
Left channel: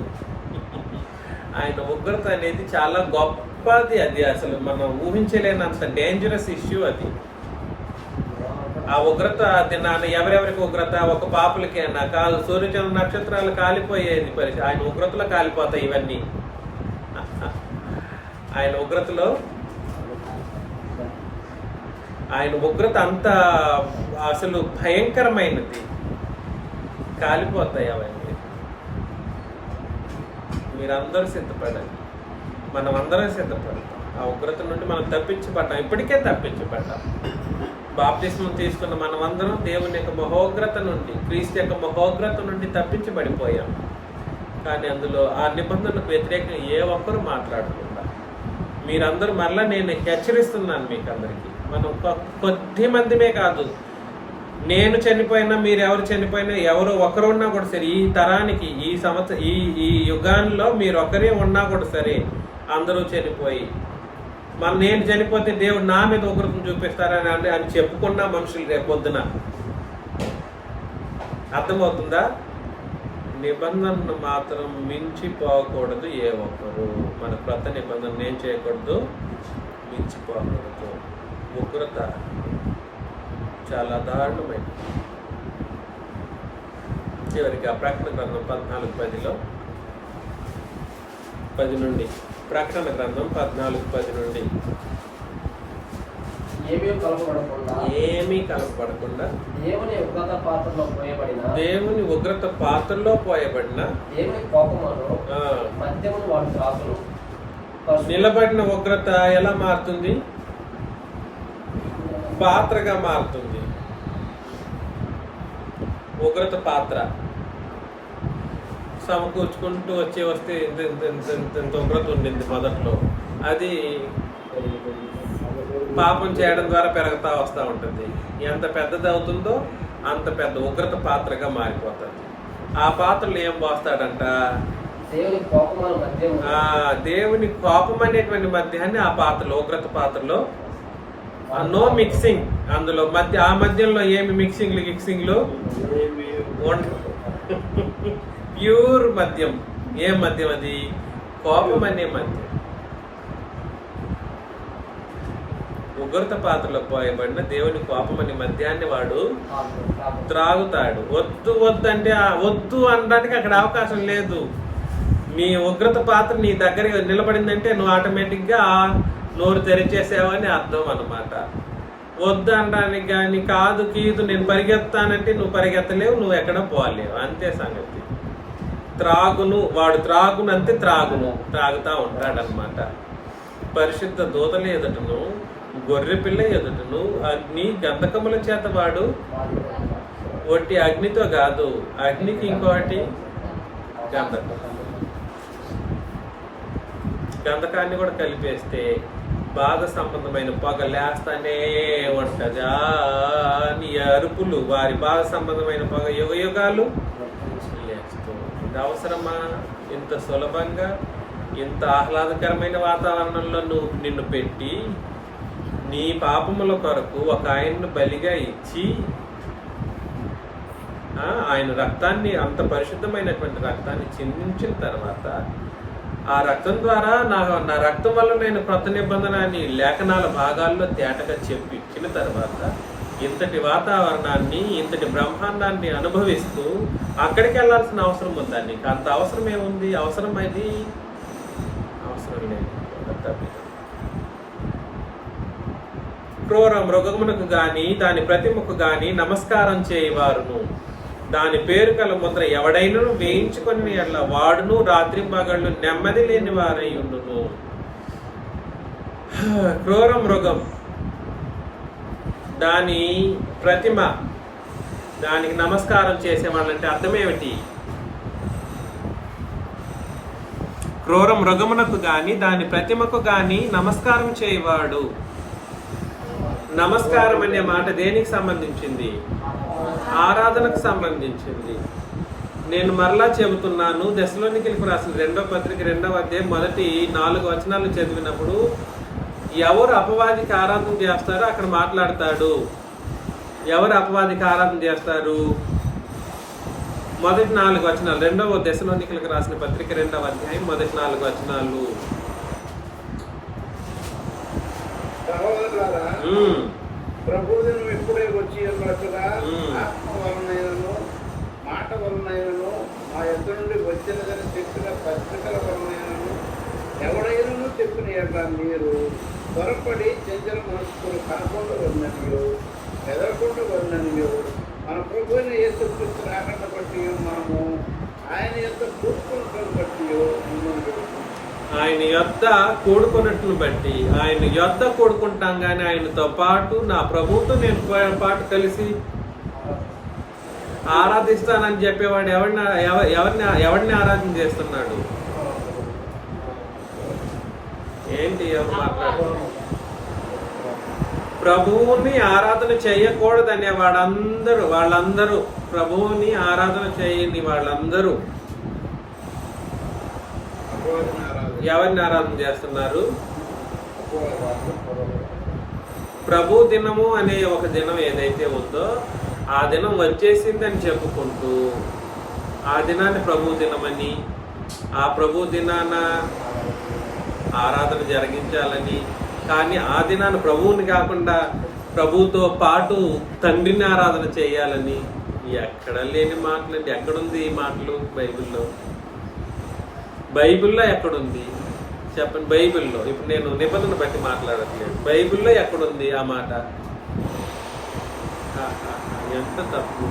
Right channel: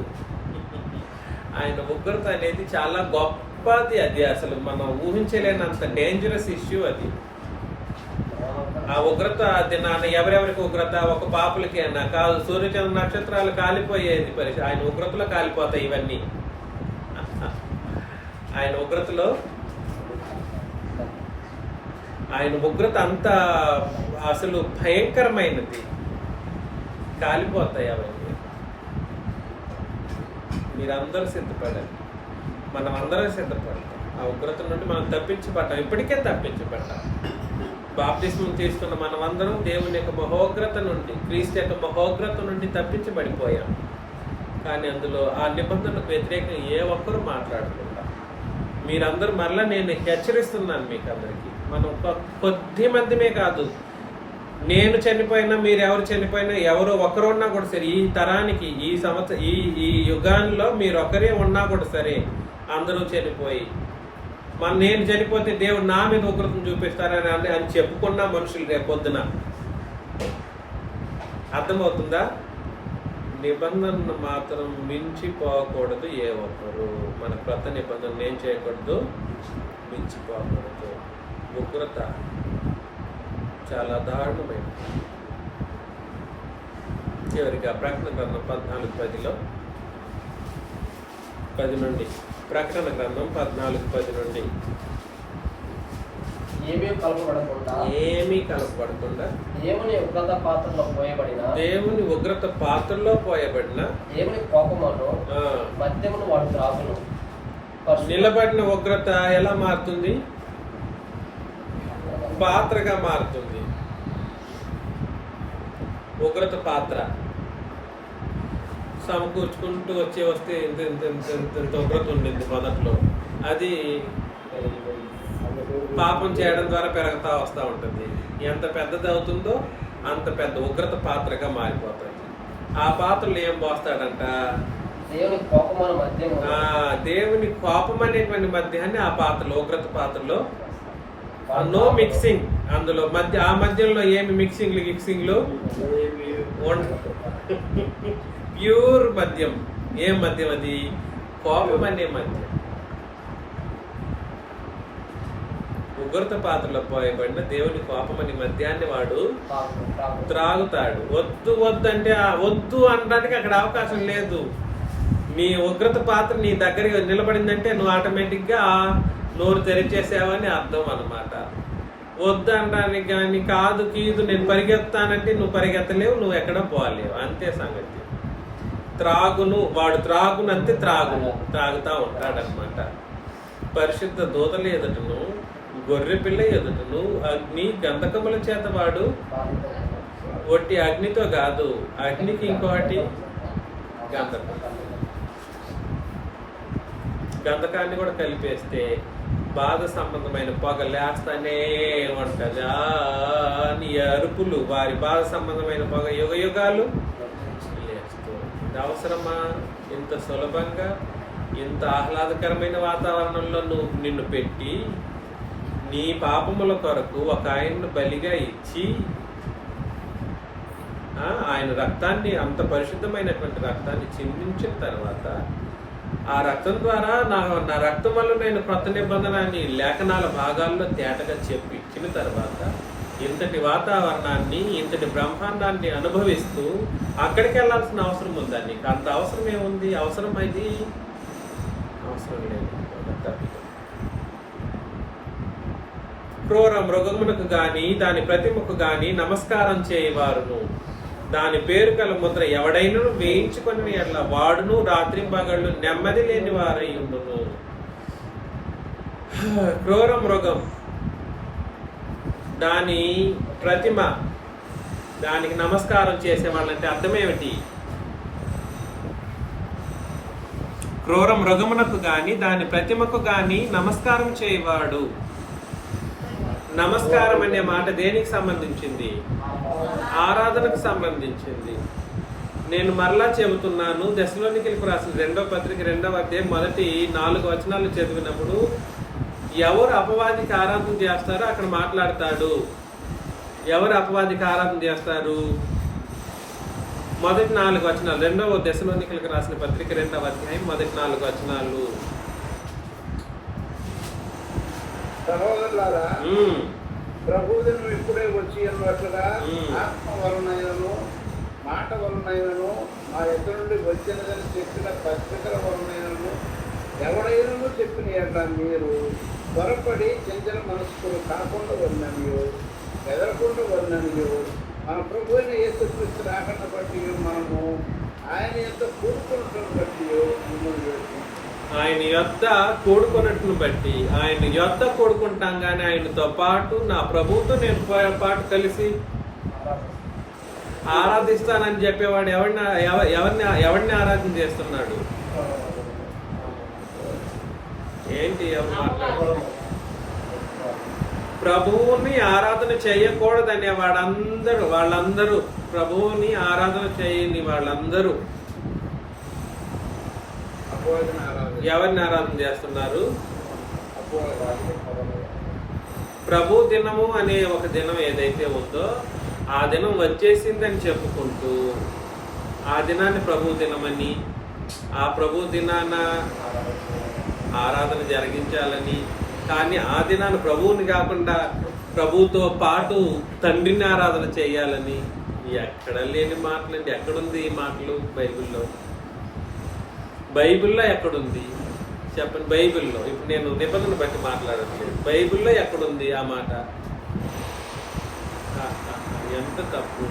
ఆయన ఉగ్రత అనేది చాలా గొప్పది. అది అసలు మనం ఊహించలేనంత డేంజరస్ ఇష్యూ అది. ఆ ఉగ్రత దినాన్ని ఎవరెవరికి ఉగ్రత? ఒక పాపులకేనా? కాదు, సూర్యచంద్ర నక్షత్రాలు కాలిపోయేది పరిస్థితి. ఆయన ఉగ్రతలో కాలిపోతాయి ఇవన్నీ. ఆయన ఉగ్రత అంత అసలు భయంకరమైనది. కాలిపోతాయి అవన్నీ. మీరందరూ సిద్ధపడాలి, మనం అందరం సిద్ధపడతాం. ఆ ఉగ్రత నుండి మనం తప్పించబడ్డాం, ఇప్పటికే తప్పించబడ్డాం. బాప్తిస్మం తీసుకున్న మనమందరం దేవుని యొక్క మహోగ్రత నుండి, క్రీస్తు యొక్క మహోగ్రత నుండి తప్పించబడిపోయాం. కానీ అందులో ఆ నిబంధనకు వ్యతిరేకంగా ఏ ఒక్కరు మాట్లాడకుండా మీరందరూ మరలా నేను హెచ్చరిస్తున్నాను మీకు అందరికీ. మనం కొద్ది మందిమే కాదు, నేను చనిపోయినా మీరు ఎవరు చనిపోయినా ఎవరో ఒకరు ఉన్నా కూడా సరే, ఈ తరానికి ఈ సంవత్సరం ఈ యుగాల్లో మీరు ఒకరే ఉన్నా కూడా సరే, అందరూ చనిపోయి నేను చనిపోతే దేవుడు నా మీద ఉగ్రతను చూపిస్తారని అని చెప్పుకున్న మనుషులు రేపొద్దున. అర్థమవుతుందా? నిబంధనను మాత్రం మించిపోకూడదు ఏ ఒక్కరు. మన కొత్త నిబంధన ఏం చేయకూడదు, మించిపోకూడదు. ఉగ్రత చాలా దారుణమైనది. చివరికి ఆ ప్రకటన గ్రంథం 14:10 నుండి, ప్రకటన గ్రంథం 14:10 నుండి, ఏమీ కలపబడకుండా దేవుని ఉగ్రత పాత్రలో పోయబడిన నిలబడిన ఉగ్రత ఎలా మారుతుంది? పాత్రగా మారుతుంది. ఉగ్రత పాత్ర సమకూర్చుకుంటూ వస్తే ఇంత ఉగ్రత ఉండింది మొదట్లో. అది పాపం చేయడం ద్వారా పెరుగుతూ వస్తూ ఉంటుంది. ఎంత పెద్దది అవుతుందో అంత పెద్ద ఉగ్రత పాత్రగా మారిపోతుంది. ఆ పాత్రలు ఏం పోస్తాడంట? దేవుని కోపం అనేటువంటి మధ్యాన్ని ఆ పాత్రలో, ఉగ్రత పాత్రలో నో మిక్సింగ్. అందులో ఆ మధ్యంలో ఏమి మిక్సింగ్లు ప్యూర్ మద్యం. ఏం మద్యం అది? కోపం అనే మద్యం. ఉగ్రత పాత్రలో పోయబడిన దేవుని కోపం అనే మద్యాన్ని వాడు త్రాగుతాడు. వద్దు అంటే వద్దు అనడానికి అక్కడ అవకాశం లేదు. నీ ఉగ్రత పాత్ర నీ దగ్గర నిలబడిందంటే నువ్వు ఆటోమేటిక్గా నోరు తెరిచేసావని అర్థం అన్నమాట. వద్దు అనడానికి కానీ కాదు కీదు నేను పరిగెత్తానంటే నువ్వు పరిగెత్తలేవు, నువ్వు ఎక్కడ పోలేవు. అంతే సంగతి. వాడు త్రాగునంతే త్రాగుతా ఉంటాడనమాట. పరిశుద్ధ దూతల ఎదుటను, గొర్రె పిల్ల ఎదుటను, అగ్ని గంధకముల చేత వాడు ఒట్టి అగ్నితో కాదు, అగ్నికి ఇంకోటి గంధకాన్ని కూడా కలిపేస్తే బాధ సంబంధమైన పొగ లేస్తానే ఉంటది. అని అరుపులు, వారి బాధ సంబంధమైన పొగ యుగ యుగాలు లేస్తూ. ఇది అవసరమా? ఇంత సులభంగా ఇంత ఆహ్లాదకరమైన వాతావరణంలో నిన్ను పెట్టి నీ పాపముల కొరకు ఒక ఆయన్ను బలిగా ఇచ్చి ఆయన రక్తాన్ని, అంత పరిశుద్ధమైనటువంటి రక్తాన్ని చిందించిన తర్వాత ఆ రక్తం ద్వారా నా రక్తం వల్ల నేను క్రొత్త నిబంధన అని లేఖనాల భాగాల్లో తేటగా చెప్పి ఇచ్చిన తర్వాత ఇంతటి వాతావరణాన్ని, ఇంతటి బ్రహ్మాండాన్ని అనుభవిస్తూ అక్కడికి వెళ్ళాల్సిన అవసరం ఉందా? నీకు అంత అవసరం ఏముంది? అవసరం అది అవసరం లేదు. క్రూర మృగమునకు గాని దాని ప్రతిమకు గాని నమస్కారం చేయవారును, దాని పేరు గల ముద్ర ఎవడైనా వేయించుకొని అట్లా వాడును రాత్రి పగళ్ళు నెమ్మది లేని వారై ఉండును. క్రూర మృగం, దాని ప్రతిమ, దానికి నమస్కారం చేసేవాళ్ళంటే అర్థమేమిటి? క్రూర మృగమునకు గాని దాని ప్రతిమకు గాని నమస్కారం చేయవాడు. నమస్కారం అనే మాట దేనికి సంబంధించింది? ఆరాధనకు సంబంధించింది. నేను మరలా చెబుతున్నాను, దశలోనికీలకు రాసిన 2వ పత్రిక 2వ అధ్యాయం మొదటి 4 వచనాలు చదివినప్పుడు ఎవరు అపవాదికి ఆరాధన చేస్తారో అక్కడ మాట్లాడతాడు. ఎవరు అపవాదికి ఆరాధన చేస్తారు? మొదటి 4 వచనాలు, 2వ దశలోనికీలకు రాసిన పత్రిక 2వ అధ్యాయం మొదటి 4 వచనాలు. ప్రభువును ఇప్పుడే వచ్చి అన్నట్లుగా ఆత్మ వలనైనను మాట వలనైనను మా ఎదురు నుండి వచ్చినదని చెప్పిన పత్రికల వలనైనను ఎవడైనను చెప్పిన ఎట్లా మీరు త్వరపడి చంచల మనస్కులు కాకుండా ఉన్ననియో ఎదరకుండా ఉన్ననియో మన ప్రభువుని యేసుక్రీస్తు రాకడ బట్టి మనము ఆయన ఎంత కూడుకున్నట్టు బట్టి మిమ్మల్ని ఆయన యొద్ద కూడుకున్నట్లు బట్టి, ఆయన యొద్ద కూడుకుంటాం కానీ ఆయనతో పాటు నా ప్రభువుతో నేను పాటు కలిసి ఆరాధిస్తానని చెప్పేవాడు ఎవరిని ఆరాధన చేస్తున్నాడు? ఏంటి ఎవరు మాట్లాడారు? ప్రభువుని ఆరాధన చేయకూడదనే వాళ్ళందరూ ప్రభువుని ఆరాధన చేయని వాళ్ళందరూ ఎవరిని ఆరాధన చేస్తున్నారు? ప్రభు దినము అనే ఒక దినం ఏదైతే ఉందో ఆ దినం వచ్చేసిందని చెప్పుకుంటూ ఆ దినాన్ని ప్రభు దినమని, ఆ ప్రభు దినాన ఆరాధన జరిగించాలని, కానీ ఆ దినాన్ని ప్రభువుని కాకుండా ప్రభుతో పాటు తండ్రిని ఆరాధన చేయాలని ఎక్కడ లేని మాటలండి. ఎక్కడుంది ఈ మాటలు బైబిల్లో ఎక్కడుంది చెప్పండి? బైబిల్లో ఇప్పుడు నేను నిబంధన బట్టి మాట్లాడట్లేదు. బైబిల్లో ఎక్కడుంది ఆ మాట? ఎంత తప్పు,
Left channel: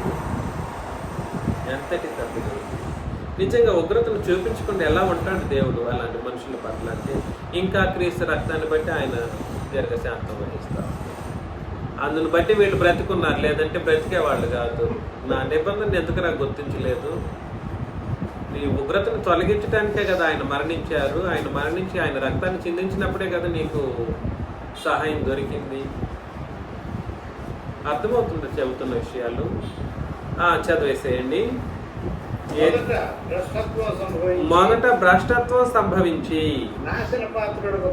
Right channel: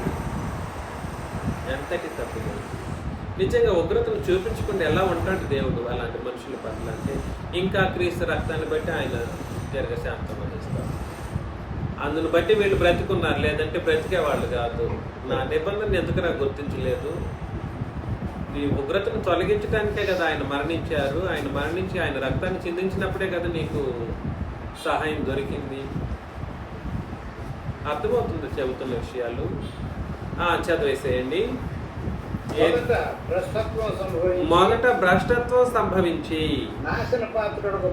ఎంతటి తప్పు. నిజంగా ఉగ్రతను చూపించకుండా ఎలా ఉంటాడు దేవుడు అలాంటి మనుషుల పట్ల అంటే? ఇంకా క్రీస్తు రక్తాన్ని బట్టి ఆయన దీర్ఘశాంతం వహిస్తారు. అందుని బట్టి వీళ్ళు బ్రతికున్నారు, లేదంటే బ్రతికేవాళ్ళు కాదు. నా నిబంధన ఎందుకు నాకు గుర్తించలేదు? నీ ఉగ్రతను తొలగించడానికే కదా ఆయన మరణించారు. ఆయన మరణించి ఆయన రక్తాన్ని చిందించినప్పుడే కదా నీకు సహాయం దొరికింది. అర్థమవుతుంది చెబుతున్న విషయాలు? చదివేసేయండి. మొదట భ్రష్టత్వం సంభవించి నాశన పాత్రుడకు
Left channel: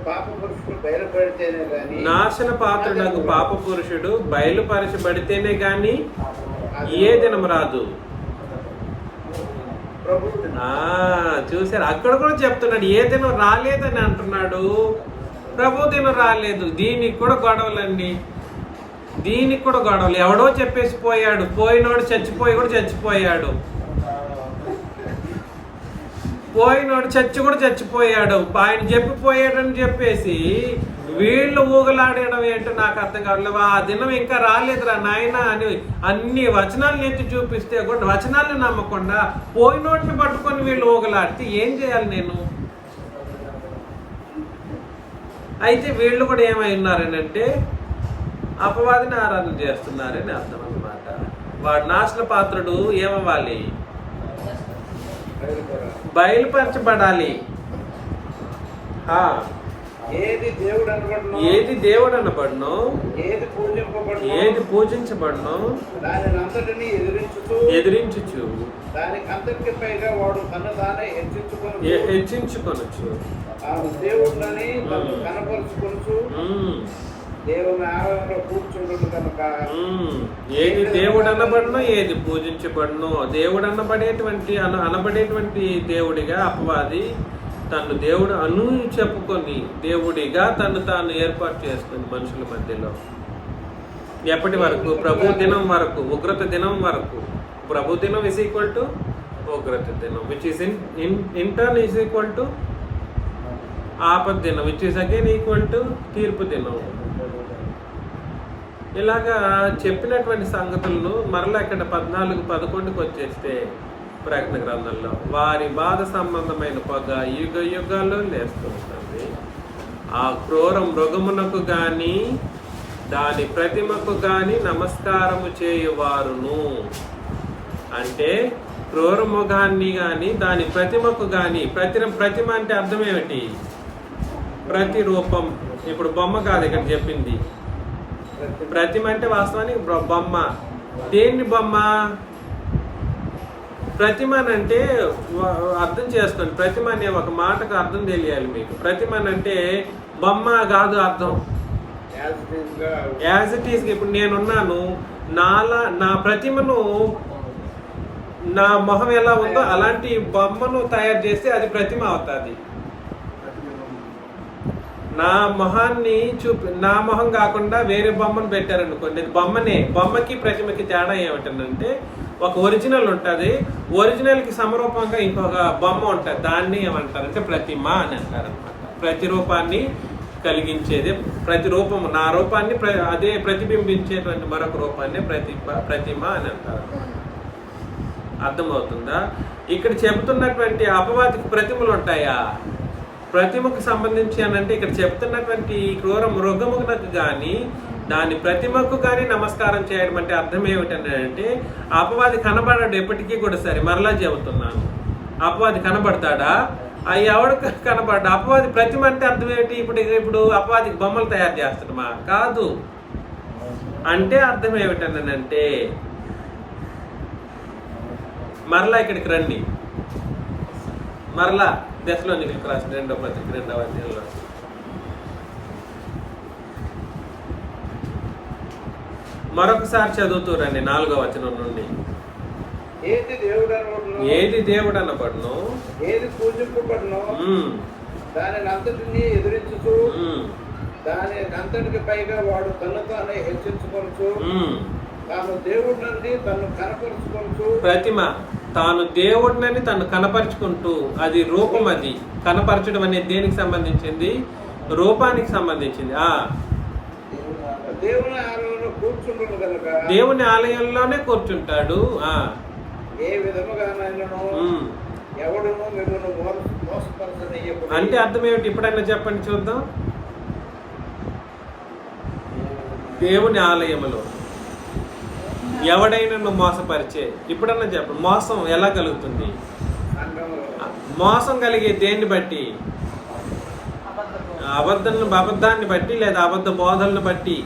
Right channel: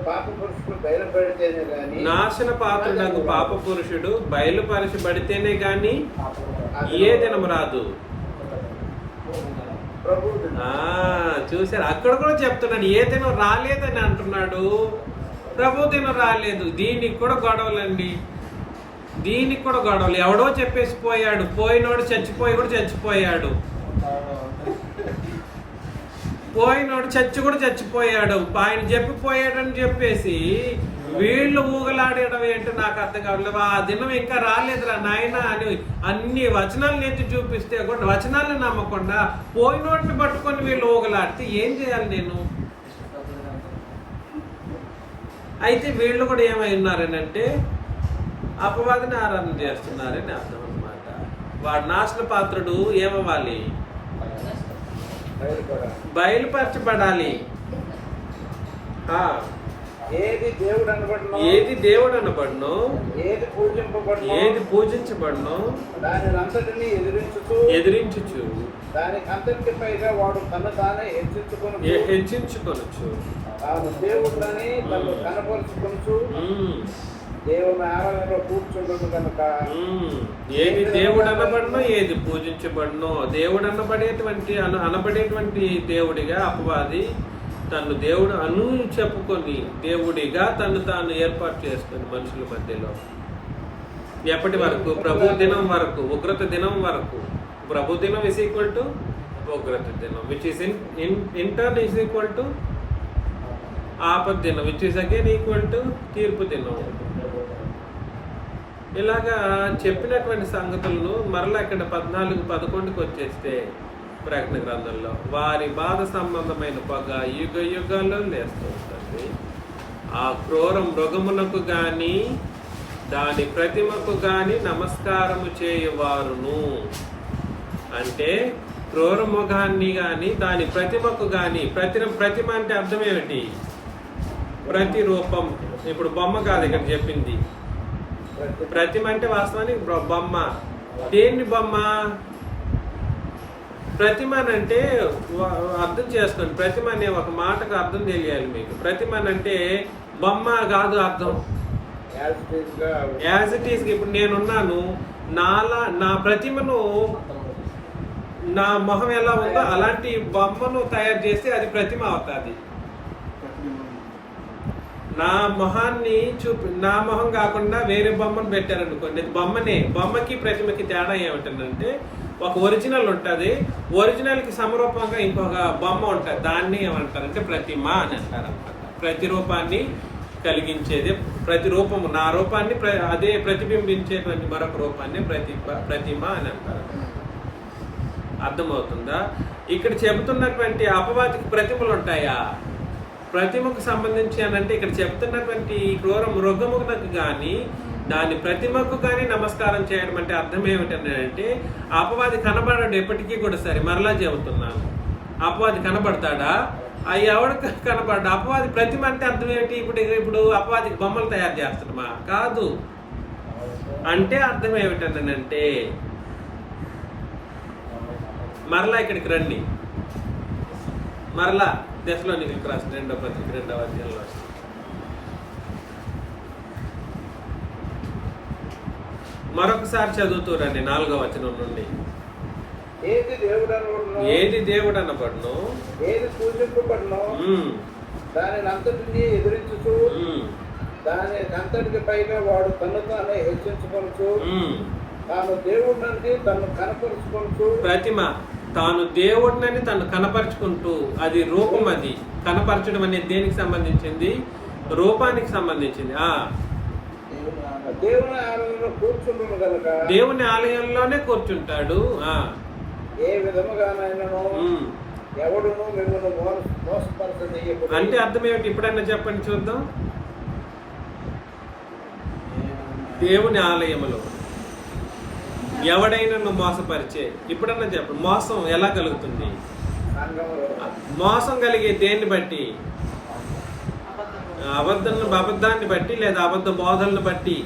పాప పురుషుడు బయలుపరచబడితేనే గాని ఏ దినం రాదు. చూసారు, అక్కడ కూడా చెప్తున్నాడు ఏ దినం రాలేదని అంటున్నాడు. ప్రభు దినం రాలేదు. దీనికి కూడా గొడవలండి, దీనికి కూడా గొడవలు. ఎవడో చెప్పేసి పోయాడు, పోయినోడు చచ్చిపోయి కూడా చచ్చిపోయాడు, పోయినోడు కూడా చచ్చిపోయాడు. ఆయన చెప్పిపోయాడని చెప్పేసి వీళ్ళు ఊగలాడడం ఏంటో నాకు అర్థం కావట్లేదు. ఆ దినం ఇంకా రాలేదురా నాయన అని అన్ని వచనాలు ఎత్తి చూపిస్తే కూడా వచనాలను నమ్మకుండా పోయినోటిని పట్టుకొని వీళ్ళు ఊగలాడితే ఏం చేయాలి నేను? అయితే వీళ్ళు కూడా ఏమై ఉన్నారనంటే అపవాదిని ఆరాధన చేస్తున్నారని అర్థం అన్నమాట. వాడు నాశన పాత్రుడు ఏమవ్వాలి? బయలుపరచబడాలి. ఏది దేవుడు అనబడును, ఏది పూజించబడును దానినంతటిని ఎదిరించుచు దానికంతటి పైగా వాడు తను తానే హెచ్చించుకొనొచ్చు. దేవుడిని తను కనపరుచుకొనొచ్చు. దేవుని ఆరాధనలో కూర్చుండదు కనుక ఏది దేవుడు అనబడునో ఏది పూజించబడునో దేవుడు అనబడేటువంటి దేవుడిగా అపవాది తను దేవుడు చెప్పుకొని దేవుడిగా తను తాను ఏర్పాటు చేసుకుని మనుషుల మధ్యలో ఎప్పటి వరకు? ప్రభు దినం వరకు, ఉగ్రత దినం వరకు. ప్రభు దినం ఈజ్ ఈక్వల్ టు ఉగ్రత దినం, which is in turn is equal to ఆపద్ దినం, which is again equal to తీర్పు దినం. ఇలాగా చెప్పినటువంటి సంగతులను మరలా ఇక్కడ 14:11 వచ్చేస్తే ప్రకటన గ్రంథంలో వారి బాధ సంబంధమైన పొగ యుగ యుగాల్లో లేస్తూ ఉంటుంది. ఆ క్రూర మృగమునకు గాని దాని ప్రతిమకు గాని నమస్కారము చేయువారును. అంటే క్రూర మృగాన్ని గాని దాని ప్రతిమకు గాని, ప్రతిమ అంటే అర్థం ఏమిటి? ప్రతిరూపం. ఇప్పుడు బొమ్మ కాదు ఇక్కడ చెప్పింది. ప్రతిమ అంటే వాస్తవానికి బొమ్మ. దేన్ని బొమ్మ? ప్రతిమ అంటే అర్థం చేసుకోండి. ప్రతిమ అనే ఒక మాటకు అర్థం తెలియాలి మీకు. ప్రతిమ అంటే బొమ్మ కాదు అర్థం. As it is. ఇప్పుడు నేనున్నాను, నా ప్రతిమను నా మొహం ఎలా ఉందో అలాంటి బొమ్మను తయారు చేస్తే అది ప్రతిమ అవుతుంది. నా మొహాన్ని నా మొహం కాకుండా వేరే బొమ్మను పెట్టారనుకోండి, అది బొమ్మనే. బొమ్మకి ప్రతిమకి తేడా ఏమిటంటే ఒక ఒరిజినల్ ఉంటుంది, ఒరిజినల్కి సమరూపంగా ఇంకొక బొమ్మ ఉంటుంది. దాన్ని ఏమంటారంటే ప్రతిమ అని అంటారనమాట. ప్రతిరూపాన్ని కలిగించేది ప్రతిరూపము. నా రూపాన్ని అదే ప్రతిబింబించేటువంటి మరొక రూపాన్ని ప్రతిమ అని అంటారు. అర్థమవుతుందా? ఇక్కడ చెబుతున్నటువంటి అపవాదికి ప్రతిమలు ఉంటాయా? ప్రతిమకు సంబంధించి అనంటే ఇక్కడ చెప్తున్నటువంటి క్రూర మృగమునకు కానీ దాని ప్రతిమకు కానీ నమస్కారం చేయడం అంటే అర్థం ఏమిటంటే అపవాది కనబడాడు ఎప్పటికీ కూడా. సరే, మరలా చెబుతున్నాను, అపవాది కనబడతాడా? అవి ఎవడు కనపడ్డా అపవాది ప్రతిమ అంటే అర్థం ఏంటి? ఇప్పుడు అపవాదికి బొమ్మలు తయారు చేస్తున్నామా? కాదు. అంటే అర్థం ఏమిటనంటే మరలా ఇక్కడికి రండి. మరలా దశలోనికలకు రాసిన 2వ పత్రిక 2వ అధ్యాయంలో మరొకసారి చదువుతూ రండి 4వ వచనం నుండి. ఏది దేవుడు అనబడును, ఏది పూజింపబడును, దానిని అంతటిని ఎదురించుతూ దాని అంతటికి పైగా వాడు తను తానే హెచ్చించుకొనుచు తాను దేవుడినంది తను కనపరుచుకొనుచు. ప్రతిమ తాను దేవుడినని తను కనపరుచుకుంటూ, అది రూపం. అది కనపరచడం అనేది దేనికి సంబంధించింది? రూపానికి సంబంధించింది. దేవుని ఆలయంలో కూర్చుంటును కనుక దేవుని ఆలయంలోనే కూర్చుంటాడు. ఏ విధముగానైనను ఎవడును మిమ్మల్ని మోసపరచనీయకుడు. అంటే అర్థం ఏమిటి? ఇప్పుడైనా చెప్పండి చూద్దాం. దేవుని ఆలయములో ఎవడైనా నువ్వు మోసపరిచే, ఇప్పుడన్నా చెప్పండి, మోసం ఎలా కలుగుతుంది? మోసం కలిగే దేన్ని బట్టి? అబద్ధాన్ని బట్టి లేదా అబద్ధ బోధలను బట్టి.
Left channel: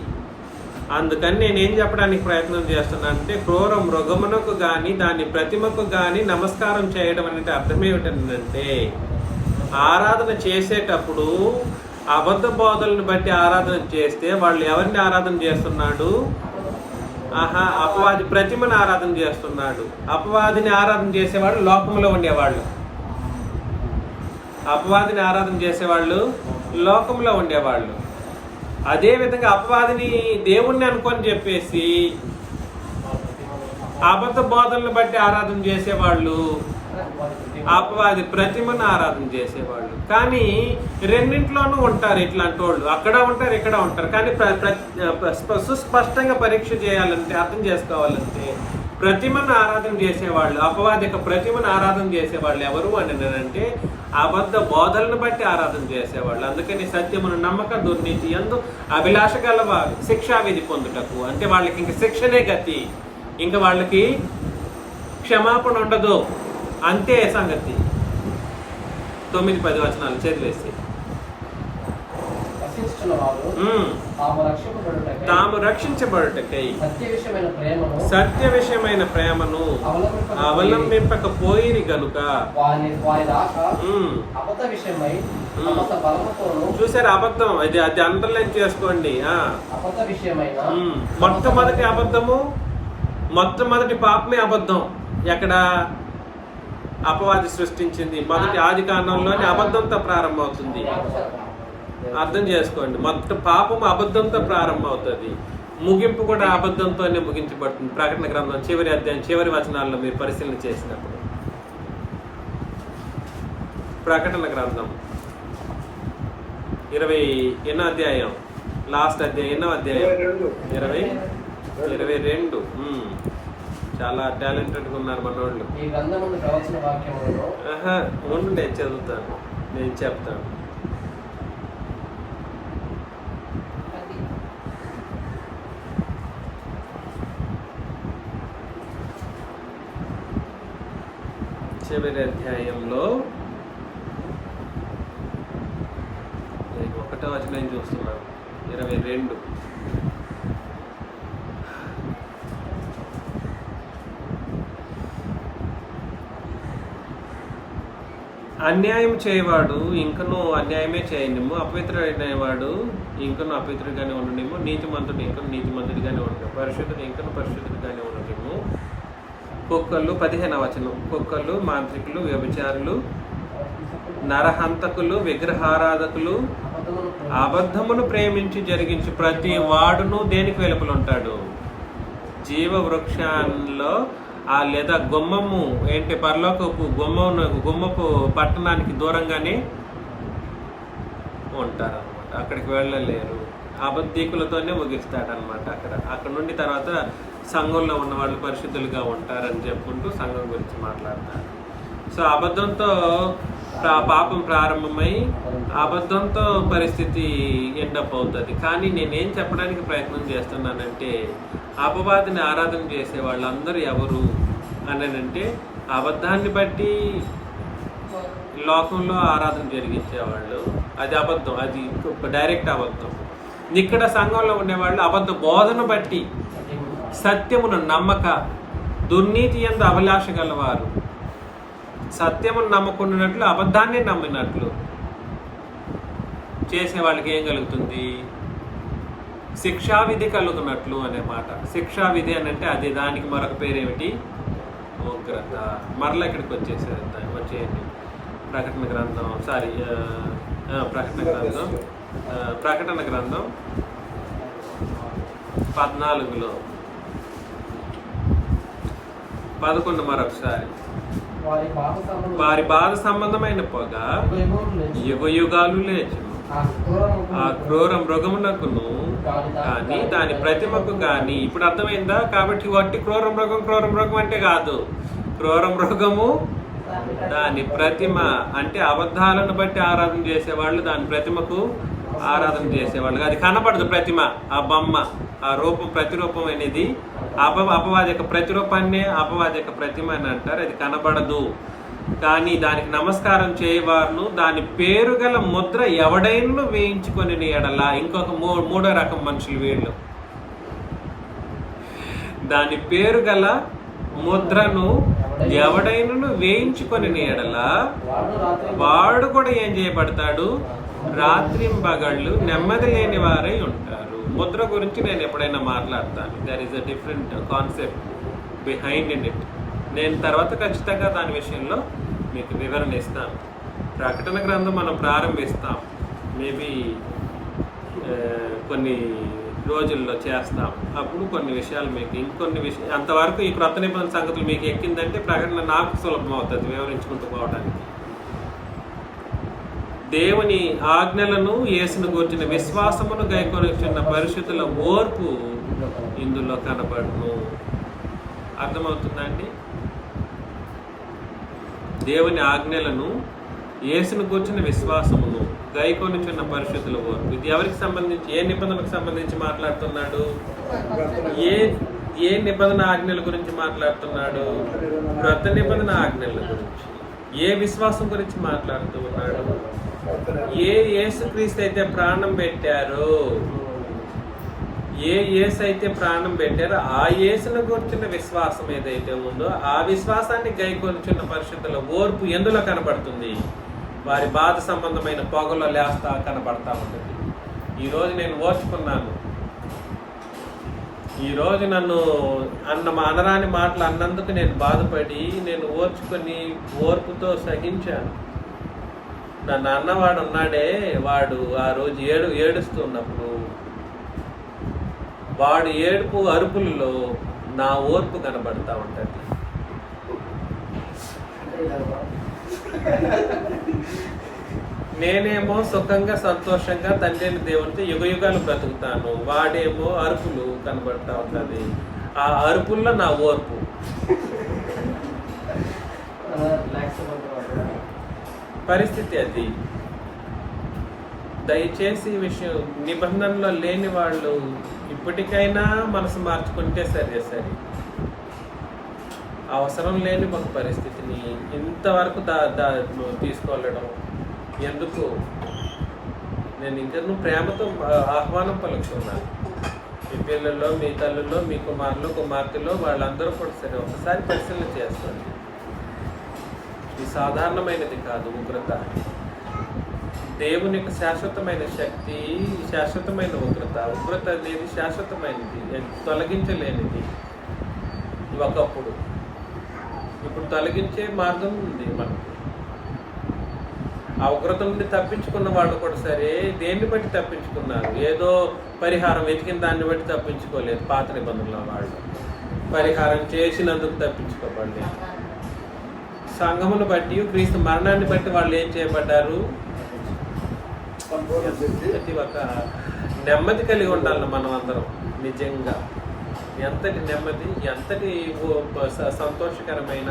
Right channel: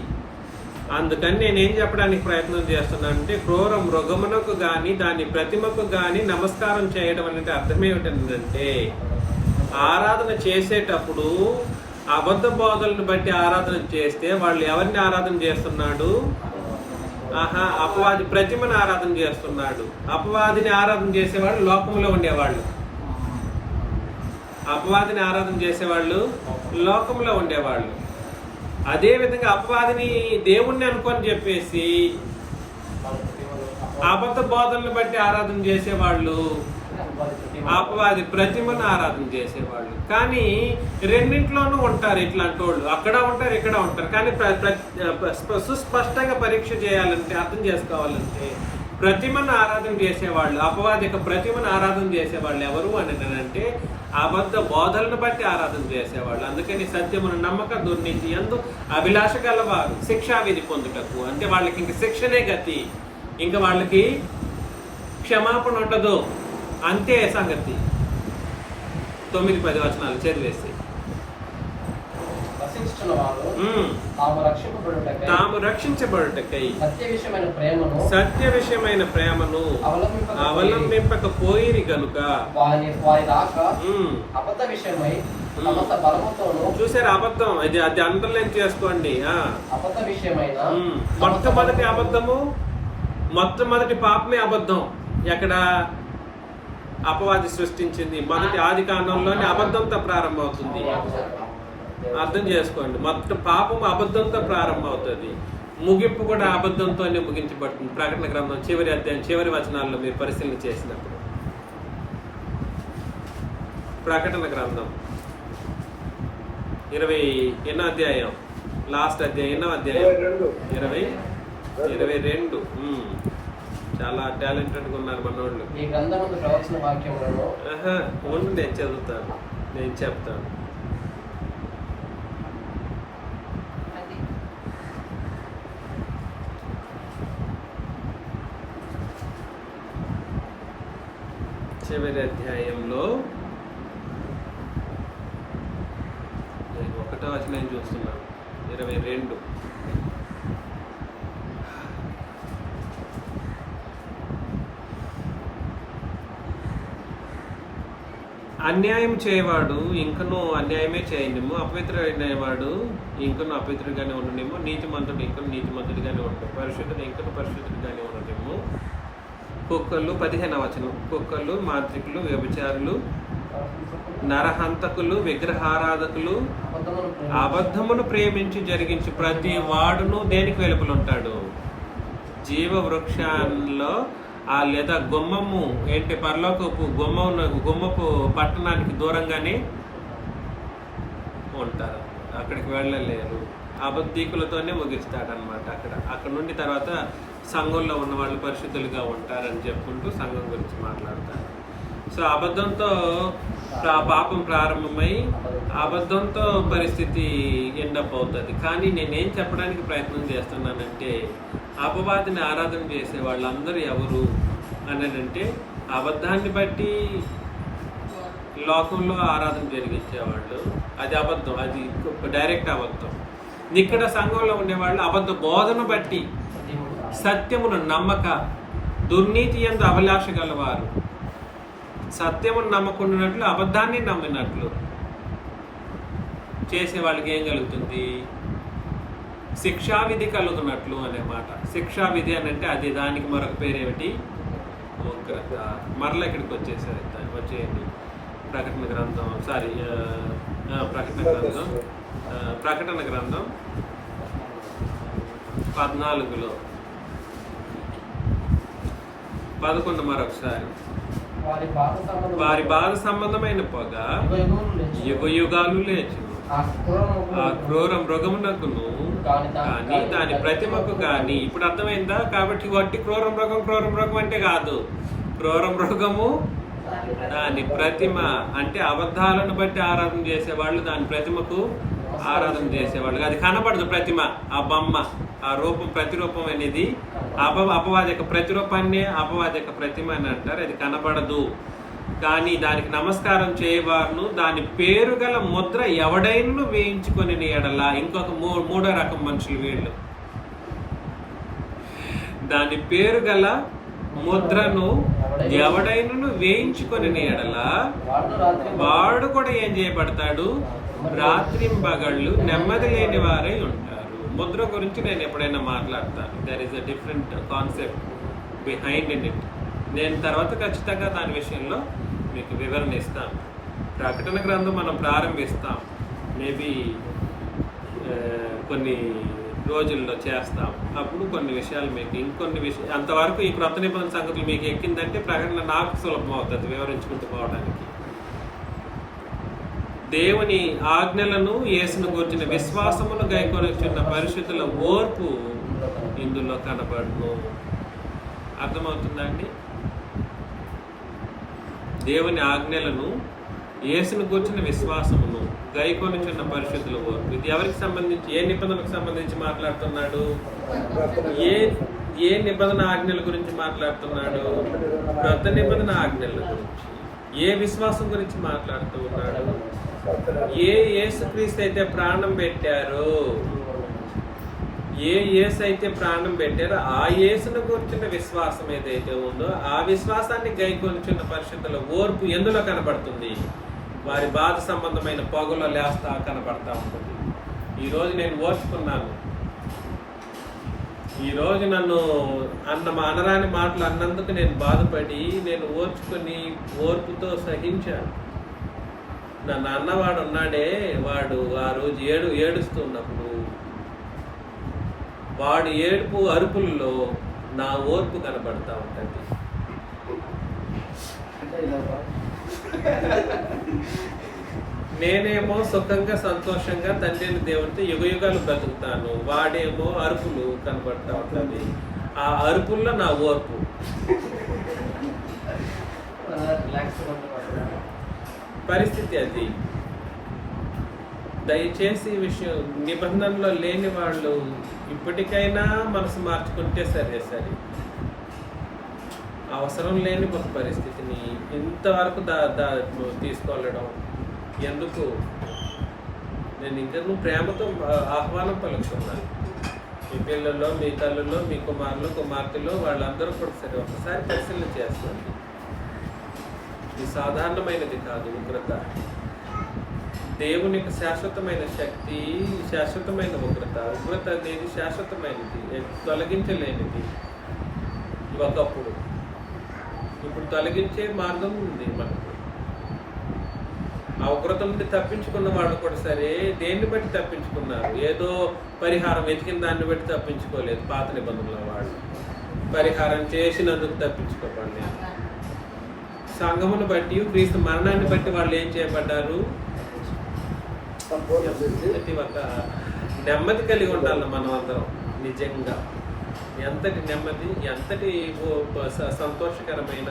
అందుకని నేనేం చెప్పడానికి ప్రయత్నం చేస్తున్నానంటే క్రూర మృగమునకు గాని దాని ప్రతిమకు గాని నమస్కారం చేయడం అంటే అర్థం ఏమిటంటే ఆరాధన చేసేటప్పుడు అబద్ధ బోధలను బట్టి ఆరాధన చేస్తే వాళ్ళు ఎవరిని ఆరాధన చేస్తున్నాడు? అపవాది ప్రతిమను ఆరాధన చేస్తున్నాడు. అపవాదిని ఆరాధన చేసేవాళ్ళు లోకంలో ఉండేవాళ్ళు. అపవాదిని ఆరాధన చేసేవాళ్ళు లోకంలో ఉండేవాళ్ళు. అదే విధంగా అపవాదిని దేవుణ్ణి అనుకొని చెప్పేసి అబద్ధ బోధనలు బట్టి ఆరాధన చేసేవాళ్ళు అపవాది ప్రతిమను ఆరాధన చేసేవాళ్ళు. కానీ రెండింట్లోనూ ఉంటారు ఇట్లాంటి వాళ్ళు. అక్కడ ఉంటారు, ఇక్కడ ఉంటారు. కానీ సుస్పష్టంగా పరీక్ష చేయాలంటే, అర్థం చేసుకోవాలంటే ప్రతిమను ఆరాధన చేసేవాళ్ళు, అపవాది యొక్క ప్రతిమను ఆరాధన చేసేవాళ్ళు ఎవరు అని అంటే అబద్ధ బోధలను బట్టి ఆరాధన చేసేవాళ్ళు. అందుకని సత్యమును నమ్మక దుర్నీతి యందు అభిలాష గలవారు శిక్షావిధి పొందుటకు. అంటే వాళ్ళకి ఇంక శిక్షనే గతి, ఇంక వాళ్ళకి క్షమాపణ ఉండదు. అంతే సంగతి. 9-10 వచనాలు చదివేసి తాము రక్షించబడుటకై సత్య విషయమైన ప్రేమను అవలంబింపకపోయిరి గనుక. చూసారు అబద్ధం? అది అండర్లైన్ చేసుకోండి. మొట్టమొదటి అబద్ధము, మొట్టమొదటి పాపమే అబద్ధం. ఎక్కడ? అపవాది సృష్టించింది. మొదటి ఆది కాండంలోనే అబద్ధంతో ప్రారంభమవుతుంది. అర్థం చేసుకోండి. మొత్తం పాపం అబద్ధంతో ప్రారంభమవుతుంది, ముగింపు కూడా అబద్ధంతోనే ముగించబడుతుంది. ప్రకటన గ్రంథం చివరి అధ్యాయం చివరి వచనాల్లో మీరు పరిశీలన చేసినప్పుడు, ప్రకటన గ్రంథం 20 అధ్యాయం, లాస్ట్ అధ్యాయం 8వ అధ్యాయం 22. చాలా టాలెంటెడ్గా ఉన్నారు మనోళ్ళు. ఉండు, నేను చదువుతాను, నేను చెప్తాను. చివరి అధ్యాయంలో 1వ వచనం చూస్తున్నాను, 22. అన్యాయం చేయవాడు ఇంకనూ అన్యాయమే చేయనిము, అపవిత్రుడైనవాడు ఇంకనూ అపవిత్రుడిగానే ఉండనేమో, నీతిమంతుడు ఇంకనూ నీతిమంతుడిగానే ఉండము, పరిశుద్ధుడు ఇంకనూ పరిశుద్ధుడిగానే ఉండనేమో. కుక్కలు 15వ వచనం, కుక్కలు, మాంత్రికులు, వ్యభిచారులు, నరహంతకులు, విగ్రహారాధకులు, అబద్ధమును ప్రేమించి జరిగించి ప్రతి వాడును దేనికి వెలుపలుంటాడు? జీవ వృక్షంలో లేదా గుమ్మము ఏంటి, పరలోకపు గుమ్మపు పట్టణానికి దూరంగానే ఉంటారు. అక్కడికి వెళ్ళలేరు. అబద్ధీకులతోనే ముగిస్తాడనమాట. అక్కడ నుండి తర్వాత సంఘంలో ఉన్న వాళ్ళు పరిశుద్ధులుగా ఉంటారని చెప్పుకుంటూ సంఘం గురించి మాట్లాడతారు. సో అబద్ధంతో పాపం ప్రారంభమై అబద్ధంతో పరిస్థితి ఎండప్ అవుతుంది. కానీ నేనేం చెప్పడానికి ప్రయత్నం చేస్తున్నానంటే అపవాదిని ఆరాధన చేసే వాళ్ళందరూ ఎవరు అని అంటే అబద్ధాన్ని బట్టి లోకంలో ఆరాధన జరిగించేవాళ్ళు, అది అబద్ధం, అది డైరెక్ట్ అబద్ధం. ఇక్కడ సంఘంలో ఉండేవాళ్ళు అబద్ధ బోధన బట్టి సత్యమును నమ్మక దుర్నీతి యందు అభిలాష గలవారు, సత్యమును నమ్మకుండానట్లు అబద్ధాన్ని నమ్మినట్లు చేసే వాళ్ళకి ఏం కలుగుతుంది? శిక్షావిధి కలుగుతున్నట్లు అనే మాట. శిక్షావిధి అని అంటే అది, దానికి మరొక పేరు ఏమిటి? ఉగ్రత. మరలా ఇక్కడికి వచ్చేయండి. ప్రకటన గ్రంథం ప్రకటన గ్రంథం 14లో 11 మరొకసారి. వారి బాధ సంబంధమైన పొగ యుగ యుగాలు లేచును, ఆ క్రూర మృగమునకును కానీ దాని ప్రతిమకు కానీ. ఇప్పుడు అర్థమైందా? కాబట్టి వట్టి క్రూర మృగం అంటే కాదు. క్రూర మృగము దాని ప్రతిమ అంటే అబద్ధాలను బట్టి ఆరాధన చేసేవాళ్ళు, దాని ప్రతిమకు ఆరాధన చేసేవాళ్ళు. అది కనపడదు ప్రతిమ, ఆ బొమ్మ, ఆ రూపం, ప్రతిరూపం అనేది అపవాదక ప్రతిరూపాన్ని అపవాదక ప్రతిమ అని అంటారు. అది కనబడదు. కానీ దానికి నమస్కారం చేయవారును దాని పేరు గల ముద్ర ఎవడైనా వేయించుకొని ఎడల. ఇంకొక మూడో రకం మనుషులు వీళ్ళు. దాని పేరు గల ముద్రను ఎవడైనా వేయించుకొని ఎడల వాడు కూడా ఏం చేయబడతాడు? రాత్రింబగళ్ళు నెమ్మది లేని వారై ఉంటారు. ముద్ర గురించి నేను ఎప్పుడైనా మాట్లాడతాను. There is a different concept behind in it. నేను తర్వాత ఖచ్చితంగా దాని విషయంలో మీకు వివరణ ఇస్తాను. ప్రకటన గ్రంథం మనం ప్రారంభిస్తాం, మేబీ కొన్ని రోజుల్లో చేస్తాం. అప్పుడు కొన్ని విషయాలు మీకు ఇంకొన్ని విషయాలు, అంతవరకు ఈ క్రొత్త నిబంధన సంగతులు మీకు ఎక్కిందంటే ప్రకటన నాకు సులభం అవుతుంది వివరించుకుంటూ పోవడానికి. దేవుని ఆజ్ఞలను యేసును గూర్చిన విశ్వాసమును గైకొనుచున్న పరిశుద్ధుల ఓర్పు ఇందులో కనబడును. అర్థమవుతుందండి? దేవుని ఆజ్ఞలను యేసును గూర్చిన విశ్వాసమును గైకొనుచున్న పరిశుద్ధుల ఓర్పు. ఇది ఎవరికి సంబంధించి, ఏ నిబంధనకు సంబంధించి మాట్లాడుతున్నాడు? ఏ నిబంధన ఆజ్ఞల గురించి మాట్లాడుతున్నాడు? క్రొత్త నిబంధన ఆజ్ఞల గురించి. ఏ విశ్వాసం గురించి మాట్లాడుతూ ఉన్నాడు? ఏ యేసుక్రీస్తు అయితే ప్రాణం పెట్టారో, ఏ యేసు అయితే ప్రాణం పెట్టారో ఆ యేసును గురించిన విశ్వాసం ఏదైతే ఉందో ఆ విశ్వాసాన్ని గైకొనుచున్న పరిశుద్ధుల ఓర్పు ఎందులో కనబడుతుంది? వారి బాధ సంబంధమైన పొగలో లేస్తా కనబడతా ఉంటుంది. ఈరోజు నేను ఓర్చుకున్నాను, ఈరోజు నన్ను అనరాని మాటలు అన్నందుకు నేను బాధపడి నేను ఓర్చుకొని ఓర్పుతో సహించాను. నన్ను అన్నవాడు ఉన్నాడే, వాడు ఆ రోజు ఏడుస్తున్నప్పుడు వాడు ఏడుపు అరుపుల్లో నా ఓర్పు కనబడతా ఉంటుంది. నేనేమో సుఖంగా సంతోషంగా తండ్రిని దేవునితో యుగ యుగాలు బ్రతుకుతాను, వాడేమో అరుపులు కనబడతా ఉంటుంది. ఆ అరుపుల్లో నా ఓర్పు. పరిస్థితి అది. దయచేసి ఈ విషయం, నిబంధనలో లేని వాళ్ళు ఇప్పటికైనా మనసు మార్చుకుంటే సరే. అవసరం లేని ఒక పరిస్థితిని ఇంతవరకు తీసుకెళ్ళడం ఎందుకు? నేను ఇంకా ప్రేమతో ఆహ్వానం పలుకుతున్నాను. మీ పిల్లల్లో, మీ తల్లుల్లో, మీ కుమారులు, కుమార్తెలో వాళ్ళందరూ కూడా సరే ఒకసారి పరిశీలన చేసుకోండి. ఇది సాధారణమైనది కాదు ఉగ్రత. దేవుని యొక్క శాశ్వతమైన శక్తి, శాశ్వతమైన ఉగ్రత. ఉగ్రత అనేది శాశ్వతమైనది, తొలగించలేనిది. ఒకప్పుడు, ఇప్పుడు తొలగించే మార్గం ఉంది మనకు. ఆ ఉగ్రత నుండి తప్పించుకున్న వాళ్ళు కూడా సరే దేన్ని బట్టి తప్పించుకున్నారు? ఏదో పరిహారం వెతికిన దాన్ని బట్టి తప్పించుకోలేదు. పాత నిబంధనల వాళ్ళు పరిహారం చేసినందుకు తప్పించుకోబడలేదు. సంఘమును బట్టి, క్రీస్తు మరణాన్ని బట్టి వాళ్ళు ఏం చేయబడ్డారు? ప్రతి ఒక్క నెమ్మది కలిగి ఉండాలి మనం అందరం. నిజంగా ఎంతటి నెమ్మది, ఎంతటి సంతోషకరమైన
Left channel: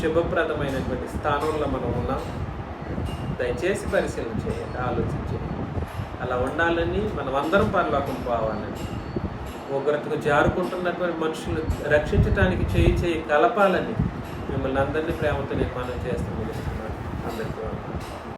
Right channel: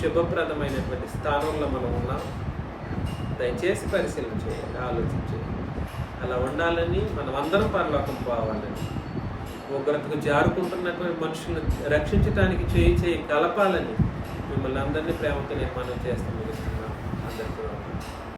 శుభప్రదమైనటువంటి స్థానంలో మనం ఉన్నాం. దయచేసి పరిశీలన చేయాలి, ఆలోచించేది. అలా ఉండాలని, మనం అందరం పరలోకం పోవాలని, ఉగ్రతకు జారుకుంటున్నటువంటి మనుషులు రక్షించడానికి చేయి కలపాలని మిమ్మల్ని అందరినీ ప్రేమతో నేను మనం చేస్తూ ముగిస్తున్నాను. అందరికీ